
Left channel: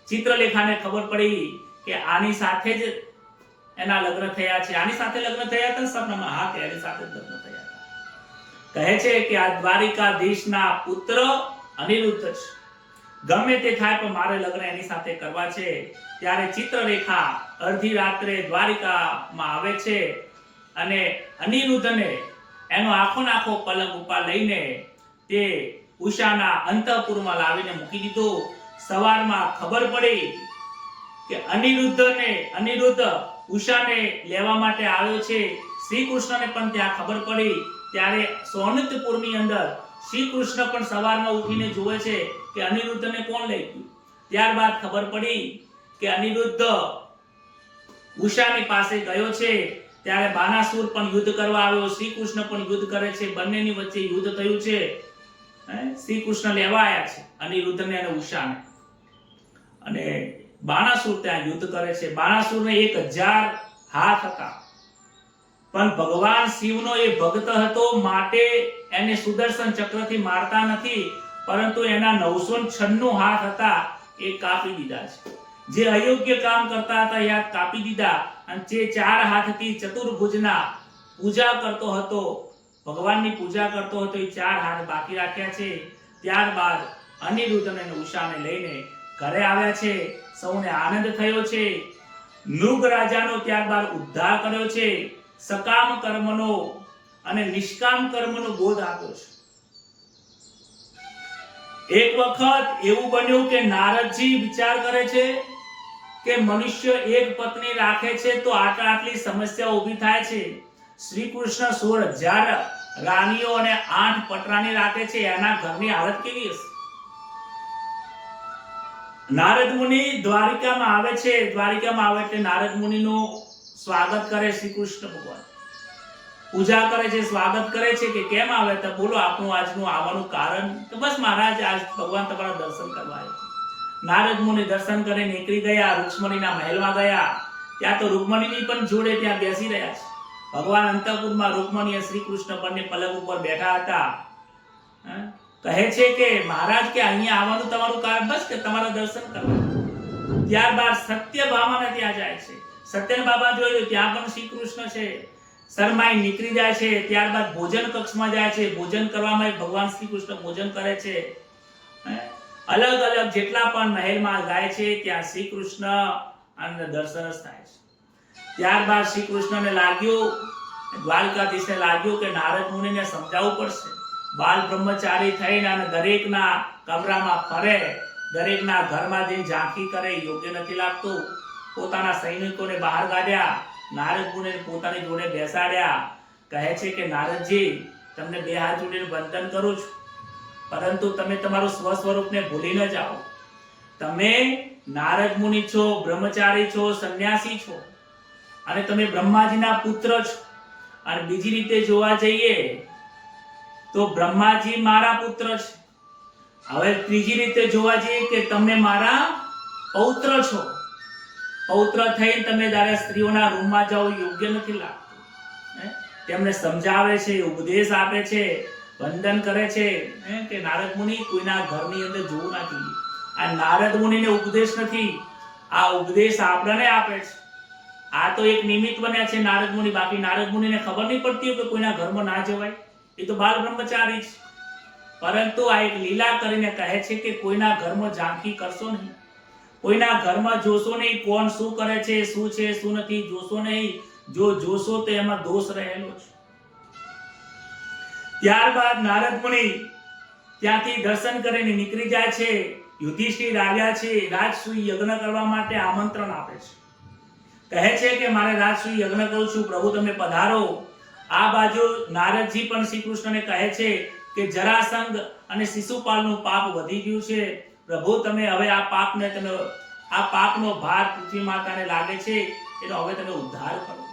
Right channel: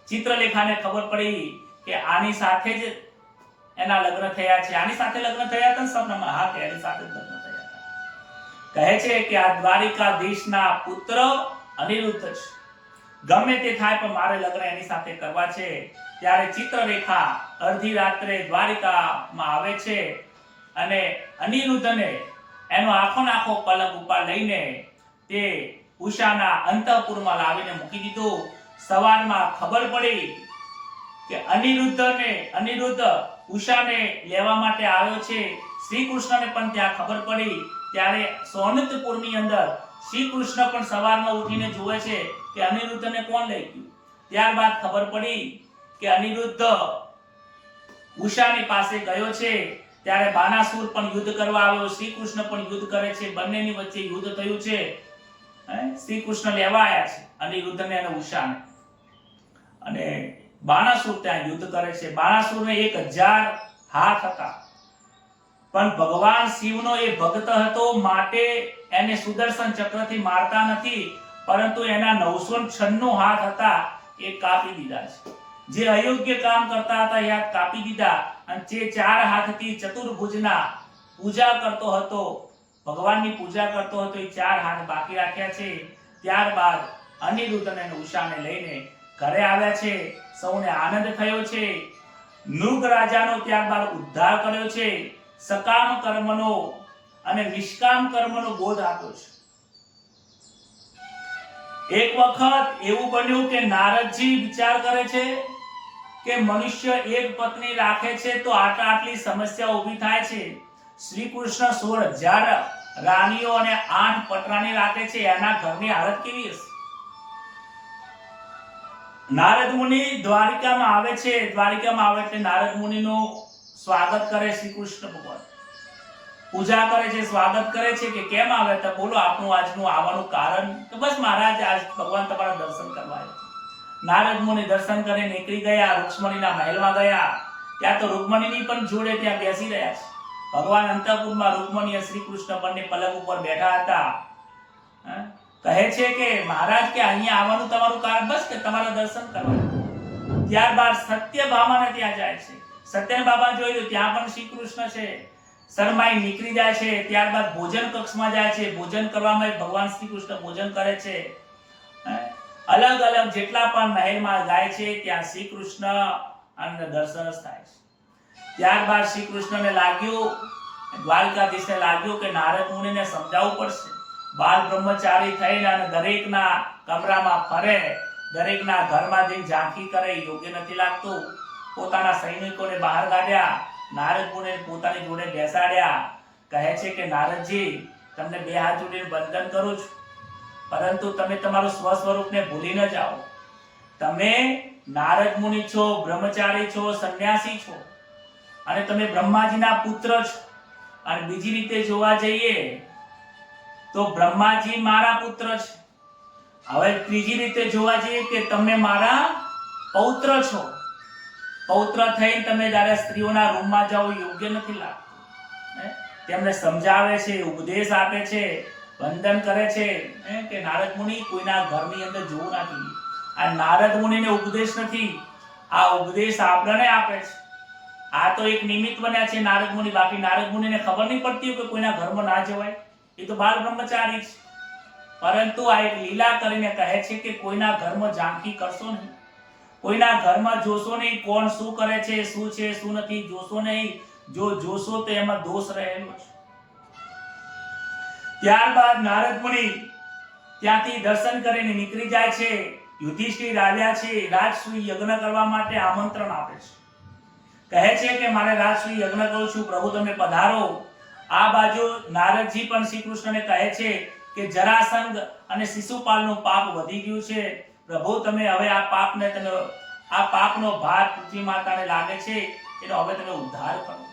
ચિત્રલેખાને ખબર પડી કે આની સાથે જ એના લગ્ન થયા છે. આની સાથે લગ્ન થયા હતા સપનામાં? હા, કે એની સાથે જ લગ્ન થયા હતા. કહે છે કે આ દ્વારિકાધીશના પુત્ર અનિરુદ્ધ છે. ગમે તે થાય પણ મારે લગ્ન એની સાથે કરવા છે. ત્યારે ચિત્રલેખા અડધી રાત્રે દ્વારિકામાં આવે છે અને અનિરુદ્ધને એનો આખો પલંગ ઉપર લઈને તે ઉષાના અંતઃપુરમાં લાવીને મૂકી દીધો. સવારમાં ખબર પડી કે અનિરુદ્ધ ઉષાને લેવા માટે આવ્યો છે. શ્રી કૃષ્ણને પણ ત્યાં ખબર પડી. ત્યારે સોનકપુરની અંદર શ્રી કૃષ્ણ પણ સવારમાં ઉઠીને જોવે છે કે અનિરુદ્ધને કોણ લઈ ગયું. ત્યારબાદ ખબર પડી કે અનિરુદ્ધ ઉષાની પાસે ગયો છે. ત્યારે બાનાસુર પણ યુદ્ધ કરવા આવ્યો, શ્રી કૃષ્ણ પણ યુદ્ધ કરે છે. બંનેની વચ્ચે યુદ્ધ થયું છે. શ્રી કૃષ્ણ લેવા આવ્યા છે અનિરુદ્ધને અને ઉષાને, અને બાનાસુર ત્યાં યુદ્ધ કરે છે. બાનાસુરને 1000 હાથ હતા, પણ ભગવાન શિવનો એ ભક્ત હતો, માટે એને સુદર્શન ચક્રથી મારતા નથી, પરંતુ એના 996 હાથ હતા એ કાપી દીધા છે. જે અયોગ્ય કામ કરતા હતા એ હાથ કાપી દીધા, અને જે 4 હાથથી ચતુર્ભુજના પૂજા કરતો હતો, ભગવાનની પૂજા કરતો હતો, એ 4 હાથ બાકી રાખ્યા છે. ત્યારબાદ અનિરુદ્ધ અને ઉષાને લઈને ઘરે આવ્યા છે. સૌને આનંદ થયો છે. નૃગ રાજાનો ત્યારબાદ ઉદ્ધાર કર્યો છે. સકામ કર્મનો અને નિષ્કામ કર્મનો બોધ આપ્યો છે. એક વખત એવું બન્યું કે નારદજી વિચાર કરે છે કે મનુષ્ય એક પત્ની રાખે છે તો આટલી સમસ્યા ઊભી થાય છે. શ્રી કૃષ્ણ 16,000 રાણીઓ અને 8 પટરાણી રાખે છે, એના ઘરની હાલત કેવી હશે? નારદ મુનિ દ્વારિકામાં આવે છે. દ્વારિકામાં આવે એટલે નારદ મુનિનું સ્વાગત કરે શ્રી કૃષ્ણ ભગવાન, પૂજા કરે છે, સ્વાગત કરે છે કે કેમ આવે તો બોલો આપનું આજનું આવવાનું કારણ. તો બસ મહારાજ આજ ભગવાન તમારા દર્શન કરવા આવ્યા છે. નારદ મુનિ દર્શન કરીને નીકળી ગયા, રૂક્ષ્મણીના મહેલમાં ગયા. ત્યાં તો રૂક્ષ્મણીની પણ જોડે ત્યાં બેસી રહ્યા છે. ભગવાન અંતઃપુરમાં રૂક્ષ્મણી અને શ્રી કૃષ્ણ બંને પલંગ ઉપર બેઠા હતા. કહે છે કે મહારાજ કે અહીંયા આવવાનું તમારું કારણ બસ કે તમારા દર્શન કરવા. ત્યારબાદ સત્યભામાને ત્યાં જાય છે. સત્યભામા જોયું ત્યાં પણ શ્રી કૃષ્ણ છે. શરમાઈ નીકળી જાય છે. ત્યારબાદ ભોજન કક્ષમાં જાય છે. ભોજન કરવામાં ભગવાન શ્રી કૃષ્ણ ભોજન કરે છે. અલગ અલગ જેટલા પણ મહેલમાં જાય છે ત્યાં શ્રી કૃષ્ણ અને દર્શન થાય છે. ત્યારબાદ શ્રી કૃષ્ણને લાગ્યું, દ્વારકાધીશને લાગ્યું કે નારદ મુનિને સમજાવવું પડશે. બાલ બ્રહ્મચારી થઈને અને દરેકના કમરામાં ફરે, દરેકના ઘરમાં જઈને ઝાંખી કરે, યોગ્ય નથી લાગતું. પોતાના સૈનિકોને બહાર કાઢ્યા, નારદ મુનિને પોતાની જોડે બેસાડ્યા. કહે છે કે નારદજી, તમને 2 હાથ જોડીને વંદન કરું છું, પરંતુ તમે તમારું સ્વ સ્વરૂપને ભૂલી ન જાઓ. તમે નારદ મુનિ છો, બ્રહ્મચારી છો, સંન્યાસી છો અને તમે બ્રહ્માજીના પુત્ર છો. અને બીજી રીતે જોવા જઈએ તો બ્રહ્માજી મારા પુત્ર છે. હવે ત્રીજી રીતે જોવા જઈએ કે તમે મારા પૌત્ર છો. પૌત્ર થઈને તમે જ્યારે સ્ત્રીઓના રૂમમાં જાઓ યોગ્ય નથી લાગતું. તેમને સમજાવે છે, ઉપદેશ આપે છે, વંદન કરે છે કે નારદ મુનિ કોઈના ઘરની અંદર જોવું ના જોઈએ. આ નારદ મુનિને ઉપદેશ નથી, આ ઉપદેશ આપણને આપે છે. આ તો એક નિમિત્ત બન્યા છે નારદ મુનિ. બાકી નારદ મુનિને ખબર નહીં પડતી કે કોઈના ઘરમાં ના જવાય. એ તો બાલ બ્રહ્મચારી છે. પરંતુ આ એક લીલા કરીને કહે છે કે કોઈના ઘરમાં ઝાંખી કરશો નહીં, કોઈના ઘરમાં જોશો નહીં કોણ શું કરે છે, શું છે શું નથી, જોશો નહીં. જો જોશો તો એમાં દોષ રહેલો છે. ત્યારબાદ નારદ મુનિ ત્યાંથી દર્શન કરીને નીકળી જાય છે. યુધિષ્ઠિર આવ્યા છે, રાજસૂય યજ્ઞ કરવા માટે આમંત્રણ આપે છે. કહે છે કે મારે રાજસૂય યજ્ઞ કરું છું, પ્રભુ તમે પધારો. આ બાજુ નારદજી પણ શ્રી કૃષ્ણને કહે છે કે જરાસંઘ અને શિશુપાલનું પાપ વધી ગયું છે. પ્રભુ તમે હવે આ પાપનો ભાર પૃથ્વી માતાને લાગે છે, એનો હવે તમે ઉદ્ધાર કરો.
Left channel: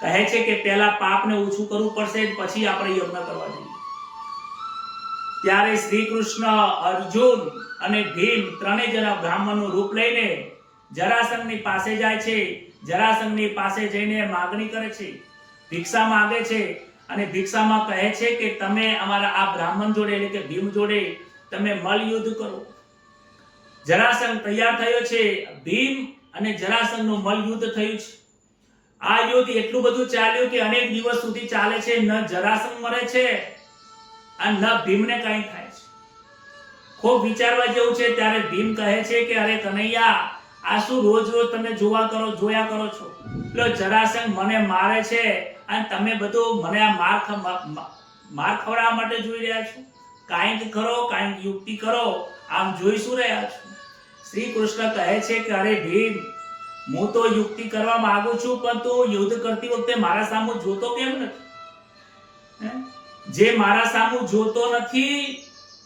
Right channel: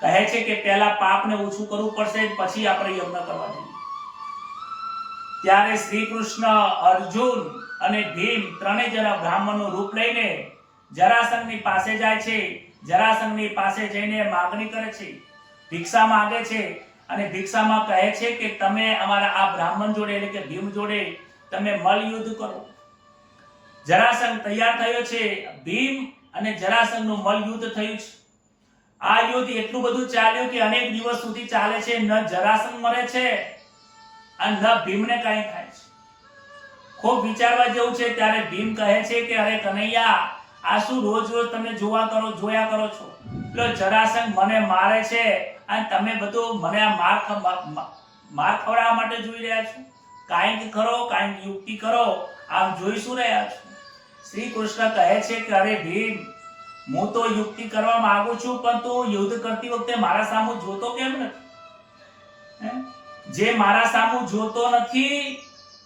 કહે છે કે પહેલા પાપને ઓછું કરવું પડશે, પછી આપણે યજ્ઞ કરવા જઈએ. ત્યારે શ્રી કૃષ્ણ, અર્જુન અને ભીમ ત્રણેય જણા બ્રાહ્મણનું રૂપ લઈને જરાસંઘની પાસે જાય છે. જરાસંઘની પાસે જઈને માગણી કરે છે, ભિક્ષા માંગે છે. અને ભિક્ષામાં કહે છે કે તમે અમારા આ બ્રાહ્મણ જોડે એટલે કે ભીમ જોડે તમે મલ યુદ્ધ કરો. જરાસંઘ તૈયાર થયો છે. ભીમ અને જરાસંઘનું મલ યુદ્ધ થયું છે. આ યુદ્ધ એટલું બધું ચાલ્યું કે અનેક દિવસ સુધી ચાલે છે. ન જરાસંઘ મરે છે અને ન ભીમને કંઈ થાય છે. ખૂબ વિચારવા જેવું છે. ત્યારે ભીમ કહે છે કે અરે કનૈયા, આ શું રોજ રોજ તમે જોયા કરો છો? એટલે જરાસંઘ મને મારે છે અને તમે બધું મને આ માર ખવડાવવા માટે જોઈ રહ્યા છો. કાંઈક કરો, કાંઈક યુક્તિ કરો. આમ જોઈ શું રહ્યા છો? શ્રી કૃષ્ણ કહે છે કે અરે ભીમ, હું તો યુક્તિ કરવા માંગુ છું, પણ તું યુદ્ધ કરતી વખતે મારા સામુ જોતો કેમ નથી? જે મારા સામુ જોતો નથી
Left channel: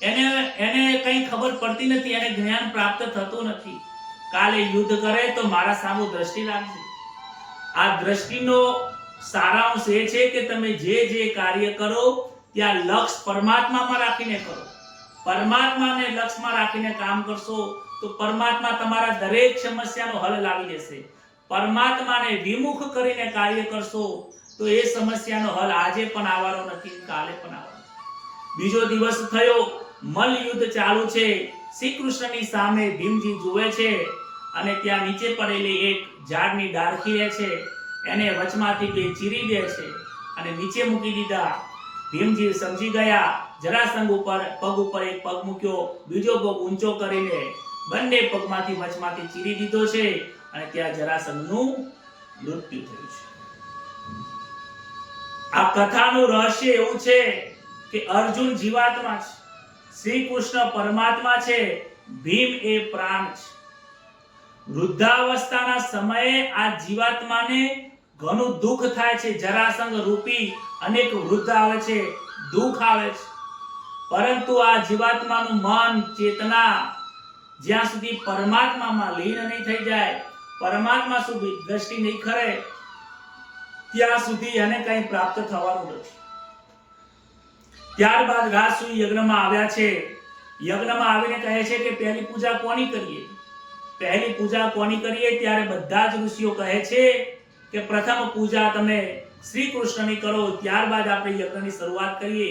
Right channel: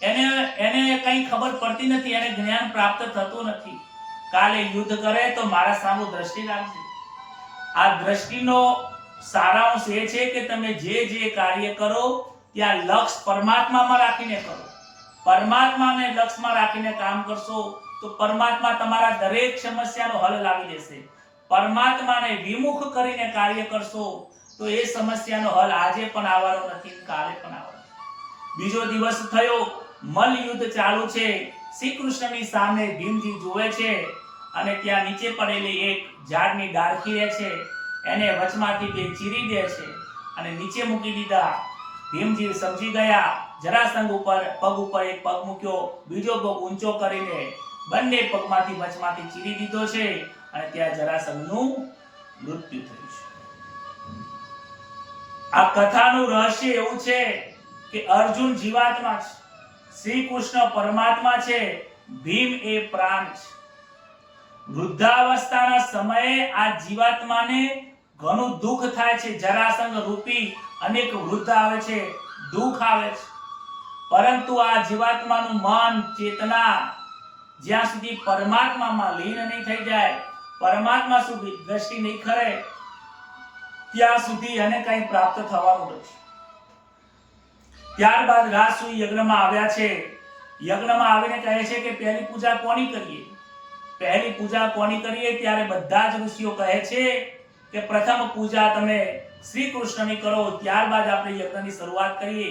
એને કંઈ ખબર પડતી નથી, એને જ્ઞાન પ્રાપ્ત થતું નથી. કાલે યુદ્ધ કરે તો મારા સામુ દ્રષ્ટિ રાખજે. આ દ્રષ્ટિનો સારાંશ એ છે કે તમે જે કાર્ય કરો ત્યાં લક્ષ્ય પરમાત્મામાં રાખીને કરો. પરમાત્માને લક્ષ્યમાં રાખીને કામ કરશો તો પરમાત્મા તમારા દરેક સમસ્યાનો હલ લાવી દેશે. પરમાત્માને વિમુખ કરીને કાર્ય કરશો તો એ સમસ્યાનો હલ આજે પણ આવવાનો નથી, કાલે પણ આવવાનો. બીજો દિવસ થયો, મલ્લ યુદ્ધ ચાલુ છે. શ્રી કૃષ્ણની સામે ભીમજી જોવે છે અને ત્યાં નીચે પડેલી એક ઝાડની ડાળખી રહે છે, એને વચમાંથી બે ચીરી દે છે અને નીચે મૂકી દીધા. ભીમજી સમજી ગયા. જરાસંઘ ઉપર પગ ઉપર એક પગ મૂક્યો, બીજો પગ ઊંચો કરીને બંને પગમાંથી વચમાંથી ચીરી દીધો છે અને ત્યાં જરાસંઘનું મૃત્યુ થયું છે. આ કથાનું રહસ્ય એવું છે કે અર્જુન જીવાત્મા છે, શ્રી કૃષ્ણ પરમાત્મા છે, ભીમ એ પ્રાણ છે. વૃદ્ધાવસ્થાના સમયે આ જીવાત્માને ઘણું દુઃખ થાય છે. જરાસંઘ રૂપી અનેક વૃદ્ધ આવે છે, દુઃખ આવે છે. પરંતુ આ જીવાત્માનું મન, ચેતના જ્યાં સુધી પરમાત્મામાં લીન નહીં થઈ જાય, પરમાત્મા સુધી દ્રષ્ટિ નહીં કરે, ત્યાં સુધી એને કંઈ પ્રાપ્ત થવાનું નથી. ત્યારબાદ રાજસૂય યજ્ઞમાં આવ્યા છે. યજ્ઞમાં આવીને કહે છે કે પહેલી પૂજા કોની કરીએ? પહેલી પૂજા કોની કરીએ? ત્યારે બધા જ ઋષિઓ કહે છે કે પ્રથમ પૂજા તમે શ્રી કૃષ્ણની કરો, ત્યારબાદ આપણે યજ્ઞની શરૂઆત કરીએ.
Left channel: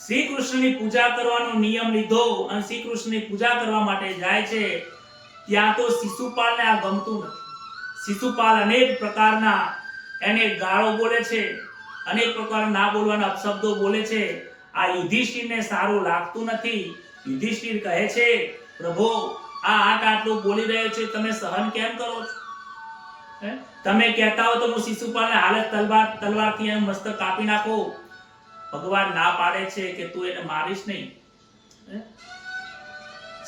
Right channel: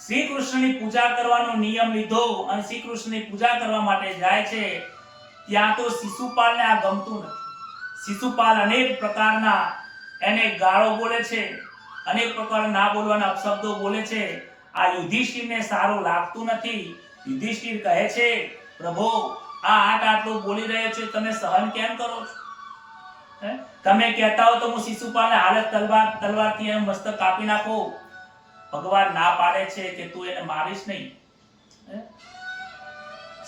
શ્રી કૃષ્ણની પૂજા કરવાનો નિયમ લીધો અને શ્રી કૃષ્ણની પૂજા કરવા માટે જાય છે. ત્યાં તો શિશુપાલને આ ગમતું નથી. શિશુપાલ અનેક પ્રકારના એને ગાળો બોલે છે, અનેક પ્રકારના ના બોલવાના અપશબ્દો બોલે છે. આ યુધિષ્ઠિરને સારું લાગતું નથી. યુધિષ્ઠિર કહે છે, પ્રભુ આ આટલું બોલી રહ્યો છે, તમે સહન કેમ કરો છો? તમે કહેતા હો તો હું શિશુપાલને હાલત તલવારથી એનું મસ્તક કાપી નાખો. ભગવાન ના પાડે છે કે તું એને મારીશ નહીં.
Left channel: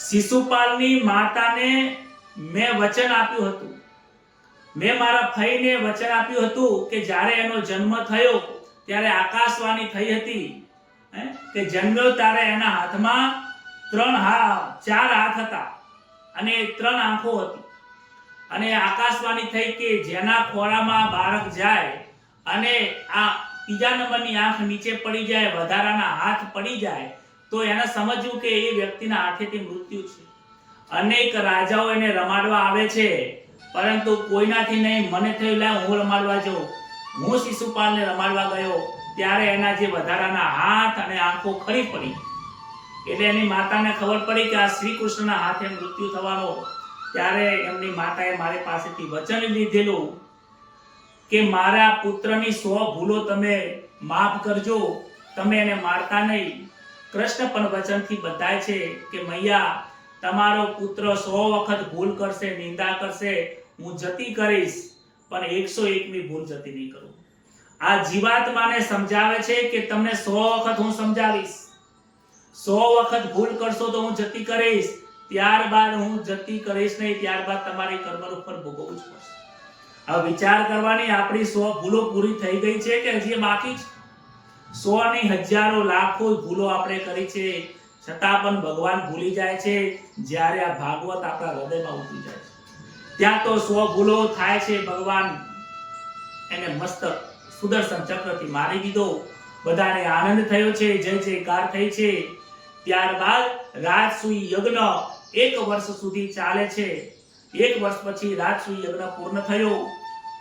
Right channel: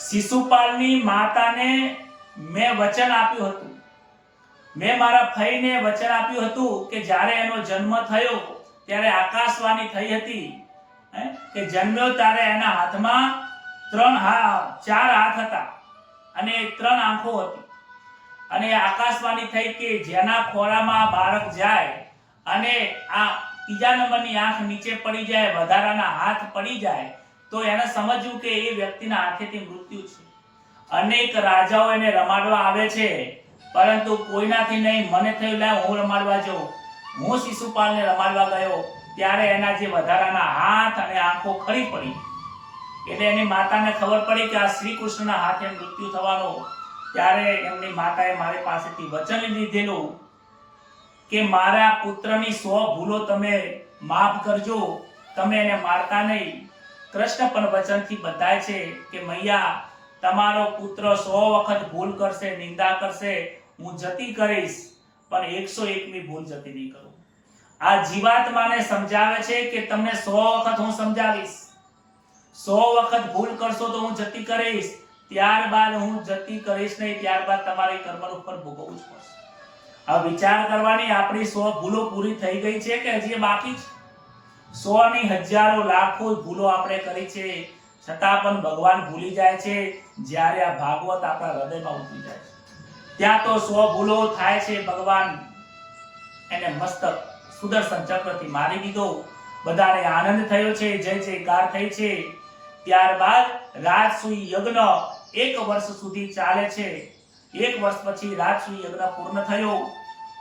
શિશુપાલની માતાને મેં વચન આપ્યું હતું, મેં મારા ફઈને વચન આપ્યું હતું કે જ્યારે એનો જન્મ થયો ત્યારે આકાશવાણી થઈ હતી કે જન્મ્યો ત્યારે એના હાથમાં 4 હાથ હતા અને 3 આંખો હતી. અને આકાશવાણી થઈ કે જેના ખોરામાં બાળક જાય અને આ ત્રીજા નંબરની આંખ નીચે પડી જાય, વધારાના હાથ પડી જાય, તો એને સમજવું કે એ વ્યક્તિના હાથેથી મૃત્યુ છે. અનેક રાજાઓ એને રમાડવા આવે છે, પરંતુ કોઈનાથી નહીં. મને થયું લાય હું રમાડવા જાઉં. હું શિશુપાલને રમાડવા ગયો ત્યારે એના જે વધારાના હાથ અને આંખો ખરી પડી. એટલે એની માતાને ખબર પડી કે આ શ્રી કૃષ્ણના હાથે મૃત્યુ થવાનો. ત્યારે એમની માતાએ મારી પાસેથી વચન લીધેલું કે મારા પુત્રની 100 ભૂલો તમે માફ કરજો, તમે એને મારતા નહીં. કૃષ્ણ પણ વચનથી બધાય છે કે મૈયા તમારો પુત્ર 100 વખત ભૂલ કરશે, નિંદા કરશે, હું જતી કરીશ, પણ 101મી ભૂલ જતી નહીં કરું. આ જીવાત્માને સમજાવે છે કે તમને 100 વખત હું સમજાવીશ, 100 વખત ભૂલ કરશો તો હું જતી કરીશ, ત્યારબાદ હું જતી કરીશ નહીં, ત્યારબાદ તમારે કર્મનું ફળ ભોગવવું જ પડશે. હવે વિચાર કરવાની, આપણી 100 ભૂલો પૂરી થઈ ગઈ છે કે હજી બાકી છે? 100 ની હજારો લાખો ભૂલો આપણે કરી છે, છતાં પણ ભગવાન ભૂલી જાય છે. જ્યારે આ ભાગવત આપણા હૃદયમાં ઉતરી જાય છે ત્યાં તો 100 ભૂલો થાય છે. ભગવાન એને મસ્તક સુદર્શન ચક્રથી મારી દીધો. બધાને આનંદ થયો છે, જય જયકાર થઈ છે. ત્યારબાદ રાજસૂય યજ્ઞ 1 વર્ષ સુધી ચાલે છે. 1 વર્ષ પછી રાજસૂય યજ્ઞ પૂર્ણ થયો.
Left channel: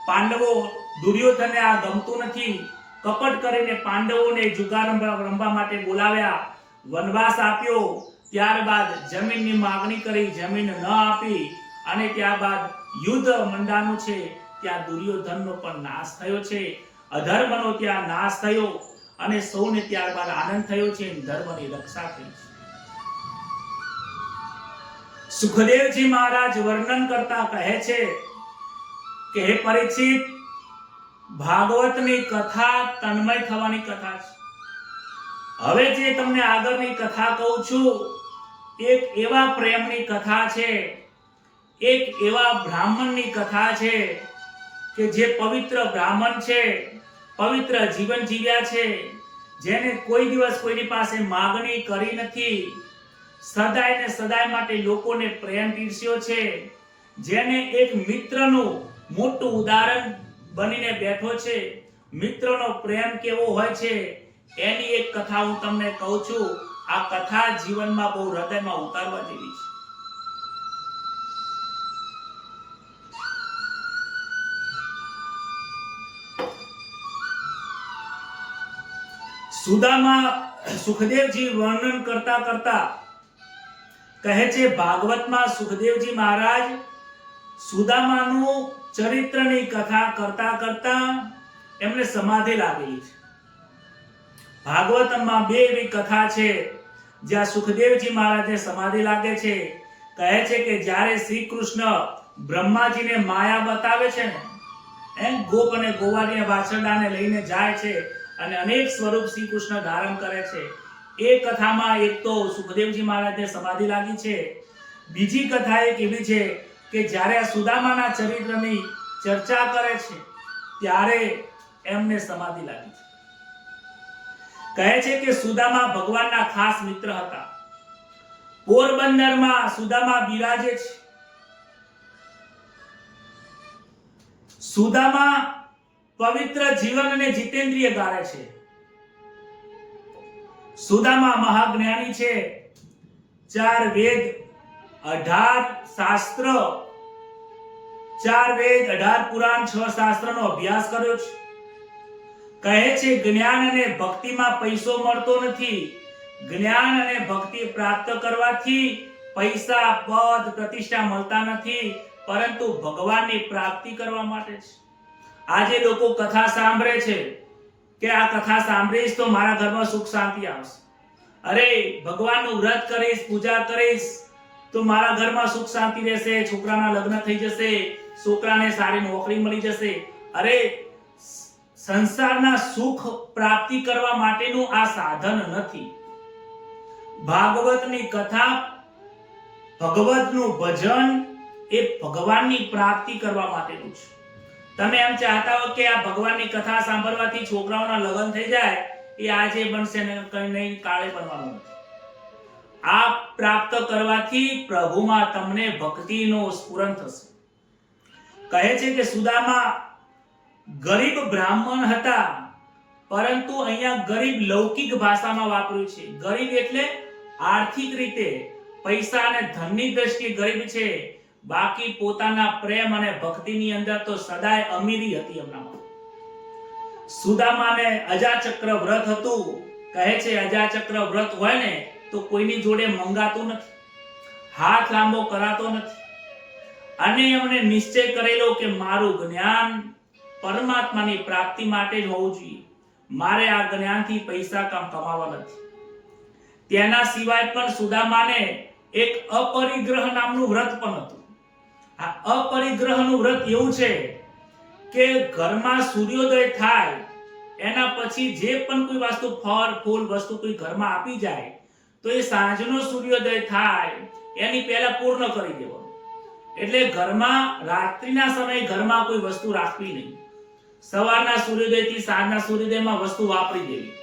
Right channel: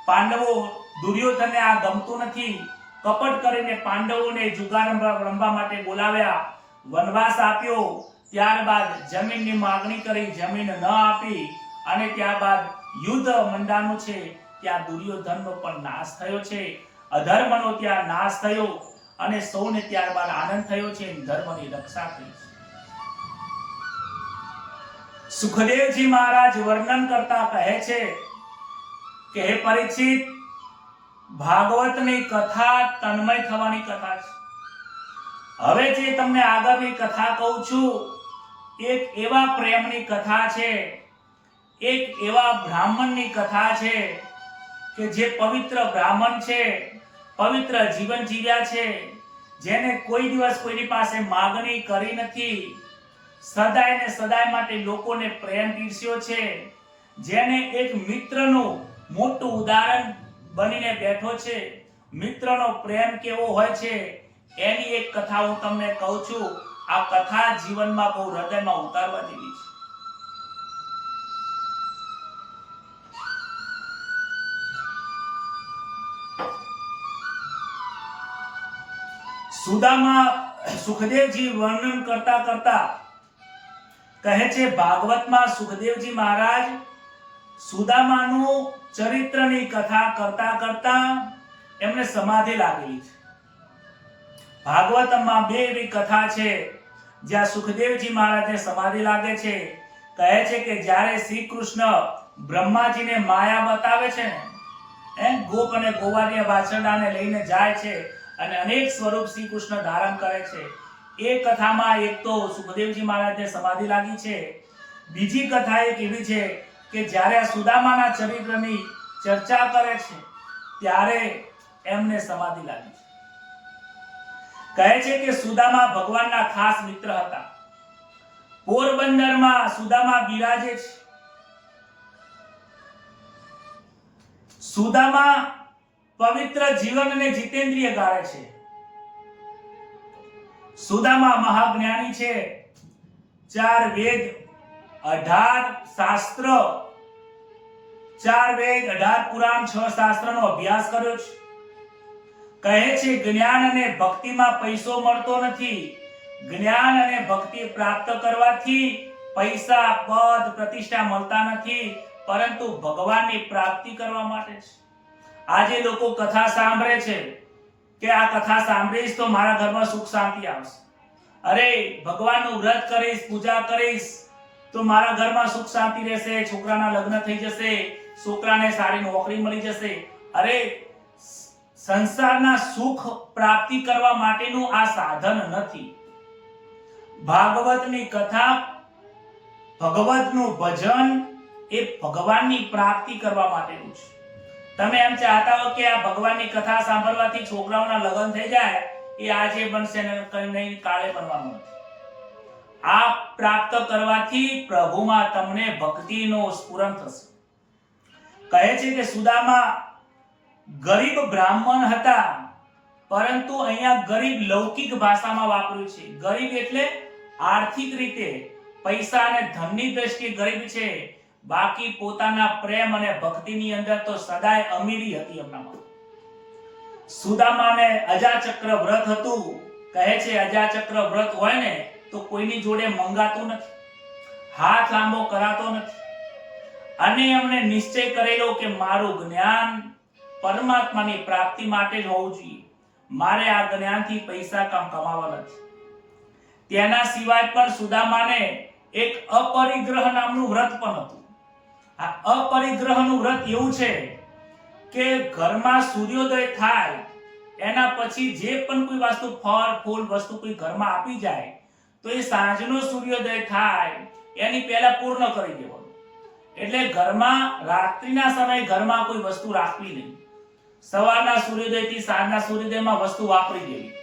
પાંડવો, દુર્યોધનને આ ગમતું નથી. કપટ કરીને પાંડવોને જુગાર રમવા માટે બોલાવ્યા, વનવાસ આપ્યો. ત્યારબાદ જમીનની માગણી કરી, જમીન ન આપી અને ત્યારબાદ યુદ્ધ મંડાનું છે. ત્યાં દુર્યોધનનો પણ નાશ થયો છે, અધર્મનો ત્યાં નાશ થયો અને સૌને ત્યારબાદ આનંદ થયો છે, ધર્મની રક્ષા થઈ છે. સુખદેવજી મહારાજ વર્ણન કરતા કહે છે કે હે પરીક્ષિત, ભાગવતની કથા તન્મય થવાની કથા છે. હવે જે તમને આગળની કથા કહું છું, એક એવા પ્રેમની કથા છે, એક એવા બ્રાહ્મણની કથા છે કે જે પવિત્ર બ્રાહ્મણ છે, પવિત્ર જીવન જીવ્યા છે, જેને કોઈ દિવસ કોઈની પાસે માગણી કરી નથી, સદાય ને સદાય માટે લોકોને પ્રેમ પીરસ્યો છે, જેને એક મિત્રનું મોટું ઉદાહરણ બનીને બેઠો છે. મિત્રનો પ્રેમ કેવો હોય છે એની એક કથા હું તમને કહું છું. આ કથા જીવનમાં બહુ હૃદયમાં ઉતારવા જેવી છે. સુદામા, સુખદેવજી વર્ણન કરતા કરતા કહે છે, ભાગવતમાં સુખદેવજી મહારાજ સુદામાનું ચરિત્રની કથા કરતા કરતા એમને સમાધિ લાગેલી છે. ભાગવતમાં 2 એવી કથા છે જ્યાં સુખદેવજી મહારાજને સમાધિ લાગે છે. કહે છે કે જ્યારે શ્રી કૃષ્ણ બ્રહ્માજીને માયા બતાવે છે ને, ગોપ અને ગોવાળીયા વાછરડાને લઈને જાય છે અને અનેક સ્વરૂપ શ્રી કૃષ્ણ ધારણ કરે છે, એ કથામાં એક તો સુખદેવજી મહારાજને સમાધિ લાગી છે, બીજી કથા એક એવી છે કે જ્યારે આ સુદામાના ચરિત્રની ચર્ચા કરે છે ત્યારે એમને સમાધિ લાગી છે। કહે છે કે સુદામા ભગવાનના ખાસ મિત્ર હતા। પોરબંદરમાં સુદામા બિરાજે છે। સુદામા પવિત્ર જીવન અને જીતેન્દ્રિય ગાળે છે। સુદામા મહાજ્ઞાની છે। 4 વેદ 18 શાસ્ત્ર, 4 વેદ 18 પુરાણ 6 શાસ્ત્રનો અભ્યાસ કર્યો છે। કહે છે જ્ઞાન અને ભક્તિમાં પૈસો મળતો નથી। જ્ઞાન અને ભક્તિ પ્રાપ્ત કરવાથી પૈસા, પદ, પ્રતિષ્ઠા મળતા નથી, પરંતુ ભગવાનની પ્રાપ્તિ કરવા માટે છે। આજે લોકો કથા સાંભળે છે કે આ કથા સાંભળીશ તો મારા ઘરમાં સુખ શાંતિ આવશે, અરે ભગવાનનું વ્રત કરીશ, પૂજા કરીશ તો મારા ઘરમાં સુખ શાંતિ રહેશે, છોકરાના લગ્ન થઈ જશે, છોકરાને સારી નોકરી મળી જશે। અરે સંસારના સુખ પ્રાપ્તિ કરવા માટેનું આ સાધન નથી। ભાગવતની કથા, ભગવતનું ભજન એ ભગવાનની પ્રાપ્તિ કરવા માટેનું છે। તમે એમ ચાહતા હો કે આ ભગવાનની કથા સાંભળવાથી છોકરાઓના લગ્ન થઈ જાય, એ આજે બનશે ને કઈ નહીં કાલે બનવાનું નથી। આ પ્રાપ્ત કરવાથી પ્રભુમાં તમને ભક્તિનો સ્ફુરણ થશે। કહે છે કે સુદામા ગરીબ બ્રાહ્મણ હતા, પરંતુ અહીંયા ગરીબ લૌકિક ભાષામાં વાપર્યું છે। ગરીબ એટલે આર્થિક રીતે, પૈસા અને ધનની દ્રષ્ટિએ ગરીબ છે, બાકી પોતાના પ્રેમ અને ભક્તિની અંદર તો સદાય અમીરી હતી એમનામાં। સુદામાને અજાચક્ર વ્રત હતું। કહે છે અજાચક્ર વ્રત હોય ને તો કોઈની જોડે મંગાતું નથી, હાથ લાંબો કરાતો નથી, અને એમણે નિશ્ચય કરેલો કે મારું જ્ઞાન પરમાત્માની પ્રાપ્તિ માટે જ હોવું જોઈએ, મારે આ જ્ઞાનથી પૈસા કમાવા નથી। તેના સિવાય પણ સુદામાને એક અપરિગ્રહ નામનું વ્રત પણ હતું। આ અપરિગ્રહનું વ્રત એવું છે કે ઘરમાં સૂર્યોદય થાય એના પછી જે પણ કોઈ વસ્તુ, ફળ ફૂલ વસ્તુ કોઈ ઘરમાં આપી જાય તો એ સાંજનો સૂર્યોદય થાય એની પહેલા પૂર્ણ કરી દેવાનું। એટલે ઘરમાં રાત્રિના સમયે ઘરમાં કોઈ વસ્તુ રાખવી નહીં, સવારના સૂર્યોદયથી સાંજના સૂર્યોદયમાં વસ્તુ વાપરી દેવી।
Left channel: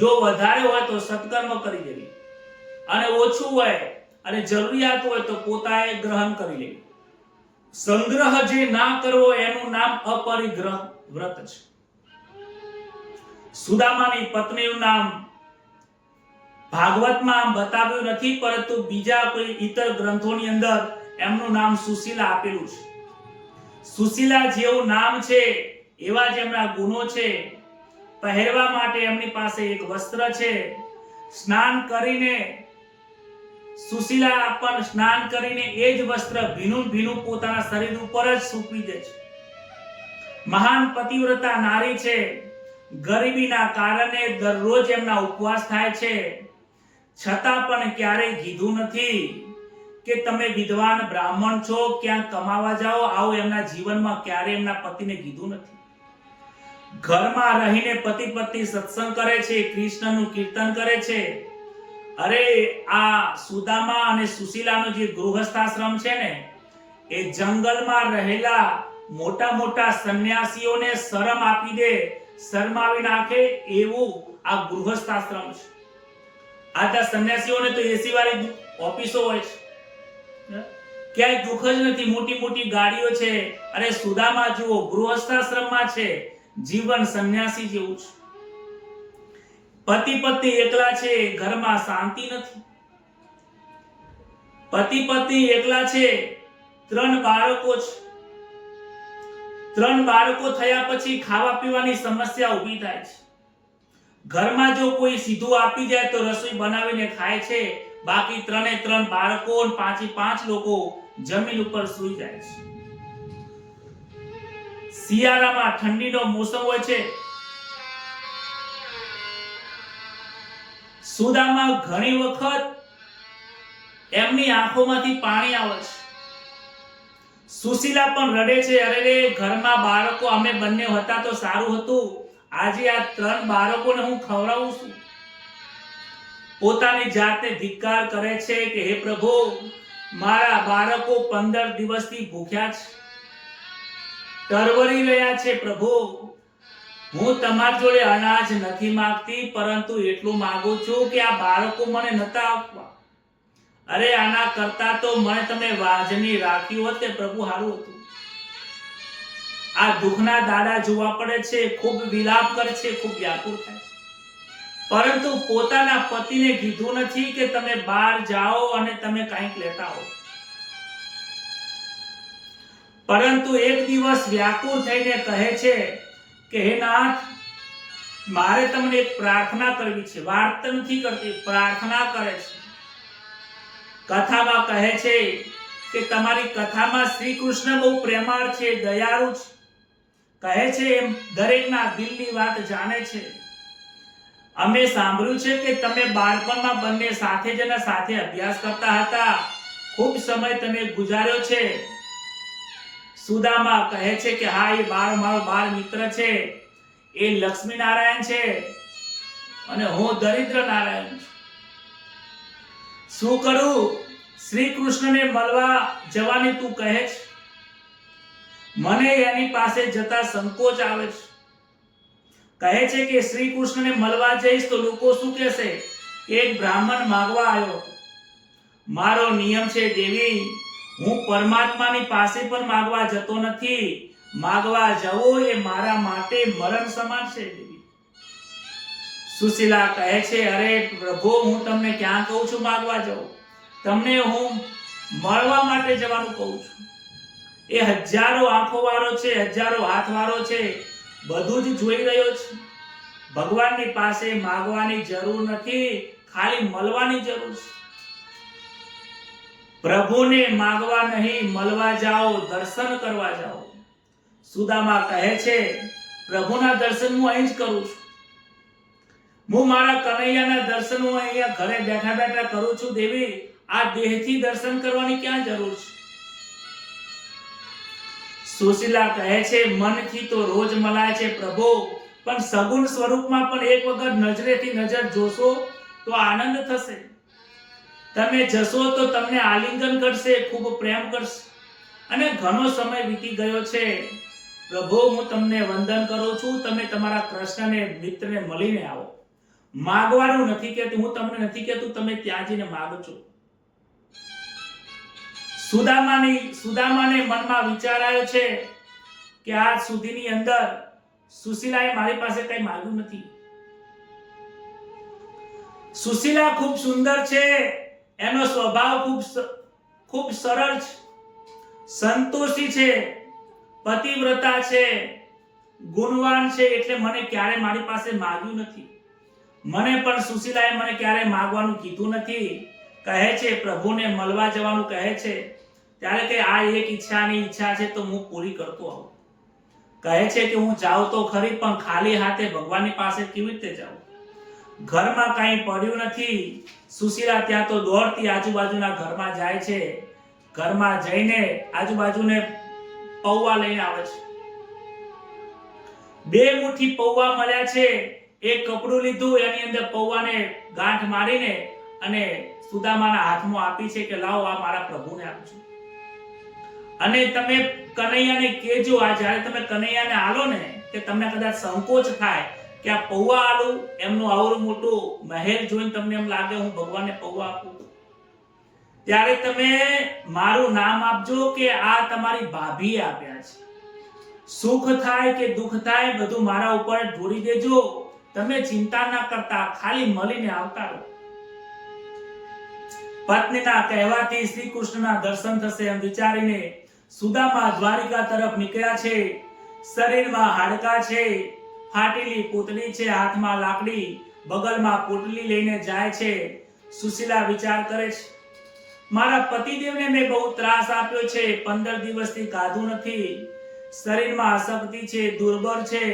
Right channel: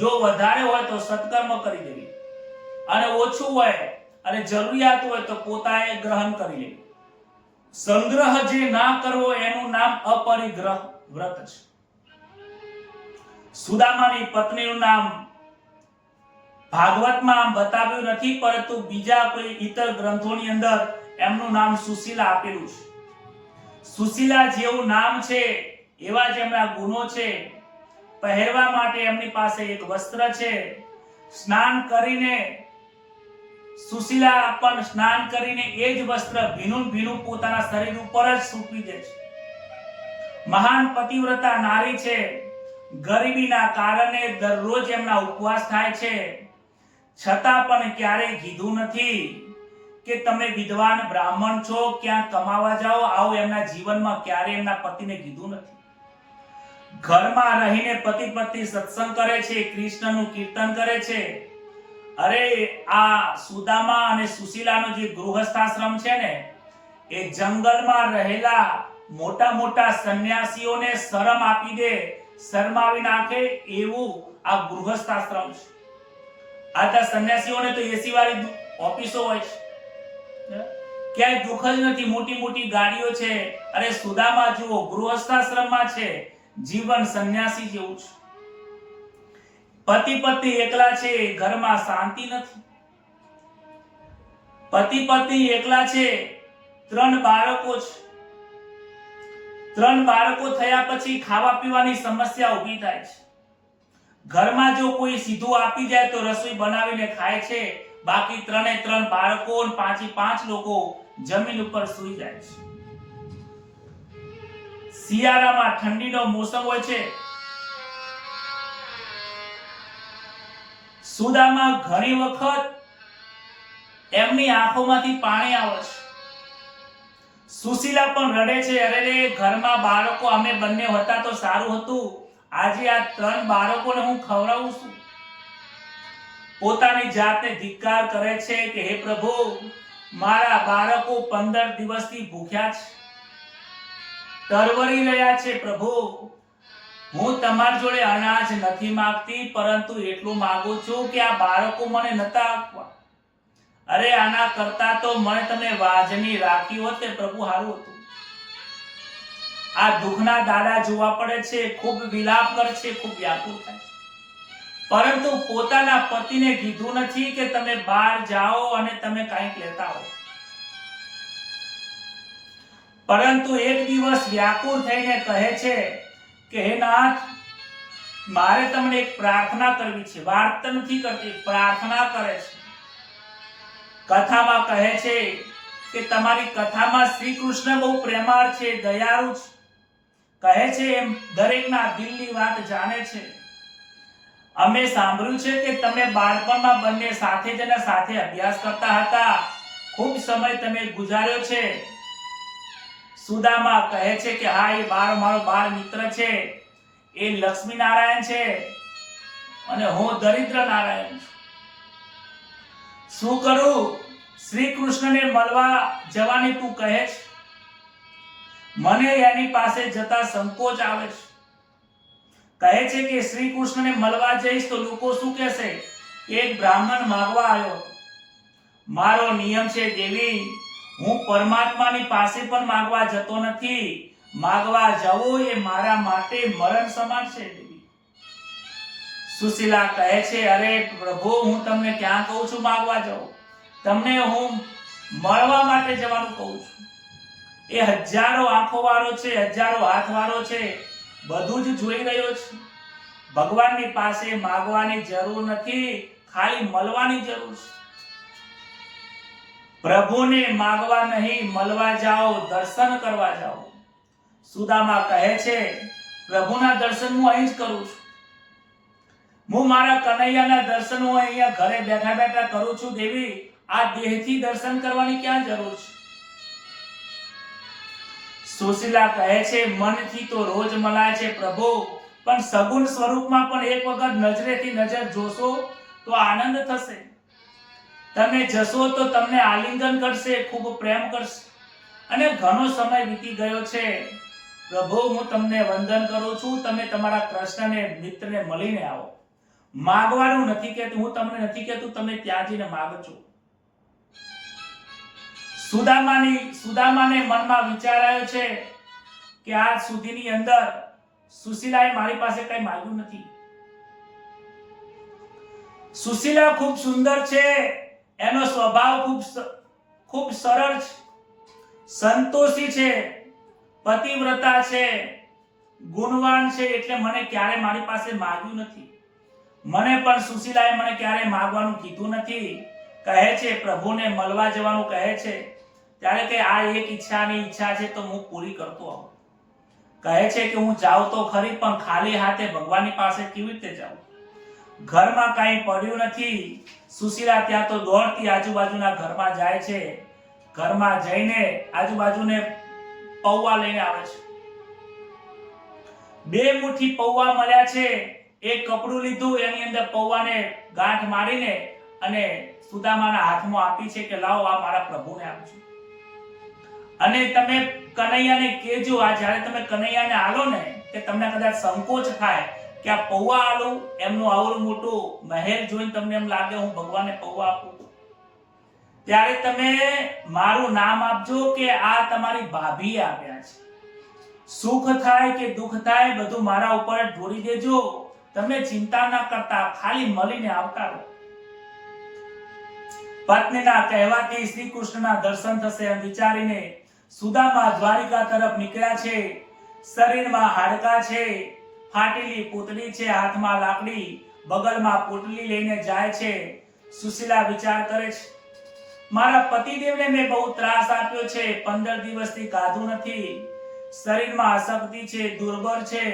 જો વધારે હોય તો સત્કર્મ કરી દેવી, અને ઓછું હોય અને જરૂરિયાત હોય તો પોતાએ ગ્રહણ કરી લેવી। સંગ્રહ જે ના કરવો એનું નામ અપરિગ્રહ વ્રત છે। સુદામાની પત્નીનું નામ ભાગવતમાં બતાવ્યું નથી, પરંતુ બીજા કોઈ ઇતર ગ્રંથોની અંદર એમનું નામ સુશીલા આપેલું છે। સુશીલા જેવું નામ છે એવા જ એમના ગુણો છે। પહેરવા માટે એમની પાસે એક વસ્ત્ર છે। સ્નાન કરીને સુશીલા પણ સ્નાન કરીને એ જ વસ્ત્ર ભીનું પોતાના શરીર ઉપર જ સૂકવી દે છે। મહાન પતિવ્રતા નારી છે। ગરીબીના કારણે દરરોજ એમના ઉપવાસ થાય છે, છતાં પણ ક્યારેય કીધું નથી કે તમે વિદ્વાન બ્રાહ્મણ છો, ક્યાં કમાવા જાઓ, આવો એમના જીવનમાં ક્યારેય એમના પતિને કીધું નથી। ઘરમાં રહીને પતિ પત્ની સત્સંગ કરે છે, કૃષ્ણનું કીર્તન કરે છે। અરે આ સુદામા અને સુશીલાનો જે ગૃહસ્થાશ્રમ છે ને, એ જંગલમાં રહેલા મોટા મોટા સંન્યાસીઓને શરમ આપી દે, શરમાવી નાખે એવું આ ગૃહસ્થાશ્રમ છે। આ સંન્યાસીઓને તો એસી વાળી ઓફિસો હોય છે, ક્યાંય દુઃખ જ નથી, મોટી મોટી ગાડીઓ છે। અરે સુદામા જુઓ ગૃહસ્થાશ્રમમાં છે, જીવન સંન્યાસી જેવું છે। પતિ પત્ની એકલા છે, ઘરમાં શાંતિ નથી। પતિ પત્ની એકલા છે, 3 બાળકો છે। 3 બાળકો થયા પછી ખાવા પીવાની સમસ્યા ઊભી થાય છે। ઘરમાં જો કોઈ સીધું આપી જાય તો રસોઈ બનાવીને ખાય છે, બાકી 3 બાળકો અને 5 લોકો જમીન ઉપર સૂઈ જાય છે। શિયાળામાં ઠંડીનો મોસમ હોય છે। સુદામા ઘણી વખત એમની આંખોમાંથી પાણી આવે છે। સુશીલા પણ રડે છે, અરે રે ઘરમાં બાળકો અમે બંને હતા તો સારું હતું, આજે આ 3 બાળકોને હું ખવડાવું છું। પોતાની જાતને ધિક્કાર કરે છે કે હે પ્રભુ, મારા બાળકો 15 દિવસથી ભૂખ્યા છે, તરવરી રહ્યા છે. પ્રભુ, હું તમારી જોડે અનાજ નથી માંગતી, પરંતુ એટલું માંગુ છું કે આ બાળકો મને નતા આપવા. અરે આના કરતા તો મને તમે વાજની રાખી હોત તે પ્રભુ સારું હતું. આ દુઃખના દાડા જોવા પડે છે, ખૂબ વિલાપ કરે છે, ખૂબ વ્યાકુળ થાય છે, પરંતુ પોતાના પતિને કીધું નથી કે તમે બહાર જાઓ અને તમે કંઈક લેતા હો. પરંતુ એક દિવસ વ્યાકુળ થઈને કહે છે કે હે નાથ, મારે તમને એક પ્રાર્થના કરવી છે. વાત નથી કરતી, પ્રાર્થના કરે છે. કથામાં કહે છે કે તમારી કથામાં શ્રી કૃષ્ણ બહુ પ્રેમાળ છે, દયાળુ છે. કહે છે એમ દરેકના દિલની વાત જાણે છે. અમે સાંભળ્યું છે કે તમે બાળપણમાં બંને સાથે જ અને સાથે અભ્યાસ કરતા હતા, ખૂબ સમય તમે ગુજાર્યો છે. સુદામા કહે છે કે હા, એ મારો બાળ મિત્ર છે, એ લક્ષ્મી નારાયણ છે અને હું દરિદ્ર નારાયણ છું. શું કરું? શ્રી કૃષ્ણને મળવા જવાની તું કહે છે, મને એની પાસે જતા સંકોચ આવે છે. કહે છે કે શ્રી કૃષ્ણને મળવા જઈશ તો લોકો શું કહેશે કે એક બ્રાહ્મણ માંગવા આવ્યો હતો. મારો નિયમ છે દેવી, હું પરમાત્માની પાસે પણ માંગવા જતો નથી. માંગવા જવું એ મારા માટે મરણ સમાન છે દેવી. સુશીલા કહે છે, અરે પ્રભુ, હું તમને ક્યાં કહું છું માંગવા જાઉં? તમને હું મળવા માટે જવાનું કહું છું. એ હજારો આંખો વાળો છે, હજારો હાથ વાળો છે, બધું જ જોઈ રહ્યો છે. ભગવાનની પાસે માંગવાની જરૂર નથી, ખાલી મળવાની જરૂર છે. પ્રભુને માંગવા નહીં, મળવા જાઓ, દર્શન કરવા જાઓ. સુદામા કહે છે, પ્રભુના દર્શન હું અહીં જ કરું છું. હું મારા કનૈયાના દર્શન હું અહીંયા ઘરે બેઠા બેઠા કરું છું દેવી. આ દેહથી દર્શન કરવાની ક્યાં જરૂર છે? સુશીલા કહે છે, મનથી તો રોજ મલાય છે પ્રભુ, પણ સગુણ સ્વરૂપમાં પણ એક વખત નજરેથી નજર જોશો તો આનંદ થશે. તમે જશો તો તમને આલિંગન કરશે, ખૂબ પ્રેમ કરશે. અને ઘણો સમય વીતી ગયો છે પ્રભુ, હું તમને વંદન કરું છું. તમે તમારા કૃષ્ણને મિત્રને મળીને આવો. માગવાનું નથી કહેતું, હું તમને નથી કહેતું તમે ત્યાં જઈને માગજો. સુદામાને મનમાં વિચાર આવ્યો છે કે આજ સુધીની અંદર સુશીલાએ મારી પાસે કઈ માંગ્યું નથી. સુશીલા ખૂબ સુંદર છે, એનો સ્વભાવ ખૂબ સરળ છે, સંતોષી છે, પતિવ્રતા છે, ગુણવાન છે, એટલે મને ક્યારે મારી પાસે માંગ્યું નથી. મને પણ સુશીલાએ મને ક્યારે માંગવાનું કીધું નથી. કહે છે પ્રભુને મળવા જવાનું કહે છે ત્યારે કે આ એક ઈચ્છા છે તો હું પૂરી કરતો આવું. કહે છે કે હું જાઉં તો ખરી, પણ ખાલી હાથે ભગવાનની પાસે કેવી રીતે જાઉં? ઘરમાં કાંઈ પડ્યું નથી. સુશીલા ત્યાં તો દોડતી આજુબાજુના ઘરમાં જાય છે. ઘરમાં જઈને આજુબાજુને પૌવા લઈને આવે છે. 2 મુઠ્ઠી પૌવા મળ્યા છે. એક કપડું લીધું, એની અંદર પૌવાને ગાંઠ મારીને અને સુદામાના હાથમાં આપી છે કે લાવો, આ મારા પ્રભુને આપજો. અને તમે કનૈયાને કહેજો, આ જ્યારે તમે કનૈયાને આલો ને કે તમને કદાચ સંકોચ થાય કે આ પૌવા આલું, એમનું આવડું મોટું મહેલ જોઈને તમને એમ લાગે હું ભગવાનને પૌવા આપું, ત્યારે તમે મારું નામ આપજો કે આ તમારી ભાભીએ આપ્યા છે. સુખ થાય કે દુઃખ થાય બધું મારા ઉપર ઢોળી દેજો. તમે ચિંતા ન કરતા, ખાલી મળીને આવતા રહો. પત્નીના કહેવાથી શ્રી કૃષ્ણના દર્શન થશે એમ વિચારીને સુદામા દ્વારિકા તરફ નીકળ્યા છે. શરીરમાં હાડકાં છે, ફાટેલી પૂતળી છે, હાથમાં લાકડી, બગલમાં પોટલી લઈને જાય છે. સુશીલા વિચાર કરે છે, મારા પતિદેવને મેં બહુ ત્રાસ આપ્યો છે, 15 દિવસથી ખાધું નથી, શરીરમાં અશક્તિ છે, દુર્બળ છે.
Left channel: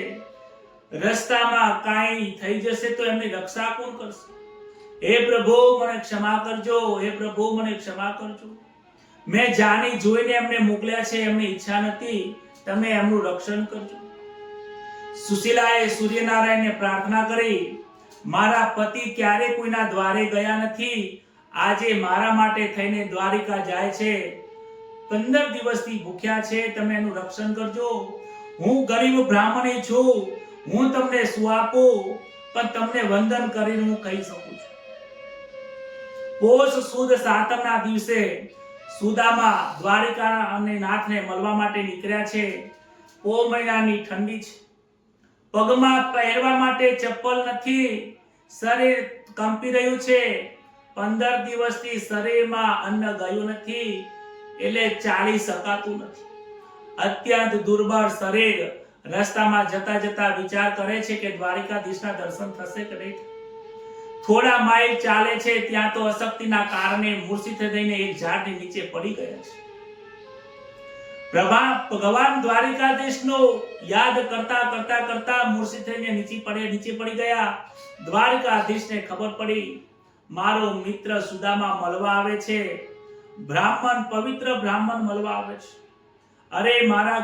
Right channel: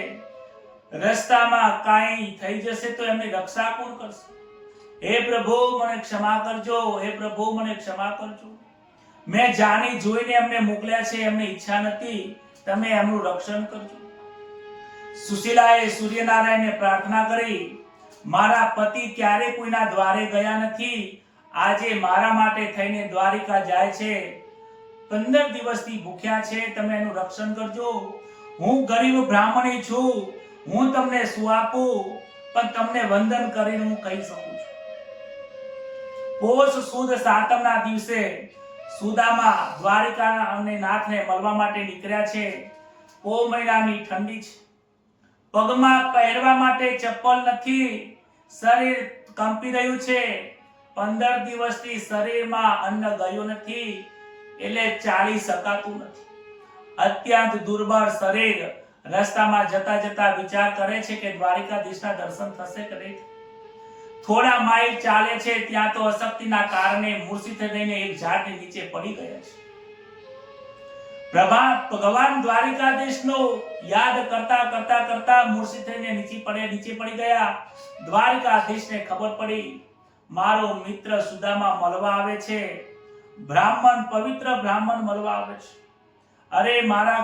રસ્તામાં કાંઈ થઈ જશે તો એમની રક્ષા કોણ કરશે? હે પ્રભુ મને ક્ષમા કરજો, હે પ્રભુ મને ક્ષમા કરજો. મેં જાણી જોઈને એમને મોકલ્યા છે, એમની ઈચ્છા નથી, તમે એમનું રક્ષણ કરજો. સુશીલાએ સૂર્યનારાયણને પ્રાર્થના કરી મારા પતિ ક્યારે કોઈના દ્વારે ગયા નથી, આજે મારા માટે થઈને દ્વારિકા જાય છે, 15 દિવસથી ભૂખ્યા છે, તમે એનું રક્ષણ કરજો. હું ગરીબ બ્રાહ્મણી છું, હું તમને શું આપું, પણ તમને વંદન કરીને હું કહી શકું છું. પોષ સુદ સાતમના દિવસે સુદામા દ્વારિકા અને નાથને મળવા માટે નીકળ્યા છે. પો મહિનાની ઠંડી છે, પગમાં પહેરવા માટે ચપ્પલ નથી, શરીર કંપી રહ્યું છે, 15 દિવસથી શરીરમાં અન્ન ગયું નથી, એટલે ચાલી શકાતું નથી. અત્યંત દુર્બળ શરીર રસ્તામાં જતા જતા વિચાર કરે છે કે દ્વારિકાધીશના દર્શન થશે કે નહીં. થોડા માઇલ ચાલે છે ત્યાં તો અશક્તિના કારણે મૂર્છિત થઈને એક ઝાડની નીચે પડી ગયા છે. ભગવાન દ્વારિકાધીશનો યાદ કરતા કરતા કરતા મૂર્છિત થઈને નીચે પડી ગયા. દ્વારિકાધીશને ખબર પડી મારો મિત્ર સુદામા મળવા આવે છે, બ્રાહ્મણ પવિત્ર બ્રાહ્મણ મળવા આવે છે. અરે મારા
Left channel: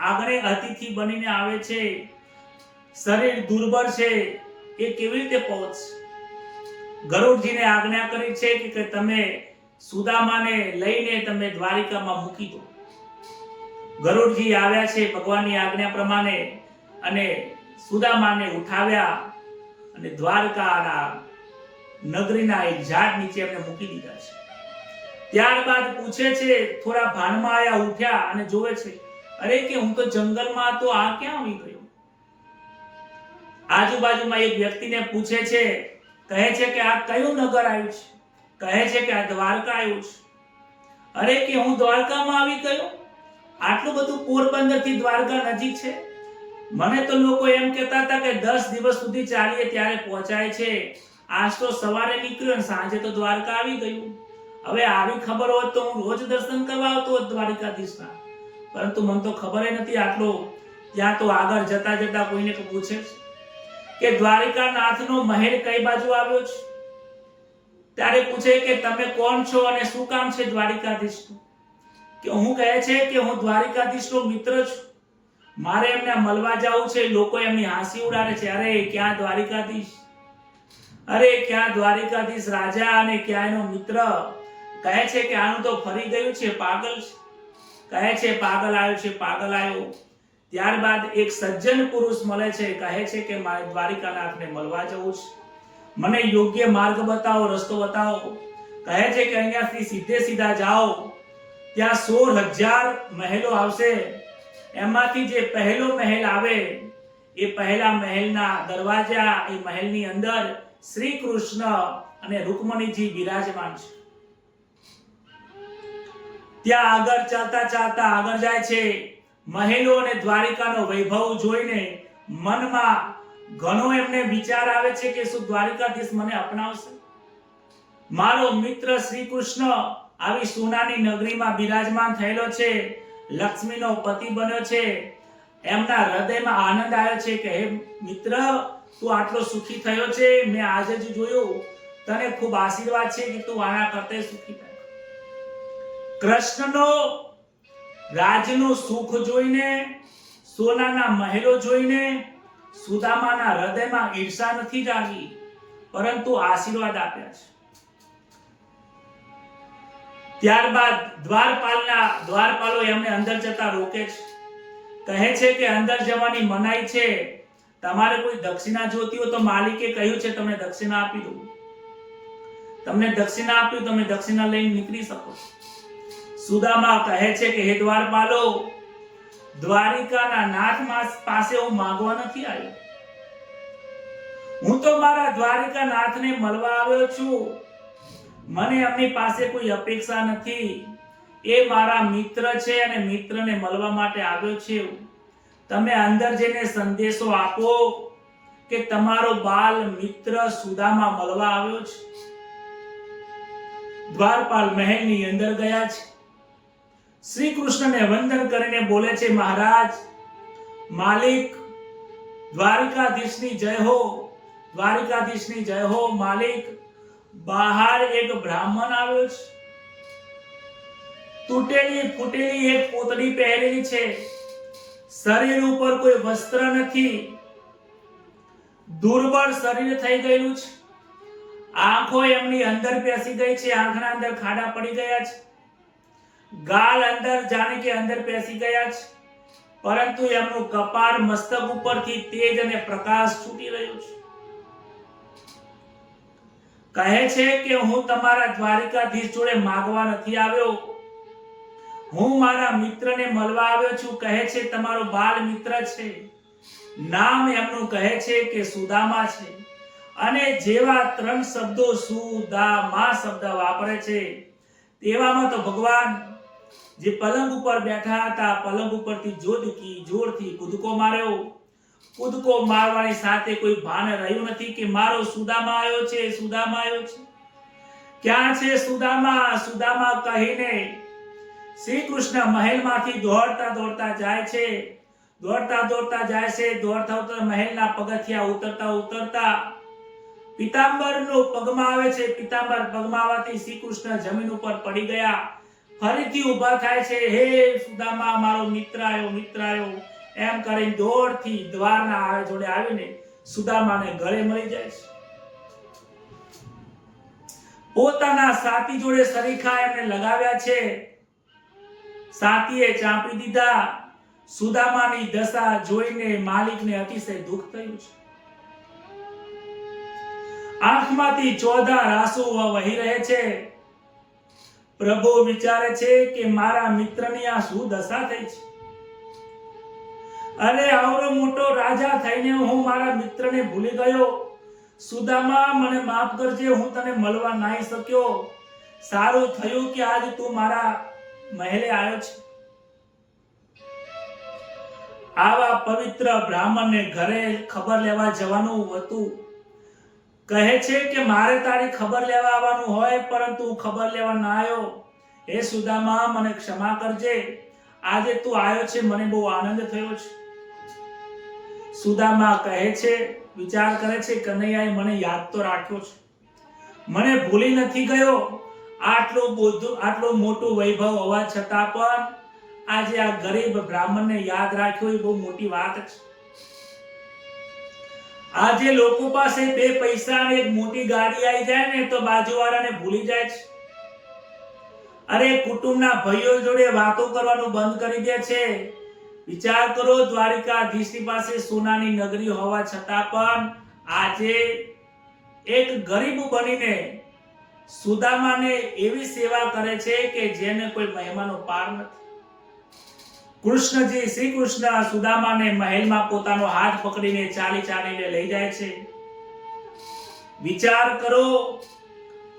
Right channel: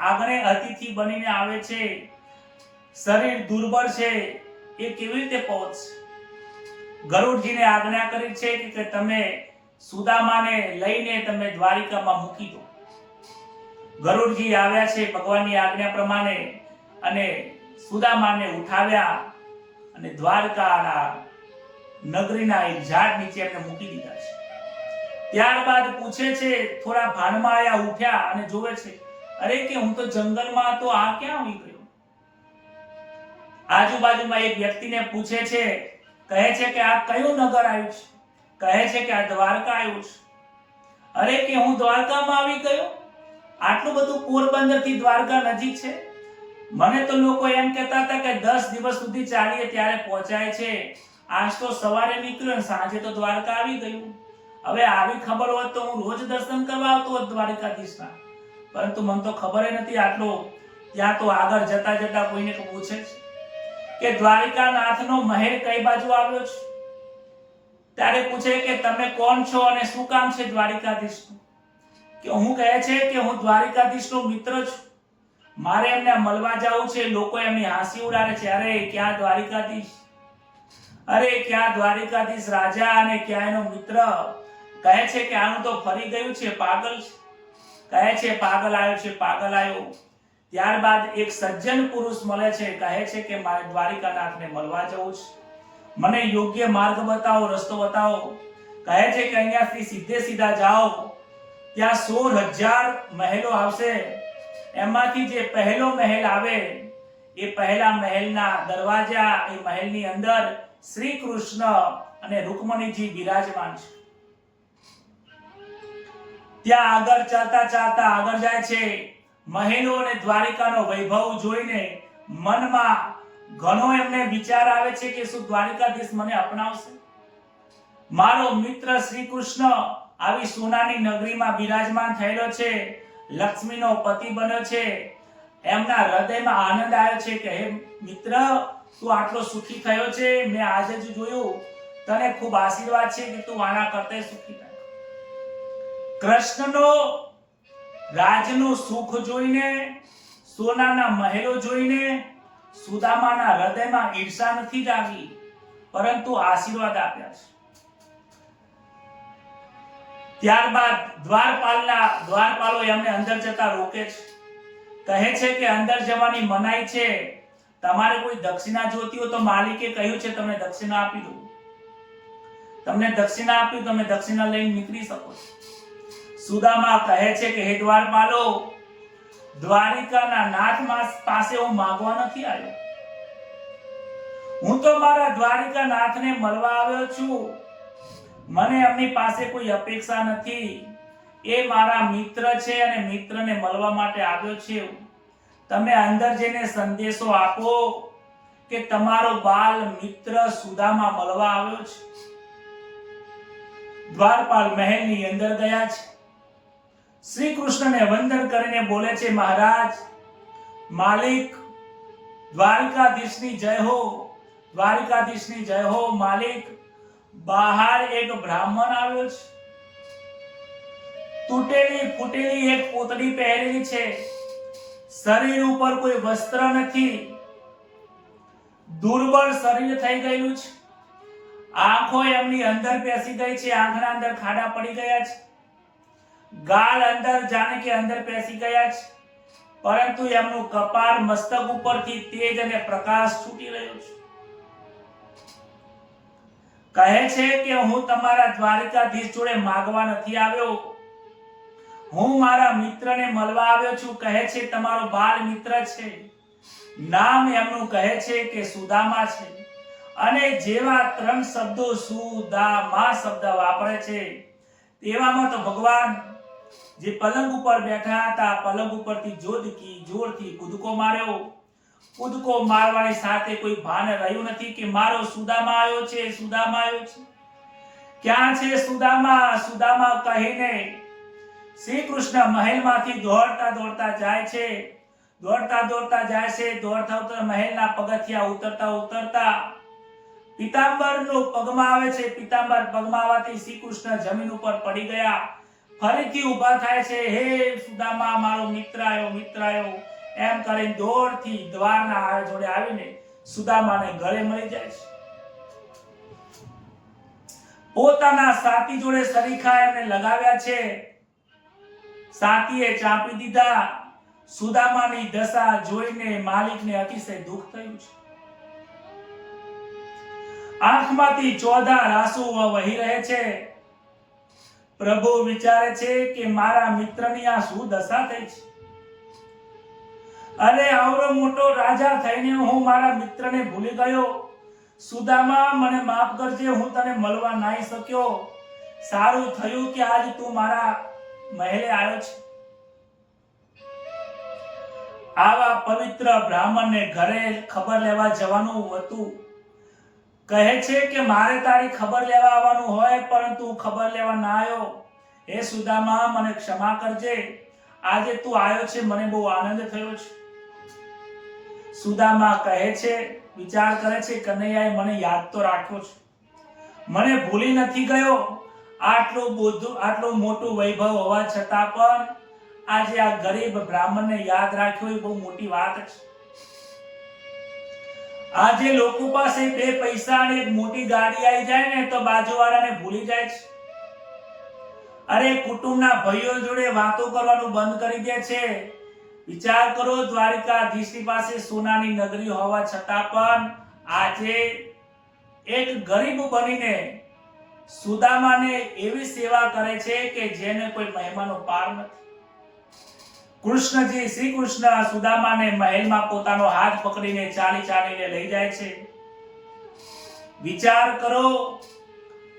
આંગણે અતિથિ બનીને આવે છે, શરીર દુર્બળ છે, એ કેવી રીતે પહોંચશે? ગરુડજીને આજ્ઞા કરી છે કે તમે સુદામાને લઈને તમે દ્વારિકામાં મૂકી દો. ગરુડજી આવ્યા છે ભગવાનની આજ્ઞા પ્રમાણે અને સુદામાને ઉઠાવ્યા અને દ્વારકાના નગરીના એક ઝાડ નીચે એમને મૂકી દીધા છે. ત્યારબાદ પૂછે છે, થોડા ભાનમાં આયા, ઉઠ્યા અને જોવે છે, અરે કે હું તો જંગલમાં હતો, આ ક્યાં આવી ગયો? આજુબાજુમાં એક વ્યક્તિને પૂછે છે, કહે છે કે આ કયું નગર આવ્યું છે? કહે છે કે આ દ્વારકા આવ્યું છે. અરે કે હું દ્વારકામાં આવી ગયો? આટલું બધું પોરબંદર થી દ્વારકા નજીક છે? મને તો લોકો એમ કહેતા હતા કે 10 દિવસ સુધી ચાલીએ ત્યારે પહોંચાય છે. આજ તો સવારે નીકળ્યો અને સાંજે તો દ્વારકા આવી ગયું. હવે આવી ખબર હોત તો હું રોજ દર્શન કરવા આવતો હોત દ્વારિકાધીશના, પરંતુ મને તો ખબર નથી આટલું. ત્યાં તો આગળ જતા જતા કોઈને પૂછે કે દ્વારિકાનાથનો મહેલ કઈ બાજુ આવ્યો છે? ત્યારે પૂછે કે તમે કોણ છો અને શું કામ છે દ્વારિકાધીશનું? કે હું કહે છે કે હું દ્વારિકાધીશનો મિત્ર છું, મારે એમને મળવા જવું છે. લોકો એમની હાંસી ઉડાડે છે, અરે ક્યાં દ્વારિકાધીશ, અરે ક્યાં દ્વારિકાધીશ રાજા અને ક્યાં એનો મિત્ર. કહે છે કે આનું તો ફરી ગયું છે, પાગલ છે. કહે છે પાગલ આવ્યો છે, પાગલ આવ્યો. ત્યારબાદ એક સજ્જન પુરુષ મળે છે, કહે છે કે મારે દ્વારિકાનાથને મળવા જવું છે, મને યોગ્ય માર્ગ બતાવો, રસ્તો બતાવો. કહે છે કે અહીંયાથી સીધે સીધા જાઓ, ત્યાં 16,000 મહેલો આવશે, એમાંથી જે પહેલો મહેલ આવે એ પહેલા મહેલના દરવાજા, એ મહેલની અંદર શ્રી કૃષ્ણ અને રૂકમણીજી બિરાજમાન છે. ત્યાં આગળ ચાલતા આગળ જાય છે. મહેલો અને દ્વારિકાનો વૈભવ જોઈને મનમાં ઘણો એમને વિચાર આવે છે કે શું દ્વારિકાધીશ મને અપનાવશે? મારો મિત્ર શ્રી કૃષ્ણ આવી સોનાની નગરીમાં બિરાજમાન થયેલો છે, લક્ષ્મીનો પતિ બન્યો છે. એમના હૃદયમાં આનંદ આવ્યો છે કે હે મિત્ર, તું આટલો સુખી થયો છે, મેં આજે જ જોયું, તને ખૂબ આશીર્વાદ છે કે તું આના કરતા સુખી થાય. કૃષ્ણનો રાજનું સુખ જોઈને, સોનાના મહેલો જોઈને સુદામાના હૃદયમાં ઈર્ષા નથી જાગી, પરંતુ આશીર્વાદ આપ્યા છે. ત્યારબાદ દ્વારપાલો એમને અંદર જતા રોકે છે. કહે છે કે અંદર જવાની મનાઈ છે, તમારે કોઈ દક્ષિણા જોતી હોય તો માલિકે કહ્યું છે તમને દક્ષિણા આપી દઉં. તમને દક્ષિણા આપી, તમે દક્ષિણા લઈને નીકળી શકો છો. સુદામા કહે છે કે હે દ્વારપાલો, દ્વારિકાના નાથ પાસે હું માંગવા નથી આવ્યો, હું તો મારા દ્વારિકા નાથને મળવા આવ્યો છું. મને એમની પાસે કોઈ અપેક્ષા નથી, એ મારા મિત્ર છે અને મિત્રને મળવા માટે આવ્યો છે. તમે અંદર જઈને સંદેશો આપો કે તમારો બાલ મિત્ર સુદામા મળવા આવ્યો છે. દ્વારપાલ મહેલની અંદર ગયા છે. શ્રી કૃષ્ણને વંદન કરીને બોલે છે, મહારાજ, માલિક, દ્વારિકાધીશની જય હો, દ્વારિકાધીશની જય હો. માલિક, બહાર એક બ્રાહ્મણ આવ્યો છે, તૂટેલી ફૂટેલી એક પોતડી પહેરેલી છે, શરીર ઉપર કોઈ વસ્ત્ર નથી, દુર્બળ શરીર થઈ ગયેલું છે, આંખો એમની અંદર બેસી ગઈ છે, આંખના અંદર ખાડા પડી ગયા છે, ગાલ અંદર જાણે કે અંદર બેસી ગયા છે, પરંતુ એમનું કપાળ મસ્તક ઉપરથી તેજ અને પ્રકાશ છૂટી રહ્યો છે. કહે છે કે હું તમારા દ્વારિકાધીશ જોડે માગવા નથી આવ્યો, હું મારા મિત્રને મળવા આવ્યો છું. કહે છે તમારો બાલ મિત્ર છે, નામ એમનું કહે છે કે સુદામા છે. અને જેવા 3 શબ્દો સુદામા શબ્દ વાપરે છે, તેવામાં તો ભગવાન જે પલંગ ઉપર બેઠા હતા, પલંગ ઉપરથી જોરથી કૂદકો માર્યો. કૂદકો મારવાની સાથે કોઈ ભાન રહ્યું નથી કે મારો સુદામા આવ્યો છે, સુદામા આવ્યો છે. ક્યાં છે સુદામા? સુદામા કહીને શ્રી કૃષ્ણ મહેલમાંથી દોડતા જાય છે, દોડતા મહેલના પગથિયા ઉતરતા પિતાંબરનો પગમાં આવે છે. પિતાંબર પગમાં આવવાથી શ્રી કૃષ્ણ જમીન ઉપર પડી ગયા. ફરીથી ઊભા થાય છે, હે સુદામા મારો મિત્ર આવ્યો એમ કરીને દોડથી દ્વારના જોડે આવીને સુદામાને ગળે મળી જાય છે. પોતાના સાથી જોડે સરીખા એમને લગાવ્યા છે. સાથીએ ચાંપી દીધા. સુદામાની દશા જોઈને માલિકને અતિશય દુઃખ થયું છે. આંખમાંથી ચોધાર આંસુ વહી રહે છે. પ્રભુ વિચારે છે કે મારા મિત્રની આ શું દશા થઈ છે. અરે આવરો મોટો રાજા થઈને હું મારા મિત્રને ભૂલી ગયો. સુદામા મને માફ કરજે, હું તને મળવા નહીં શક્યો. સારું થયું કે આજ તું મારા મહેલે આવ્યો છે. આવા પવિત્ર બ્રાહ્મણને ઘરે ખબર લેવા જવાનું હતું. કહે છે કે મારે તારી ખબર લેવા આવવાનું હોય, પરંતુ હું ખબર લેવા ના આવ્યો. હે સુદામા મને ક્ષમા કરજે, આજે તું આવ્યો છે, મને બહુ આનંદ થયો છે. સુદામા કહે છે, વિચાર કરે છે, કનૈયાએ મને યાદ તો રાખ્યો છે, મને ભૂલી નથી ગયો. આટલું મોટું વૈભવ હોવા છતાં પણ આજે આ ગરીબ બ્રાહ્મણને યાદ રાખ્યો એ બહુ મોટી વાત છે. આજે લોકો પાસે 2 પૈસા અને એક મોટી ગાડી આવી જાય ને તો બાજુવાળાને ભૂલી જાય છે. અરે કુટુંબના ભાઈઓ જોડે વાતો કરવાનું બંધ કરી દે છે. વિચાર કરો, દ્વારિકાધીશની પાસે સોનાની નગરી હોવા છતાં પણ આજે એક ગરીબ બનીને સુદામાને એવી સેવા કરે છે કે જેને કોઈ મહેમાનો પાર નથી. શ્રી કૃષ્ણ સુદામાને મહેલમાં પોતાનો હાથ પકડીને ચાલીને લઈ જાય છે. વિચાર કરો,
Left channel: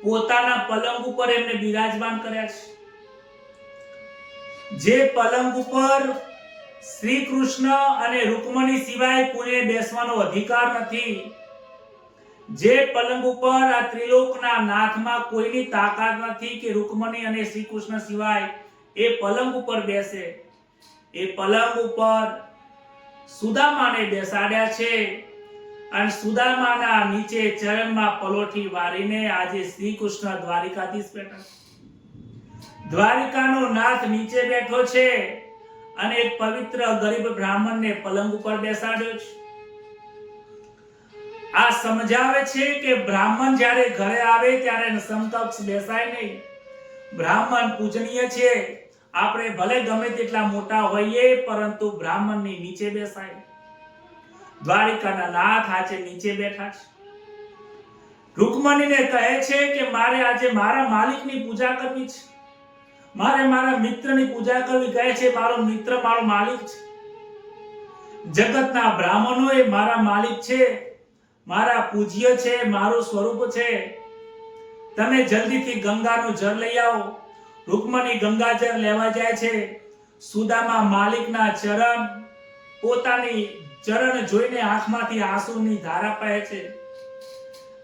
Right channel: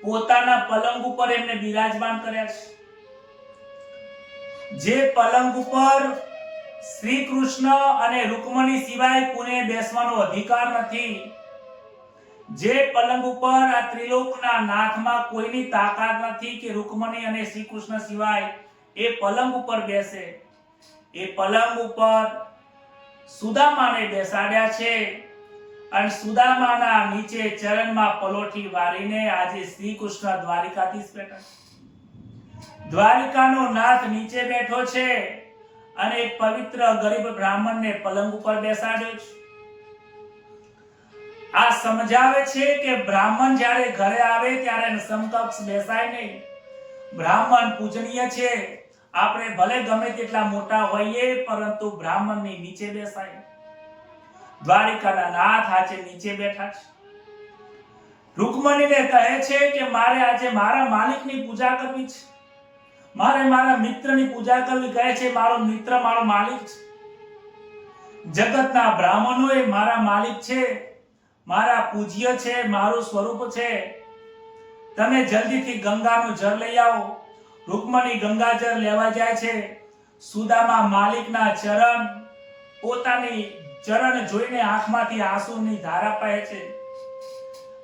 પોતાના પલંગ ઉપર એમને બિરાજમાન કર્યા છે. જે પલંગ ઉપર શ્રી કૃષ્ણ અને રૂકમણી સિવાય કોઈને બેસવાનો અધિકાર નથી, જે પલંગ ઉપર આ ત્રિલોકના નાથમાં કોઈની તાકાત નથી કે રૂકમણી અને શ્રી કૃષ્ણ સિવાય એ પલંગ ઉપર બેસે, એ પલંગ ઉપર સુદામાને બેસાડ્યા છે. અને સુદામાના નીચે ચરણમાં પલોઠી વારીને આજે શ્રી કૃષ્ણ દ્વારિકાધીશ બેઠા છે. દ્વારિકાનો નાથ નીચે બેઠો છે અને એક પવિત્ર ગરીબ બ્રાહ્મણને પલંગ ઉપર બેસાડ્યો છે. આ સમજાવે છે કે બ્રાહ્મણ જ્યારે ઘરે આવે ત્યારે સમકક્ષ બેસાય નહીં. બ્રાહ્મણ પૂજનીય છે. આપણે ભલે ગમે તેટલા મોટા હોઈએ, પરંતુ બ્રાહ્મણની નીચે બેસાય. દ્વારિકાના નાથ આજે નીચે બેઠા છે. રૂકમણીને કહે છે કે મારે આજે મારા માલિકની પૂજા કરવી છે, મારે મારા મિત્રની પૂજા કરવી. કહે છે મારો મિત્ર મારો માલિક છે. જગતના બ્રાહ્મણો એ મારા માલિક છે, મારા પૂજ્ય છે, મારું સ્વરૂપ છે. તમે જલ્દીથી ગંગાનું જળ લઈ આવો. રૂકમણી ગંગાજળ લેવા જાય છે. સુદામા માલિકના ચરણ, પોતાની ચરણ જોઈને આંખમાંથી આંસુની ધારા પહે છે.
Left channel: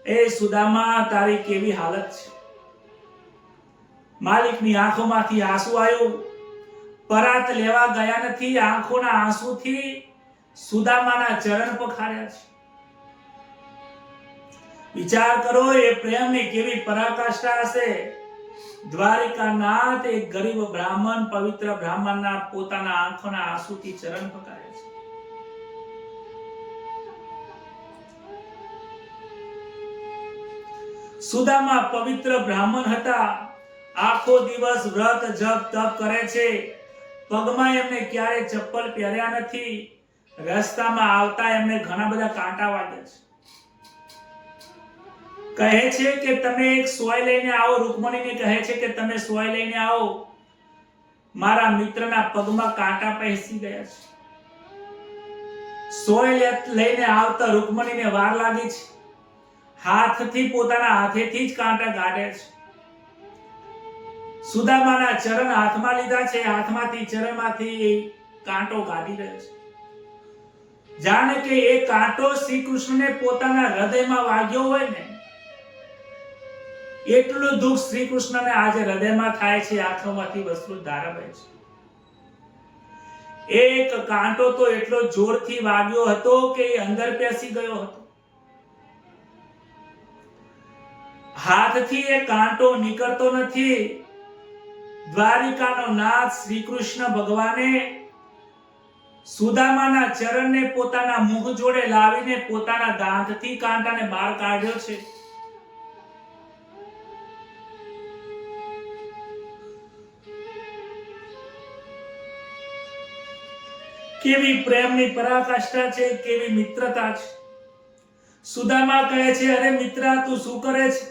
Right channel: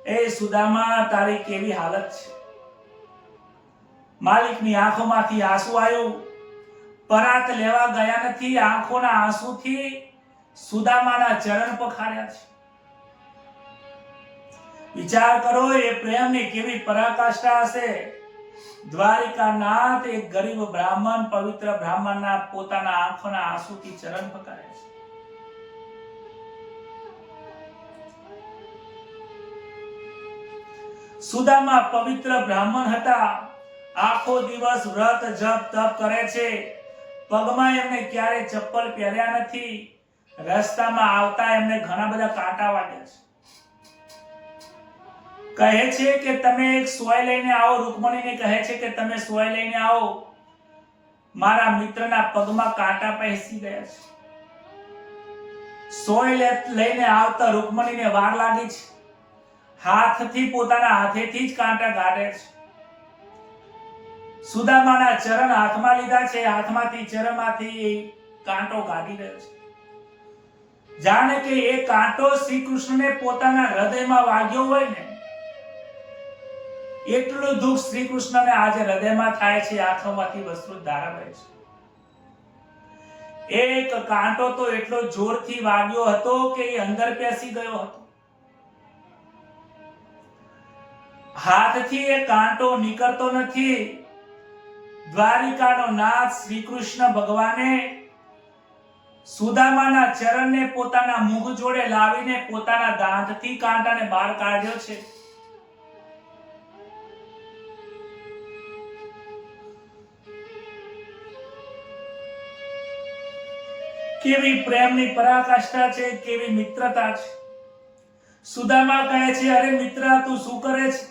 એ સુદામા તારી કેવી હાલત છે. માલિકની આંખોમાંથી આંસુ આવ્યું. પરાત લેવા ગયા નથી, આંખોના આંસુથી સુદામાના ચરણ પખાર્યા છે. વિચાર કરો, એ પ્રેમની કેવી પરાકાષ્ઠા હશે. દ્વારિકાનાથ એક ગરીબ બ્રાહ્મણ, પવિત્ર બ્રાહ્મણના પોતાના આંખોના આંસુથી ચરણ પખાર્યા છે. સુદામા પવિત્ર બ્રાહ્મણ હતા, આખો દિવસ વ્રત જપ તપ કરે છે, પગમાં એમને ક્યારે ચપ્પલ પહેર્યા નથી, રસ્તામાં આવતા એમને ઘણા બધા કાંટા વાગ્યા છે. કહે છે કે તમે એક સોય લઈને આવો, રૂકમણીને કહે છે કે તમે સોય લઈને આવો, મારા મિત્રના પગમાં કાંટા પેસી ગયા છે. સોય લઈને આવતા રૂકમણીને વાર લાગી છે, હાથથી પોતાના હાથેથી જ કાંટા કાઢે છે. સુદામાના ચરણ હાથમાં લીધા છે, હાથમાંથી ચરણમાંથી કાંટો કાઢી રહ્યો છે. જાણે કે એ કાંટો શ્રી કૃષ્ણને પોતાના હૃદયમાં વાગ્યો હોય ને, એટલું દુઃખ શ્રી કૃષ્ણને આજે હૃદયમાં થાય છે, આંખોમાંથી વસ્તુ ધારા વહે છે. એક કાંટો તો એટલો જોરથી વાગ્યો હતો કે એ અંદર પેસી ગયો હતો. હાથથી એ કાંટો નીકળતો નથી. દ્વારિકાનો નાથ શ્રી કૃષ્ણ ભગવાને સુદામાના ચરણને પોતાના મુખ જોડે લાવીને પોતાના દાંતથી કાંટાને બહાર કાઢ્યો છે. કેવી પ્રેમની પરાકાષ્ઠા છે, કેવી મિત્રતા છે. સુદામા કહે છે, અરે મિત્ર, તું શું કરે છે?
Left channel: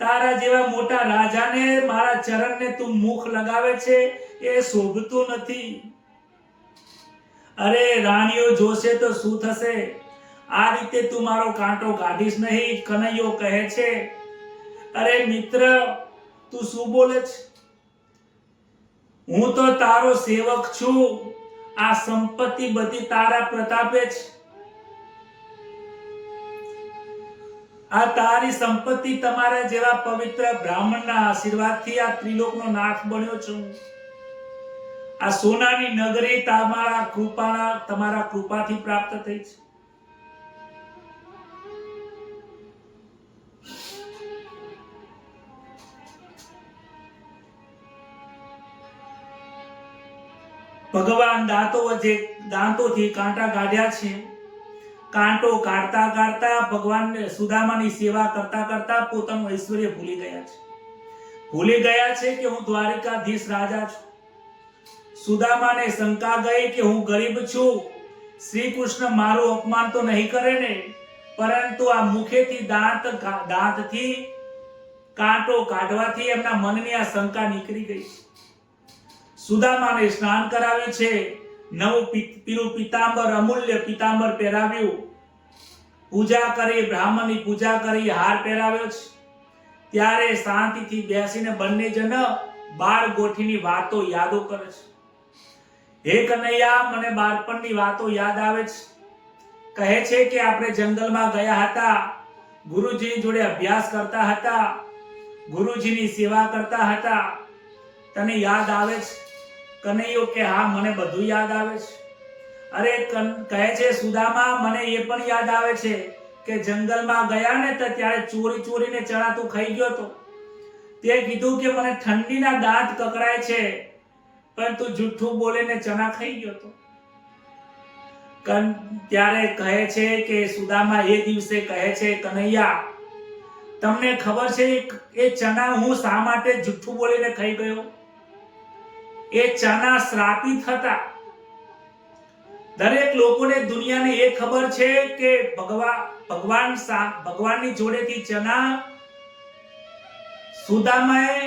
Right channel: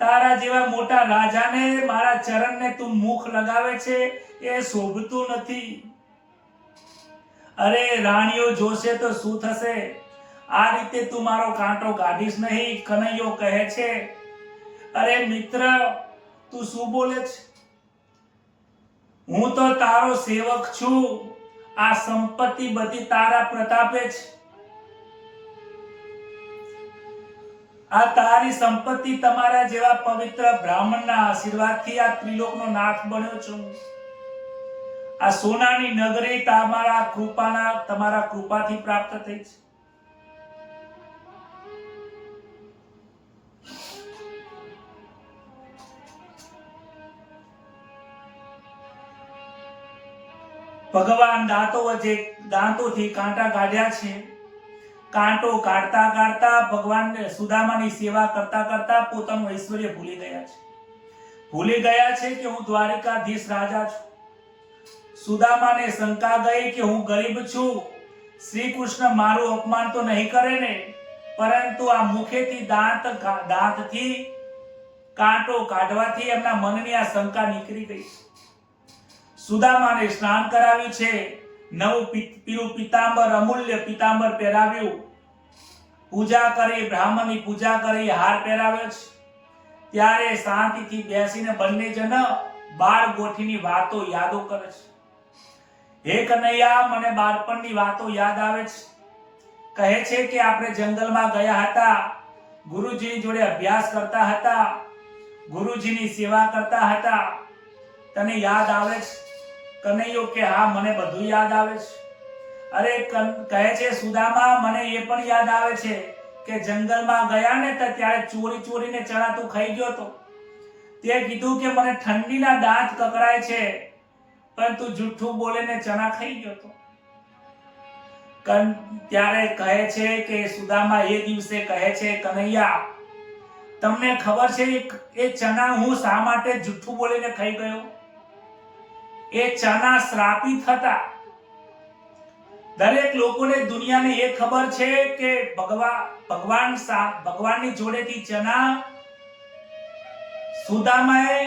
તારા જેવા મોટા રાજાને મારા ચરણને તું મુખ લગાવે છે, એ શોભતું નથી. અરે રાણીઓ જોશે તો શું થશે? આ રીતે તું મારો કાંટો કાઢીશ નહીં. કનૈયો કહે છે, અરે મિત્ર, તું શું બોલે છે? હું તો તારો સેવક છું. આ સંપત્તિ બધી તારા પ્રતાપે છે. આ તારી સંપત્તિ તમારા જેવા પવિત્ર બ્રાહ્મણના આશીર્વાદથી આ ત્રિલોકનો નાથ બન્યો છું. આ સોનાની નગરી તમારા કૃપાથી પ્રાપ્ત થઈ છે. ભગવાન દાંતોથી કાંટા કાઢ્યા છે. કાંટો કાઢતા કાઢતા ભગવાન સુદામાની સેવા કરતા કરતા પોતાનું ઐશ્વર્ય ભૂલી ગયા છે. ભૂલી ગયા છે કે હું દ્વારિકાધીશ રાજા છું. સુદામાને શંકા ગઈ કે હું ગરીબ છું, શ્રી કૃષ્ણ મારું અપમાન તો નહીં કરે ને, પરંતુ આ મુખેથી દાંતથી કાંટો કાઢવાથી એમના મનની આ શંકા નીકળી ગઈ. સુદામાને સ્નાન કરાવ્યું છે, નવું પીળું પિતાંબર, અમૂલ્ય પિતાંબર પહેરાવ્યું, પૂજા કરી, બ્રાહ્મણની પૂજા કરી, હાર પહેરાવ્યો છે. ત્યારે શાંતિથી બેસીને બંને જણ બાળ ગોઠીની વાતો યાદો કરે છે. હે કનૈયા, મને બાળપણની વાતો યાદ આવે છે. કહે છે કે આપણે જંગલમાં ગયા હતા, ગુરુજીની જોડે અભ્યાસ કરતા હતા, ગુરુજીની સેવા કરતા હતા. તને યાદ આવે છે? કનૈયો કે હા, મને બધું યાદ આવે છે. અરે કહે છે સુદામા, મને એ પણ યાદ આવે છે કે જંગલમાં ગયા ને તો ત્યારે ચોરીને ચણા તું ખાઈ ગયો તો. તે કીધું કે મને ઠંડીના દાંત કકરાય છે, પણ તું જુઠ્ઠું બોલીને ચણા ખાઈ ગયો તો. ત્યારે કહે છે કે સુદામા એ દિવસે કહે છે, કનૈયા, તમને ખબર છે એ ચણા હું શા માટે જુઠ્ઠું બોલીને ખાઈ ગયો? એ ચણા શ્રાપિત હતા. દરેક લોકોને દુનિયાને એ ખબર છે કે ભગવાનની જોડેથી ચણા સુદામાએ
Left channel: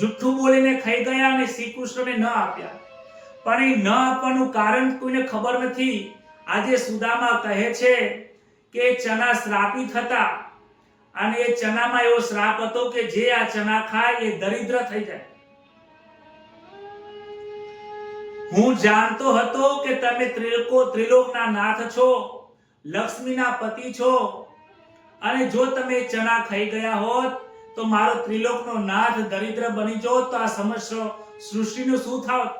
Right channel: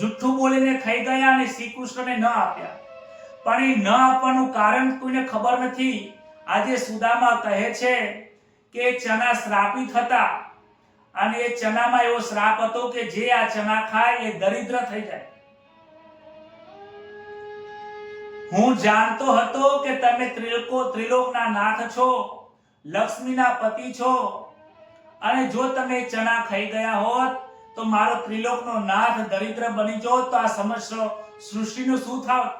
જુઠ્ઠું બોલીને ખાઈ ગયા અને શ્રી કૃષ્ણને ન આપ્યા. પણ એ ન આપવાનું કારણ કોઈને ખબર નથી. આજે સુદામા કહે છે કે ચણા શ્રાપિત હતા અને એ ચણામાં એવો શ્રાપ હતો કે જે આ ચણા ખાય એ દરિદ્ર થઈ જાય. હું જાણતો હતો કે તમે ત્રિલોકના નાથ છો, લક્ષ્મીના પતિ છો, અને જો તમે ચણા ખાઈ ગયા હોત તો મારો ત્રિલોકનો નાથ દરિદ્ર બની જોત તો આ સમસ્ત સૃષ્ટિનું શું થાત?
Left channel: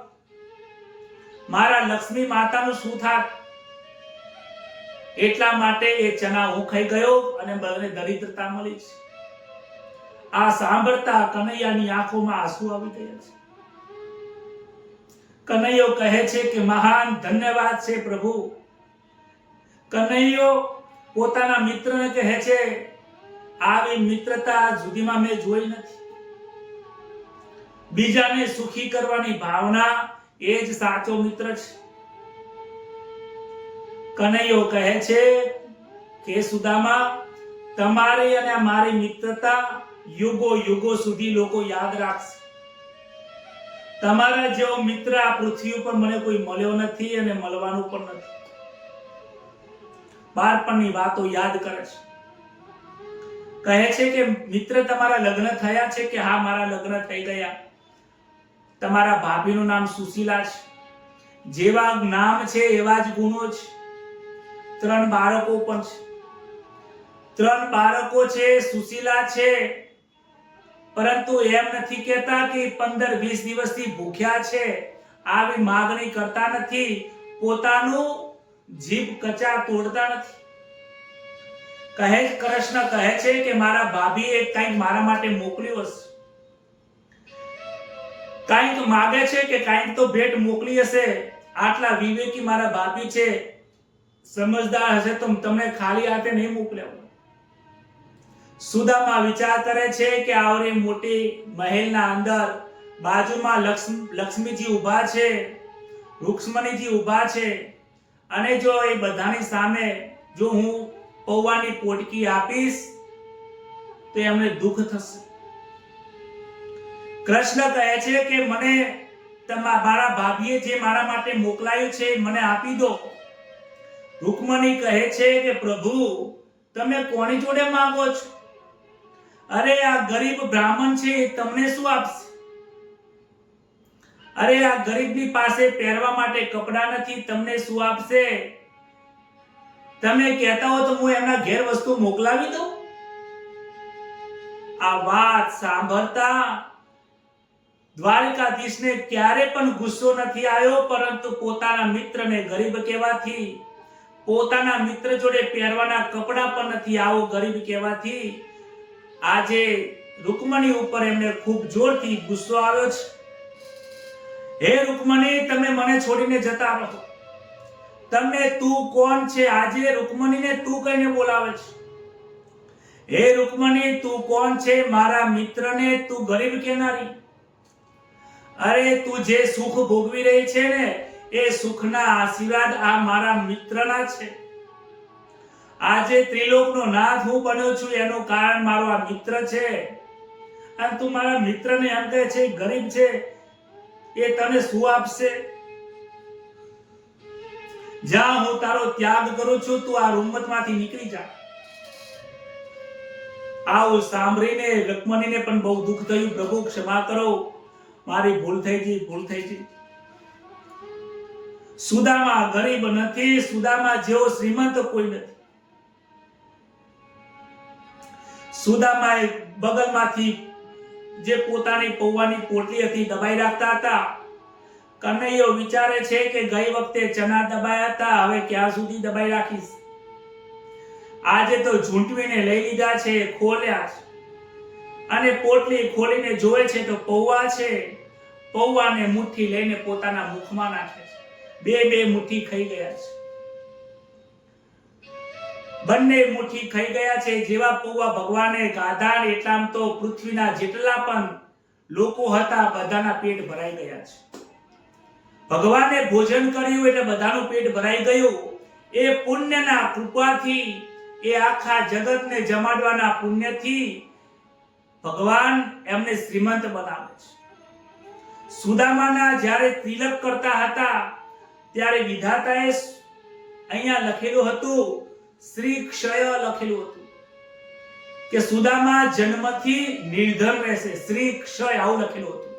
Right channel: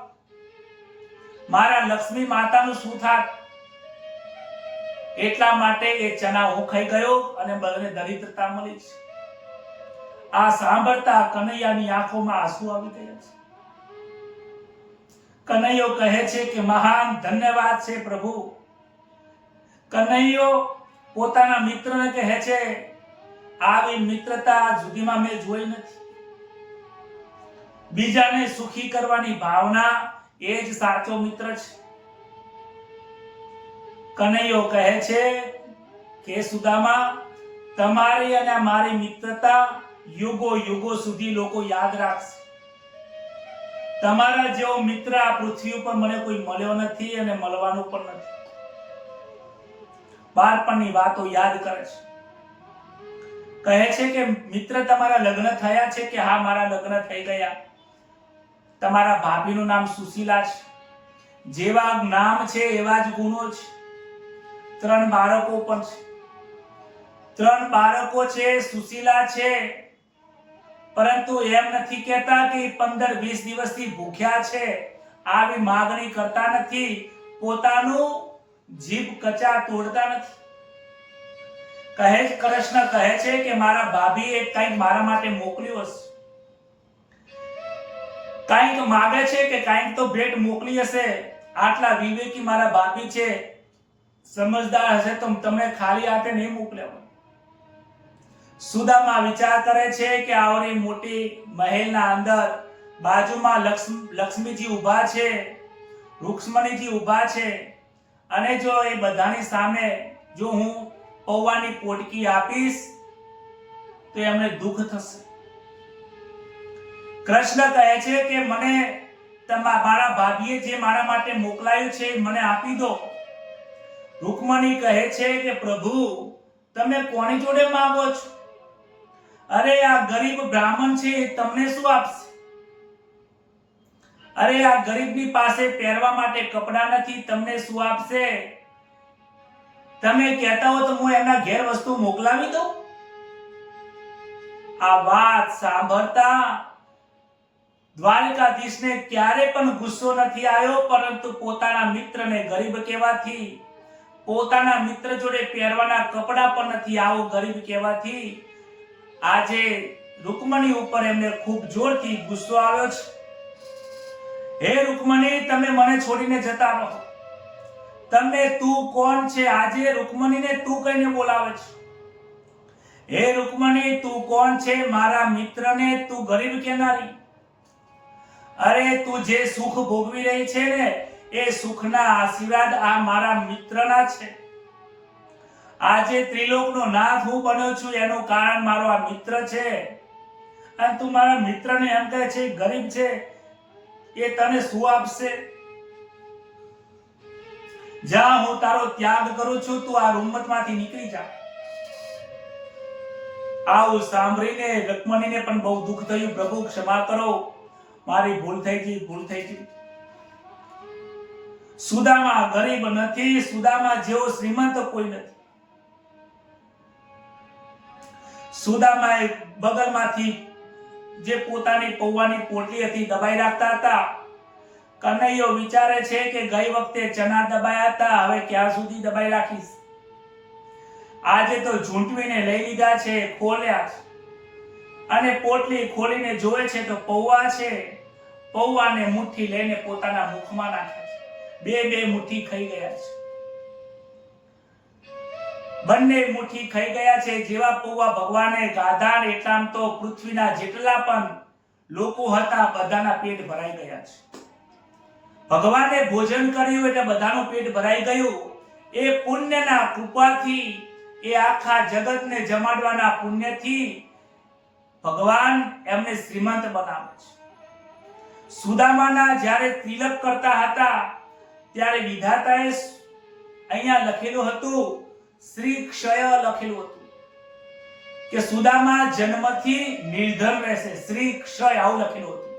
મારા લક્ષ્મી માતાનું શું થાત? એટલા માટે એ ચણા હું ખાઈ ગયો અને મને દરિદ્રતા મળી છે. આ સાંભળતા કનૈયાની આંખોમાં આંસુ આવી ગયા છે. કનૈયો કહે છે કે મહાન ધન્યવાદ છે પ્રભુ. કનૈયો પોતાના મિત્રને કહે છે, આવી મિત્રતા જુદીમાં મેં જોઈ નથી. બીજાને સુખી કરવાની ભાવના એ જ સાચો મિત્ર છે. કનૈયો કહે છે કે સુદામા, તમારી અને મારી મિત્રતા યુગો યુગો સુધી લોકો યાદ રાખશે. તમારા જેવો મિત્ર આ પૃથ્વી ઉપર મને કોઈ મળ્યો નથી અને મળવાનું પણ નથી. બાળપણની વાતો યાદ કરે છે. કહે છે કે મિત્ર, તમારા લગ્ન થયા છે? કે હા, મારા લગ્ન થઈ ગયા. તમારા ભાભીનું નામ સુશીલા છે. જેવા નામ છે એવા જ ગુણો છે. 3 બાળકો પણ છે. 3 બાળકો છે, સુશીલા છે, પરંતુ એમ નથી કહેતા કે 15-20 દિવસથી ભૂખ્યા છે. આવી માંગણી કરતા નથી. પોતાનું જીભ કચા તોડતા નથી. કૃષ્ણ કહે છે કે મારા ભાભીએ કંઈક મારા માટે મોકલ્યું હશે. કંઈક માગે છે કે કંઈક તો ભેટ મોકલી હશે. આટલા વિવેકી મારા ભાભી છે, સમજદાર હશે તો તમને ખાલી હાથે નહીં મોકલ્યા. સુદામા વિચાર કરે છે કે આવરી મોટી મહેલના અંદર બાજુમાં લક્ષ્મીજી ઊભા છે, રૂક્ષ્મણીજી ઊભા છે, અને જો એ બધાની સામે જો હું પૌવાની પોટકી આપીશ તો એમને દુઃખ થશે. કૃષ્ણ કહે છે કે મને મારા ભાભીએ જે મારા માટે મોકલાયું છે મને આપી દો. રૂક્ષ્મણી કહે છે કે પ્રભુ, તમે કોની જોડે માંગો છો? અરે આ ગરીબ બ્રાહ્મણ છે, તમને શું આપશે? અરે આ ગરીબની પાસે પહેરવા માટે કપડા નથી, તમને શું આપશે? તમે કહેતા હો તો હું એમના ઘેર વસ્તુ મોકલાવી દઉં. આ વાત સાંભળતા દ્વારકાધીશને ક્યારે પણ ગુસ્સો નથી આવ્યો, પરંતુ પોતાના મિત્રને ગરીબ કહેવાથી, પોતાના મિત્ર જોડે પહેરવાના કપડા પણ નથી આવો ગરીબ કહેવાથી આજે રૂક્મણી ઉપર એમને ખૂબ જોરથી ગુસ્સો આવ્યો છે. હે રૂક્મણી, તમે મને છોડીને જતા રહો. તમે તું કોણ છે? આજે રૂક્મણીને તું કહીને બોલાવે છે. હે રૂક્મણી, તું કોણ છે? મારા મિત્રને તું ગરીબ કહેનારી. અરે તું જે સુખ ભોગવી રહી છે ને, એ સુખના આશીર્વાદ આ મારા મિત્રના છે. આજે ત્રિલોકનો નાથ હું બન્યો છું એનું કારણ મારો આ મિત્ર છે. અને તું મારા મિત્રને એમ કહે છે ગરીબ છે, એ તને શું આપશે? જા, હું તારો ત્યાગ કરું છું, તું આ રૂમમાંથી નીકળી જા. આવું સાંભળીને રૂક્મણીને પણ બહુ દુઃખ થયું. પ્રભુ ક્ષમા કરો, મારી ભૂલ થઈ ગઈ. સુદામા ગરીબ નથી, સુદામા જેવો શ્રીમંત કોઈ નથી. સુદામાએ બગલમાંથી જે પોતાની પૌવાની પોટલી હતી દબાઈ રાખતા હતા. કનૈયો વિચારે છે કે ગઈ વખતે ચના દબાયા હતા, હવે ક્યાં સુધી દબાઈ રાખીશ? આજે તો ઝૂંટવીને લઈ લીધા છે, ખોલ્યા છે, અને પોટલી ખોલીને જોવે છે તો પૌવા છે. પૌવાને મુઠ્ઠી લઈને પોતાના મુખમાં નાખે છે. બે મુઠ્ઠી ખાઈ ગયા છે. બંને મુઠ્ઠી ખાઈ ગયા છે. જેવા પૌવા ભગવાને ગાધા એટલામ તો પૃથ્વીના જેટલા પણ લોકો હતા બધાના પેટ ભરાઈ ગયા છે. ભગવાને ભોજન કર્યું એટલે બધાનું પેટ ભરાઈ ગયું. એ પુણ્યના કૃપાથી, એ આખા જગતને જમાડવાના પુણ્યથી ભગવાન એમને શ્રીમંત બનાવે છે. સુદામાના જ્યારે તિલક કરતા હતા ત્યારે વિધાતાએ અહીંયા લખેલું હતું, શ્રી ક્ષય લખેલું હતું કે સુદામા જન્મથી નિર્ધન રહેશે. શ્રી ક્ષય આવું લખેલું હતું.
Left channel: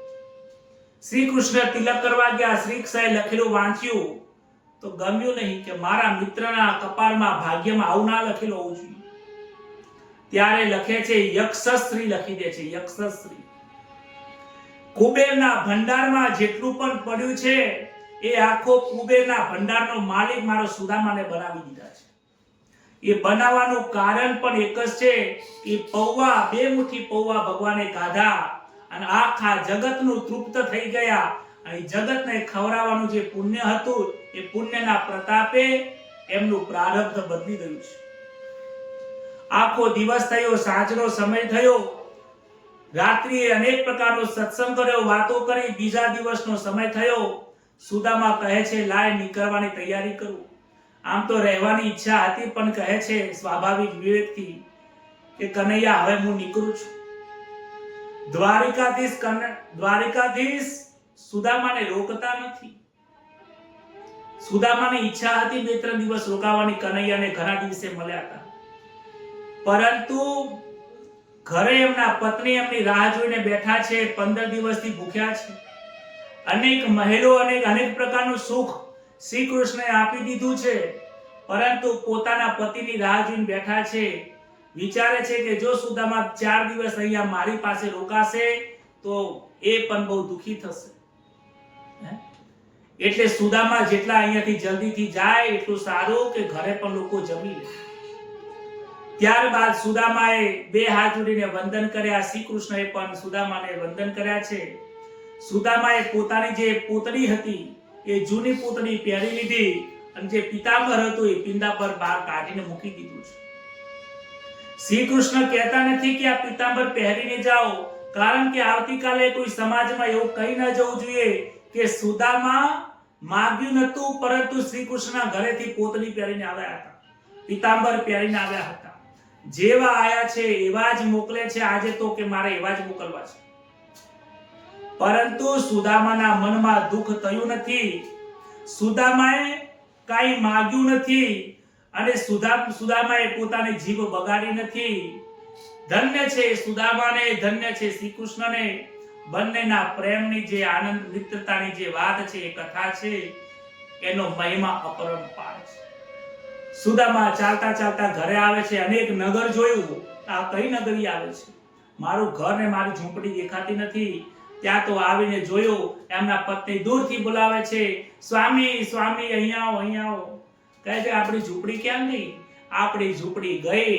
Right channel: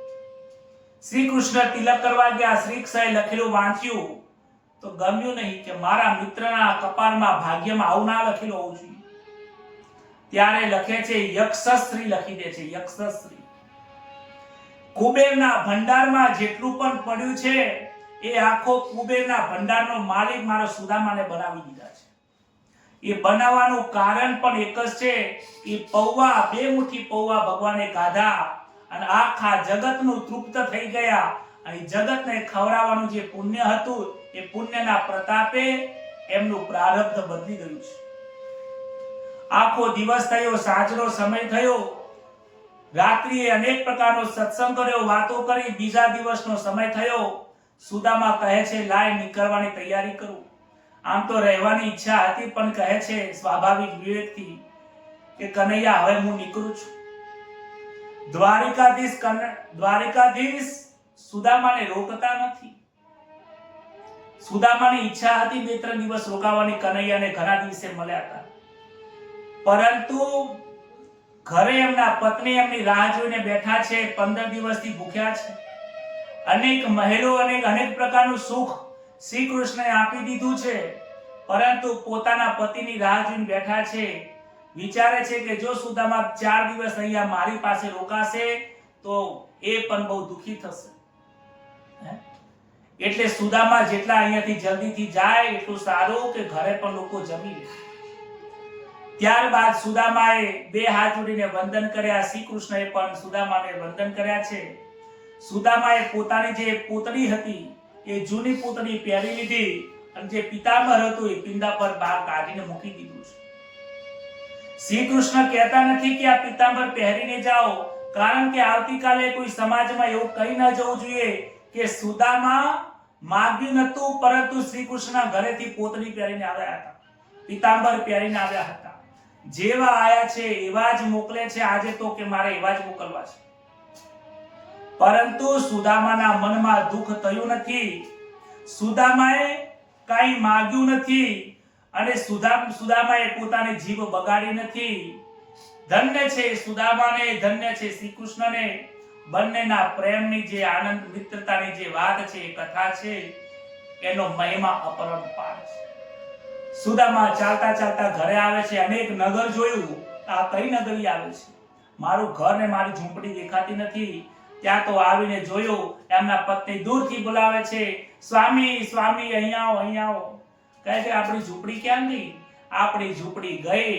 શ્રી કૃષ્ણ તિલક કરવા ગયા, શ્રી ક્ષય લખેલું વાંચ્યું તો ગમ્યું નહીં કે મારા મિત્રના કપાળમાં ભાગ્યમાં આવું ના લખેલું હોવું જોઈએ. ત્યારે લખે છે યક્ષશ્રી લખી દે છે. યક્ષશ્રી કુબેરના ભંડારમાં જેટલું પણ પડ્યું છે એ આખો કુબેરના ભંડારનો માલિક મારો સુદામાને બનાવી દીધા છે. એ બનાવવાનું કારણ પણ એક જ છે કે પૌવા, 2 મુઠ્ઠી પૌવા ભગવાને ગાધા અને આખા જગતનું તૃપ્ત થઈ ગયા. અને જગતને ખવડાવવાનું જે પુણ્ય હતું એ પુણ્યના પ્રતાપે એમનું પ્રારબ્ધ બદલી ગયું છે. આખો દિવસ થયો, સાંજનો સમય થયો, રાત્રિએ અનેક પ્રકારનો સત્સંગ કર્યો, વાતો કરી, બીજા દિવસનો સમય થયો. સુદામા કહે છે લાય નીકળવાની તૈયારી કરું. આમ તો રહેવાની ઈચ્છા હતી, પણ કહે છે સ્વાભાવિક વિવેકથી કે કનૈયા હવે હું નીકળું છું. દ્વારિકાધીશ સુદામાને રોકતા નથી. સુદામાની ઈચ્છા હતી 2-3 દિવસ રોકાવાની, કનૈયાને ઘણા દિવસે મળ્યા હતા, પરંતુ ઘરે એમના પત્ની એમની રાહ જોઈને બેઠા છે. 15 દિવસથી ભૂખ્યા છે. અનેક મહેલો અને અનેક પ્રકારનું સુખ શ્રી કૃષ્ણએ આપી દીધું છે, પરંતુ પોતાના પતિની રાહ જોઈને બેઠા છે. વિચારે છે કે જો સુદામા 4 દિવસ અહીંયા મારી પાસે રોકાશે તો એ પણ બહુ દુખી થશે. એટલે સુદામા જેટલા અહીંયાથી જલ્દીથી જાય એટલું સારું, કે ઘરે પણ લોકો જમી લે. ત્યારબાદ સુદામાએ 2 હાથ જોડીને વંદન કર્યા. શ્રી કૃષ્ણએ પણ સુદામાને વંદન કર્યા છે. સુદામાએ પોતાની જે પૂતળી હતી એ જૂની પૂતળી પહેરી લીધી, અને જે પિતાંબર હતું એ પિંડા પર બહાર કાઢીને મૂકી દીધું છે. શ્રી કૃષ્ણ કહેતા નથી કે આ પિતાંબર પહેરીને જાઓ, કારણ કે આવતીકાલે કોઈ સમાજમાં એવું કહી ન જવું જોઈએ કે સુદામા માગ્યું નતું, પરંતુ શ્રી કૃષ્ણના ઘરેથી પોતળી પહેરીને આવ્યા હતા, પિતાંબર પહેરીને આવ્યા હતા. જેવા આયા છે એવા જ મોકલે છે આજે તો, કે મારે એવા જ મોકલવા છે. પરંતુ સુદામાના મનમાં દુઃખ થયું નથી. સુદામાએ કાંઈ માગ્યું નથી, અને સુદામાએ પોતાની જીભ બગાડી નથી. ધન્ય છે સુદામાને, ધન્ય છે શ્રી કૃષ્ણને. બંનેના પ્રેમની જે આનંદ મિત્રતાની જે વાત છે, એ કથા છે, એનો મહિમા અપરંપાર છે. સુદામા ચાલતા ચાલતા ઘરે આવે છે. અનેક નગર જોયું. આ કઈ નગરી આવે છે? મારું ઘર ને મારી ઝૂંપડી દેખાતી નથી. ત્યાં તો આવીને જોયું, એમના પત્ની દૂરથી બોલાવે છે, સ્વામી સ્વામી અહીંયા આવો, અહીંયા આવો. કહે છે આપણી ઝૂંપડી ક્યાં ગઈ? આપણી ઝૂંપડી ગઈ,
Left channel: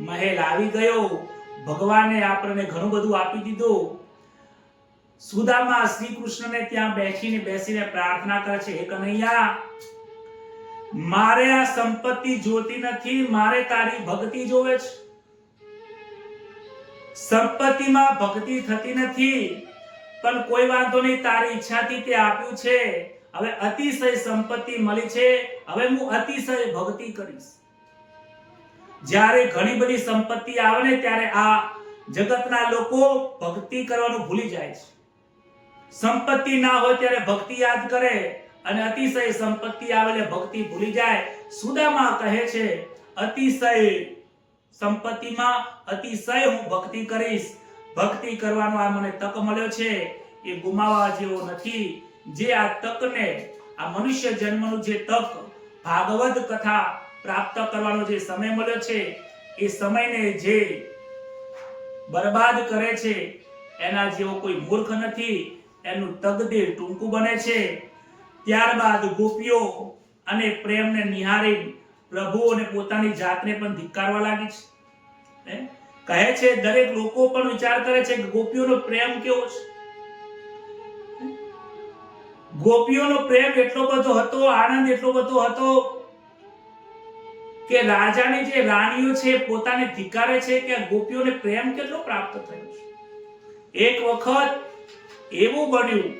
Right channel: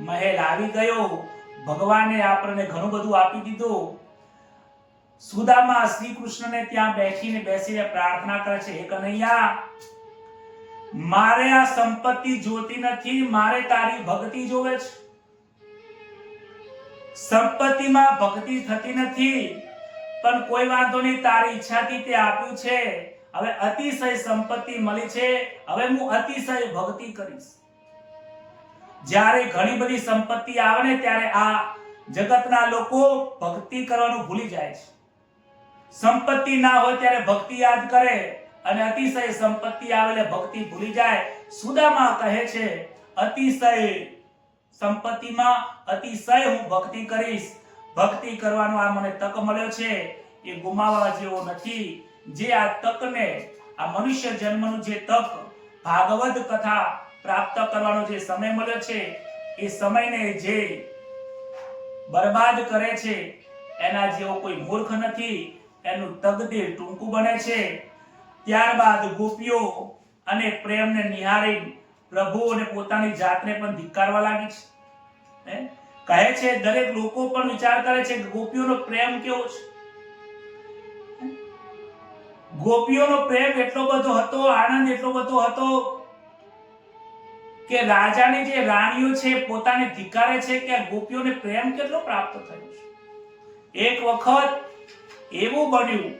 મહેલ આવી ગયો, ભગવાને આપણને ઘણું બધું આપી દીધું. સુદામા શ્રી કૃષ્ણને ત્યાં બેસીને પ્રાર્થના કરે છે, હે કનૈયા, મારે આ સંપત્તિ જોતી નથી, મારે તારી ભક્તિ જોવે છે. સંપત્તિમાં ભક્તિ થતી નથી, પણ કોઈ વાંધો નહીં, તારી ઈચ્છાથી તે આપ્યું છે. હવે અતિશય સંપત્તિ મળી છે, હવે હું અતિશય ભક્તિ કરીશ. જ્યારે ઘણી બધી સંપત્તિ આવે ને ત્યારે આ જગતના લોકો ભક્તિ કરવાનું ભૂલી જાય છે. સંપત્તિ ના હોય ત્યારે ભક્તિ યાદ કરે, અને અતિશય સંપત્તિ આવે એટલે ભક્તિ ભૂલી જાય. સુદામા કહે છે અતિશય સંપત્તિમાં અતિશય હું ભક્તિ કરીશ. ભક્તિ કરવાનો આ મને તક મળ્યો છે, એ ગુમાવવા જેવો નથી. જે આ તકને, આ મનુષ્ય જન્મનું જે તક, ભાગવત કથા પ્રાપ્ત કરવાનો જે સમય મળ્યો છે, એ સમયને જે બરબાદ કરે છે એના જેવો કોઈ મૂર્ખ નથી. એનું તકદીર ટૂંકું બને છે. ત્યારબાદ ગોપીઓ અને પ્રેમને નિહાળી પ્રભુ અને પોતાની જાતને પણ ધિક્કારવા લાગી છે. કહે છે દરેક લોકો પણ વિચાર કરે છે કે ગોપીઓનો પ્રેમ કેવો છે. ગોપીઓનો પ્રેમ એટલો બધો હતો, આનંદ એટલો બધો હતો કે રાજાની જે રાણીઓ છે પોતાને ધિક્કારે છે કે આ ગોપીઓને પ્રેમ કેટલો પ્રાપ્ત થયો છે. એક વખત એવું બન્યું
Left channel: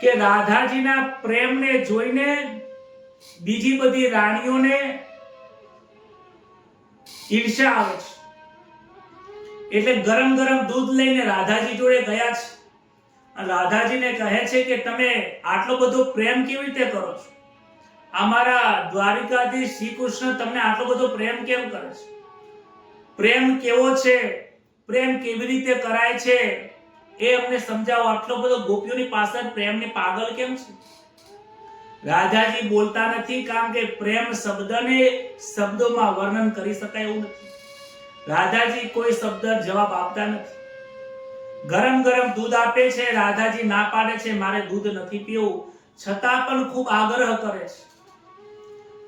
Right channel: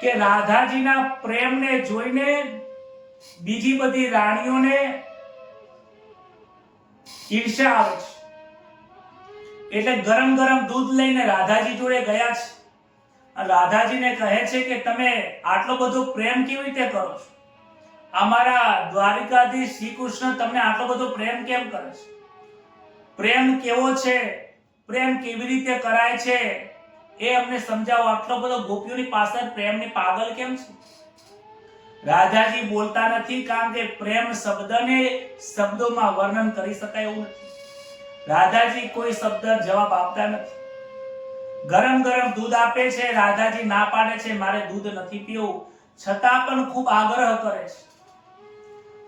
કે રાધાજીના પ્રેમને જોઈને બીજી બધી રાણીઓને ઈર્ષ્યા આવે છે. એટલે ગરમ ગરમ દૂધ લઈને રાધાજી જોડે ગયા છે. રાધાજીને કહે છે કે તમે આટલો બધો પ્રેમ કેવી રીતે કરો છો? અમારા દ્વારિકાધીશ શ્રી કૃષ્ણ તમને આટલો બધો પ્રેમ કેમ કરે છે? પ્રેમ કેવો છે, પ્રેમ કેવી રીતે કરાય છે એ અમને સમજાવો. આટલો બધો ગોપીઓની પાછળ પ્રેમની પાગલ કેમ છે? રાધાજી બોલતા નથી, કારણ કે પ્રેમ શબ્દને શબ્દોમાં વર્ણન કરી શકાય એવું નથી. રાધાજી કોઈ શબ્દ જવાબ આપતા નથી. ગરમ ગરમ દૂધ આપે છે, રાધાજી ના પાડે છે, મારે દૂધ નથી પીવું. છતાં પણ ખૂબ આગ્રહ કરે છે,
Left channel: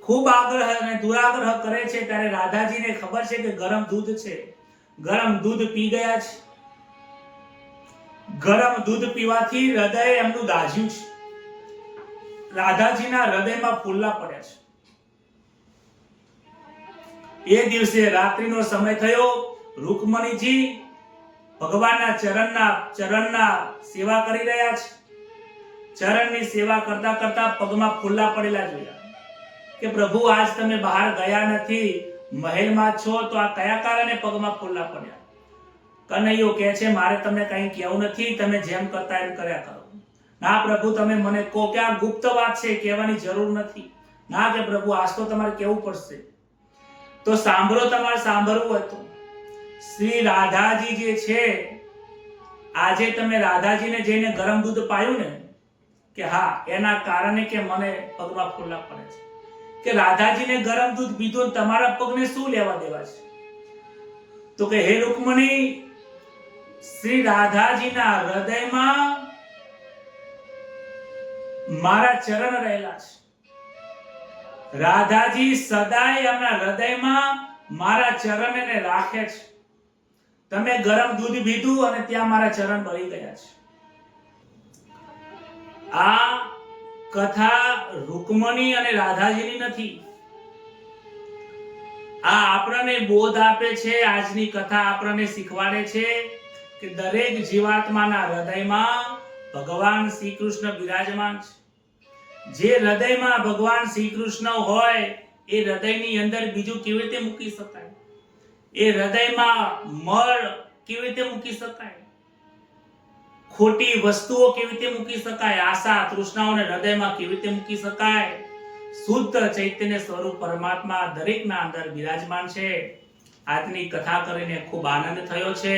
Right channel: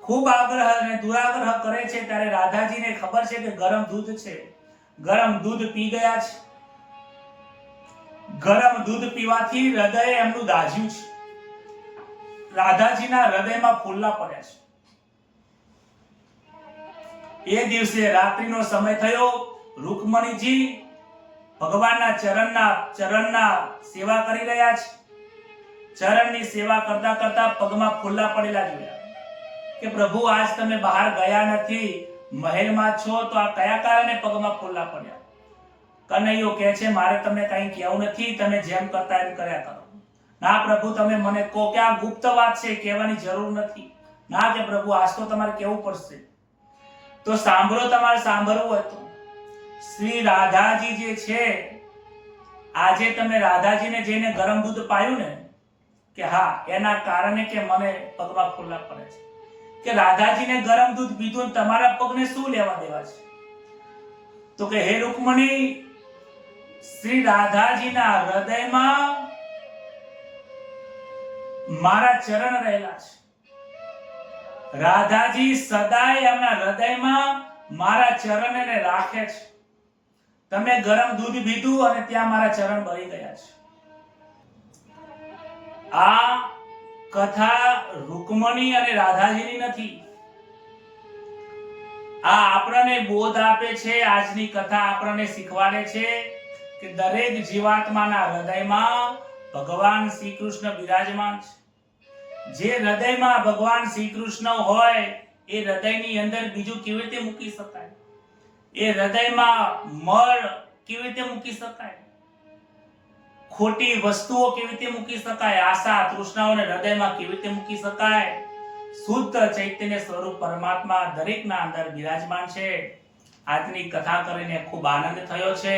ખૂબ આગ્રહ અને દુરાગ્રહ કરે છે. ત્યારે રાધાજીને ખબર છે કે ગરમ દૂધ છે. ગરમ દૂધ પી ગયા છે. ગરમ દૂધ પીવાથી હૃદય એમનું દાઝ્યું છે. રાધાજીના હૃદયમાં ફૂલ્લા પડ્યા છે. એ દિવસે રાત્રિનો સમય થયો. રૂકમણીજી ભગવાનના ચરણના સેવા કરી રહ્યા છે. ચરણની સેવા કરતા કરતા પગમાં ફૂલ્લા પડેલા જોયા કે પ્રભુ આજ તમે બહાર ગયા નથી, મહેલમાં છો, તો આ કયા કારણે પગમાં ફૂલ્લા પડ્યા? કનૈયો કહે છે મારે તમને કંઈ કહેવું નથી, તમે જેમ કરતા એમ કર્યા કરો. ના પ્રભુ તમે મને કહો કે આ ગુપ્ત વાત છે, કહેવાની જરૂર નથી. ના કે પ્રભુ આજ તો તમારે કહેવું પડશે. તો સાંભળો, તમારે સાંભળવું હતું. શ્રી રાધાજી જે છે, આજે તમે રાધાજીને જઈને ગરમ દૂધ પાયું ને, કે હા એના કારણે કે મને પગમાં ફૂલ્લા પડે છે. કે રાધાજીને ગરમ દૂધ પીધું, તમારા પગને શું લેવા દેવા છે? તો કે હે રૂકમણી, શ્રી રાધાજીના હૃદયમાં મારા ચરણ રહેલા છે. રાધાજી સદાય એમના હૃદયમાં મારા ચરણને રાખે છે. તમે ગરમ દૂધ પીધું અને ત્યાં મારા ચરણ બળી ગયા છે. આ કથા રૂકમણી અને રાધાજીની નથી. આ આપણને બોધ આપે છે. આજની કથા આપણને શીખવાડે છે કે દરેક જીવાત્માના હૃદયમાં ભગવાન શ્રી કૃષ્ણ બિરાજમાન છે. જે હૃદયમાં ભગવાન શ્રી કૃષ્ણ હોય એ હૃદયની અંદર બીજું કેવી રીતે મૂકી શકાય? એ હૃદયમાં મળ કેવી રીતે મૂકી શકાય? ખોટી વસ્તુઓ કેવી રીતે મૂકી શકાય? આશા તૃષ્ણાઓને હૃદયમાં કેવી રીતે મૂકી શકાય? શુદ્ધ ચૈતન્ય સ્વરૂપ પરમાત્મા દરેકના અંદર બિરાજમાન છે. આજની કથા કરીને ખૂબ આનંદ થયો છે.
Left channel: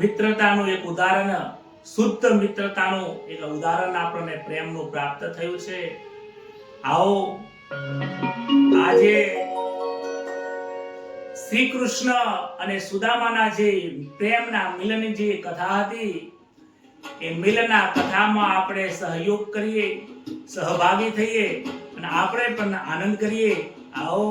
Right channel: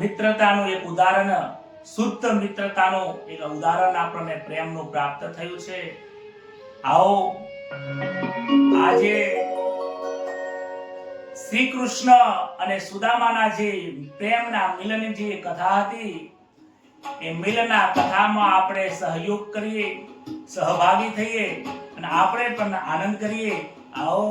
મિત્રતાનું એક ઉદાહરણ, શુદ્ધ મિત્રતાનું એક ઉદાહરણ આપણને પ્રેમનું પ્રાપ્ત થયું છે. આવો આજે શ્રી કૃષ્ણ અને સુદામાના જે પ્રેમના મિલનની જે કથા હતી, એ મિલનના કથામાં આપણે સહયોગ કરીએ, સહભાગી થઈએ અને આપણે પણ આનંદ કરીએ. આવો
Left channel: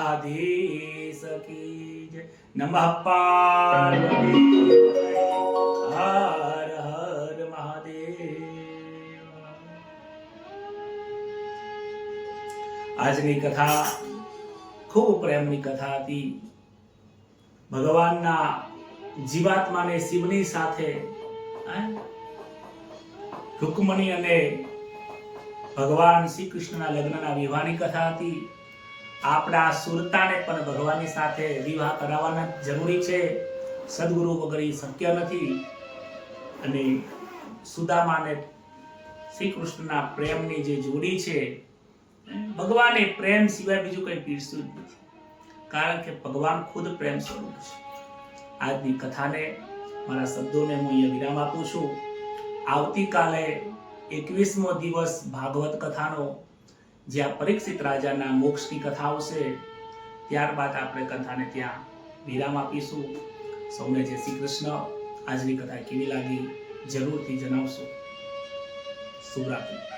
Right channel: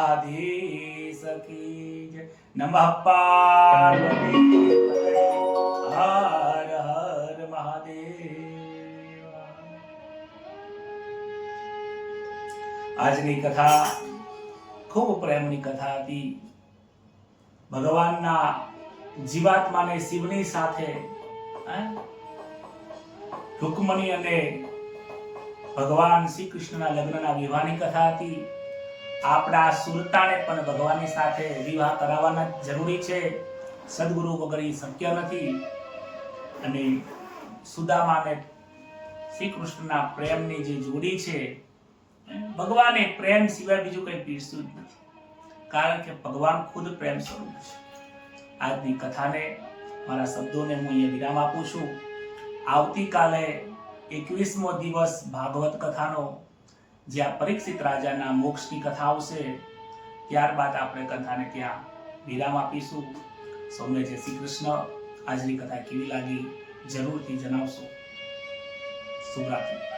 દ્વારિકાધીશ કી જય. નમઃ પાર્વતી પતये. હર હર મહાદેવ. આજની કથા ખૂબ પ્રેમની કથા હતી. ભગવાનના જીવાત્માને શિવની સાથે રૂકમણી અને ભગવાન શ્રી કૃષ્ણના લગ્નના વિવાહની કથા હતી. આપણા સુરતાને પણ ભગવાનની સાથે વિવાહ કરાવવાના જરૂરી છે. સદગુરુ વગર એ શક્ય નથી. અને સુદામાને શ્રી કૃષ્ણના પ્રેમની જે જોડી છે, ભગવાને પ્રેમ સિવાય બીજું કંઈ પીરસ્યું જ નથી, કારણ કે ભગવાન ખુદ પ્રેમ સ્વરૂપ છે. આજની કથાને મારા શબ્દોને હું અહીંયા વિરામ આપું છું. આવતીકાલે 21મો દિવસ ભાગવત કથાનો, જ્યાં પરીક્ષિત રાજાના મોક્ષની કથા આવશે. ત્યારબાદ આપણે કથાને ત્યાં વિરામ આપીશું. સૌને જય શ્રી કૃષ્ણ. આજની કથા કેવી લાગી જરૂરથી જણાવશો. શુભરાત્રી.